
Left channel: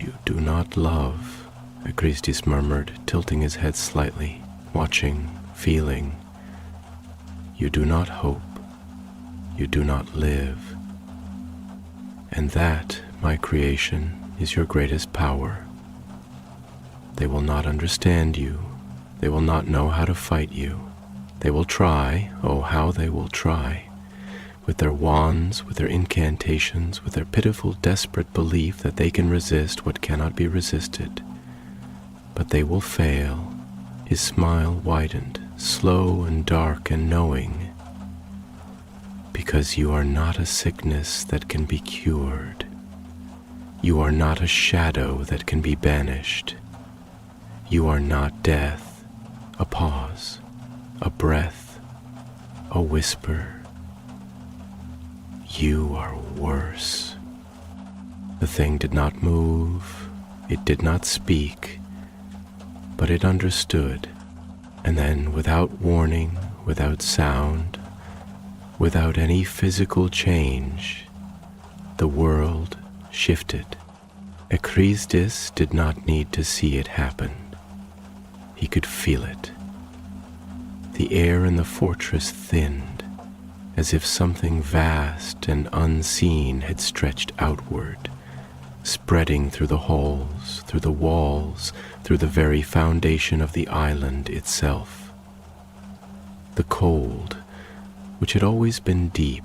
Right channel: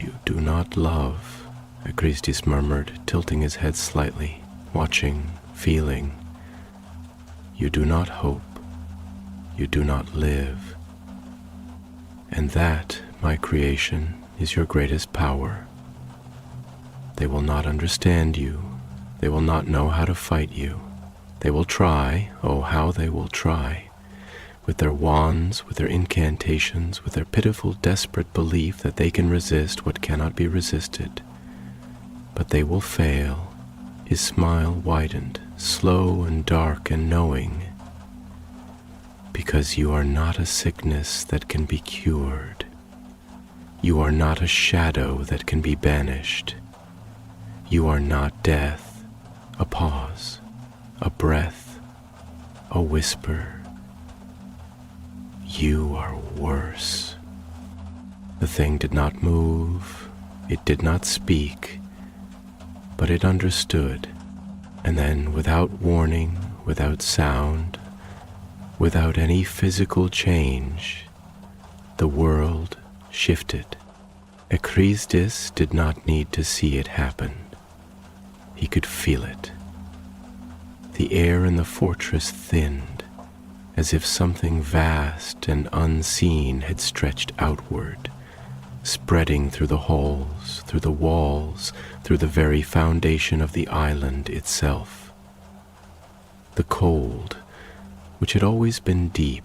You do not love, Christus murmured, tilting his head slightly, watching, feeling. You do not hope. You do not live. And that, my creation, is your greatest power. They will not understand you. They will not know how to fight you. They will try, oh how they will try, with their wands, with their incantations, with their pitiful, desperate belief that they can resist what cannot be resisted. But they will fail. His smile widened, slow and dark and knowing, because you are not a sickness that can be cured. You are not a shadow that can be banished. You are not death, a pause, a breath, a whisper. You are worse. The thing did not move, it did not speak, but it understood, And then, without warning, without sound, without any physical change, the world shifted. Ekristis did not need to see it happen. He could feel it. The air in the fortress thinned, as if something vast and unseen had stretched outward, spreading through the halls, through the walls, through the very foundation of the island itself. The cold, which had always been deep,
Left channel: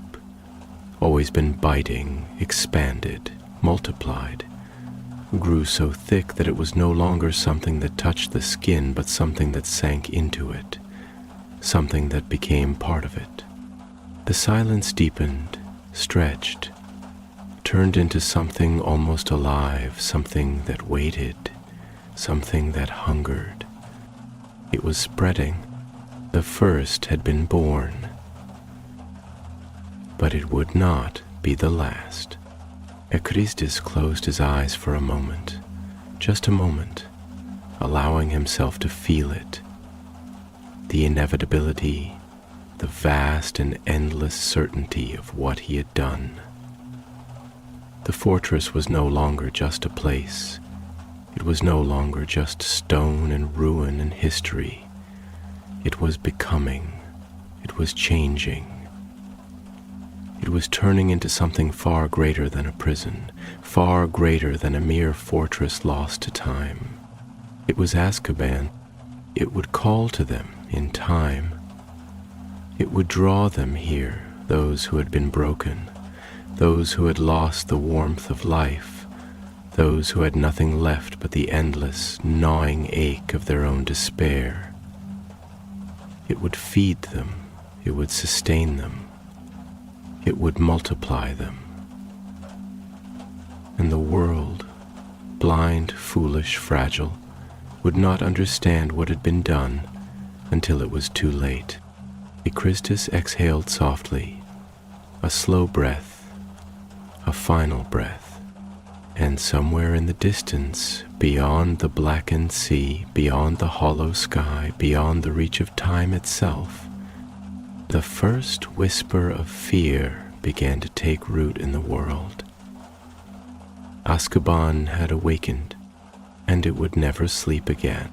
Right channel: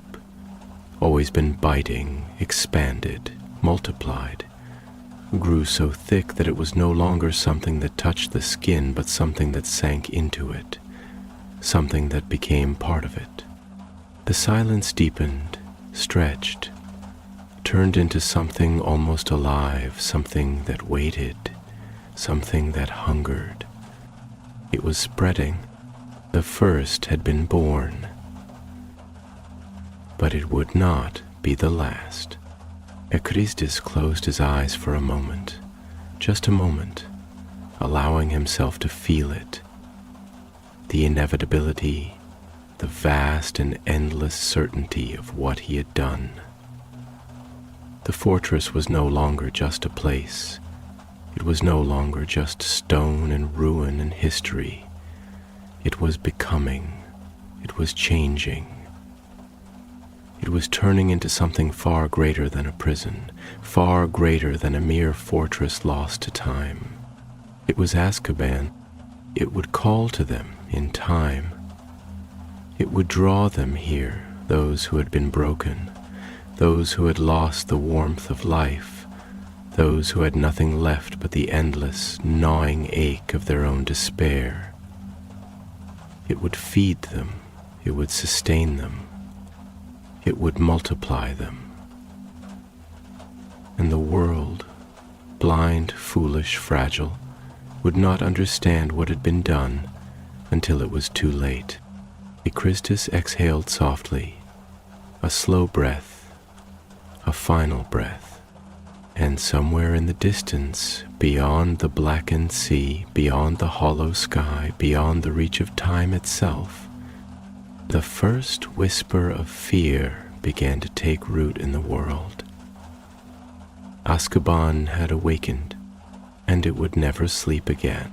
always been biting, expanded, multiplied, grew so thick that it was no longer something that touched the skin, but something that sank into it, something that became part of it. The silence deepened, stretched, turned into something almost alive, something that waited, something that hungered. It was spreading. The first had been born, but it would not be the last. Ekristis closed his eyes for a moment, just a moment, allowing himself to feel it, the inevitability, the vast and endless certainty of what he had done. The fortress was no longer just a place. It was no longer just stone and ruin and history. It was becoming. It was changing. It was turning into something far greater than a prison, far greater than a mere fortress lost to time. It was Azkaban. It would call to them in time. It would draw them here, those who had been broken, those who had lost the warmth of life, those who had nothing left but the endless, gnawing ache of their own despair. It would feed them. It would sustain them. It would multiply them. And the world, blind, foolish, fragile, would not understand what had been done until it was too late. Ekristis exhaled softly, a slow breath, a final breath, and somewhere in the distance, beyond the blackened sea, beyond the hollow sky, beyond the reach of time itself, the first whisper of fear began to take root in the world. Azkaban had awakened, and it would never sleep again.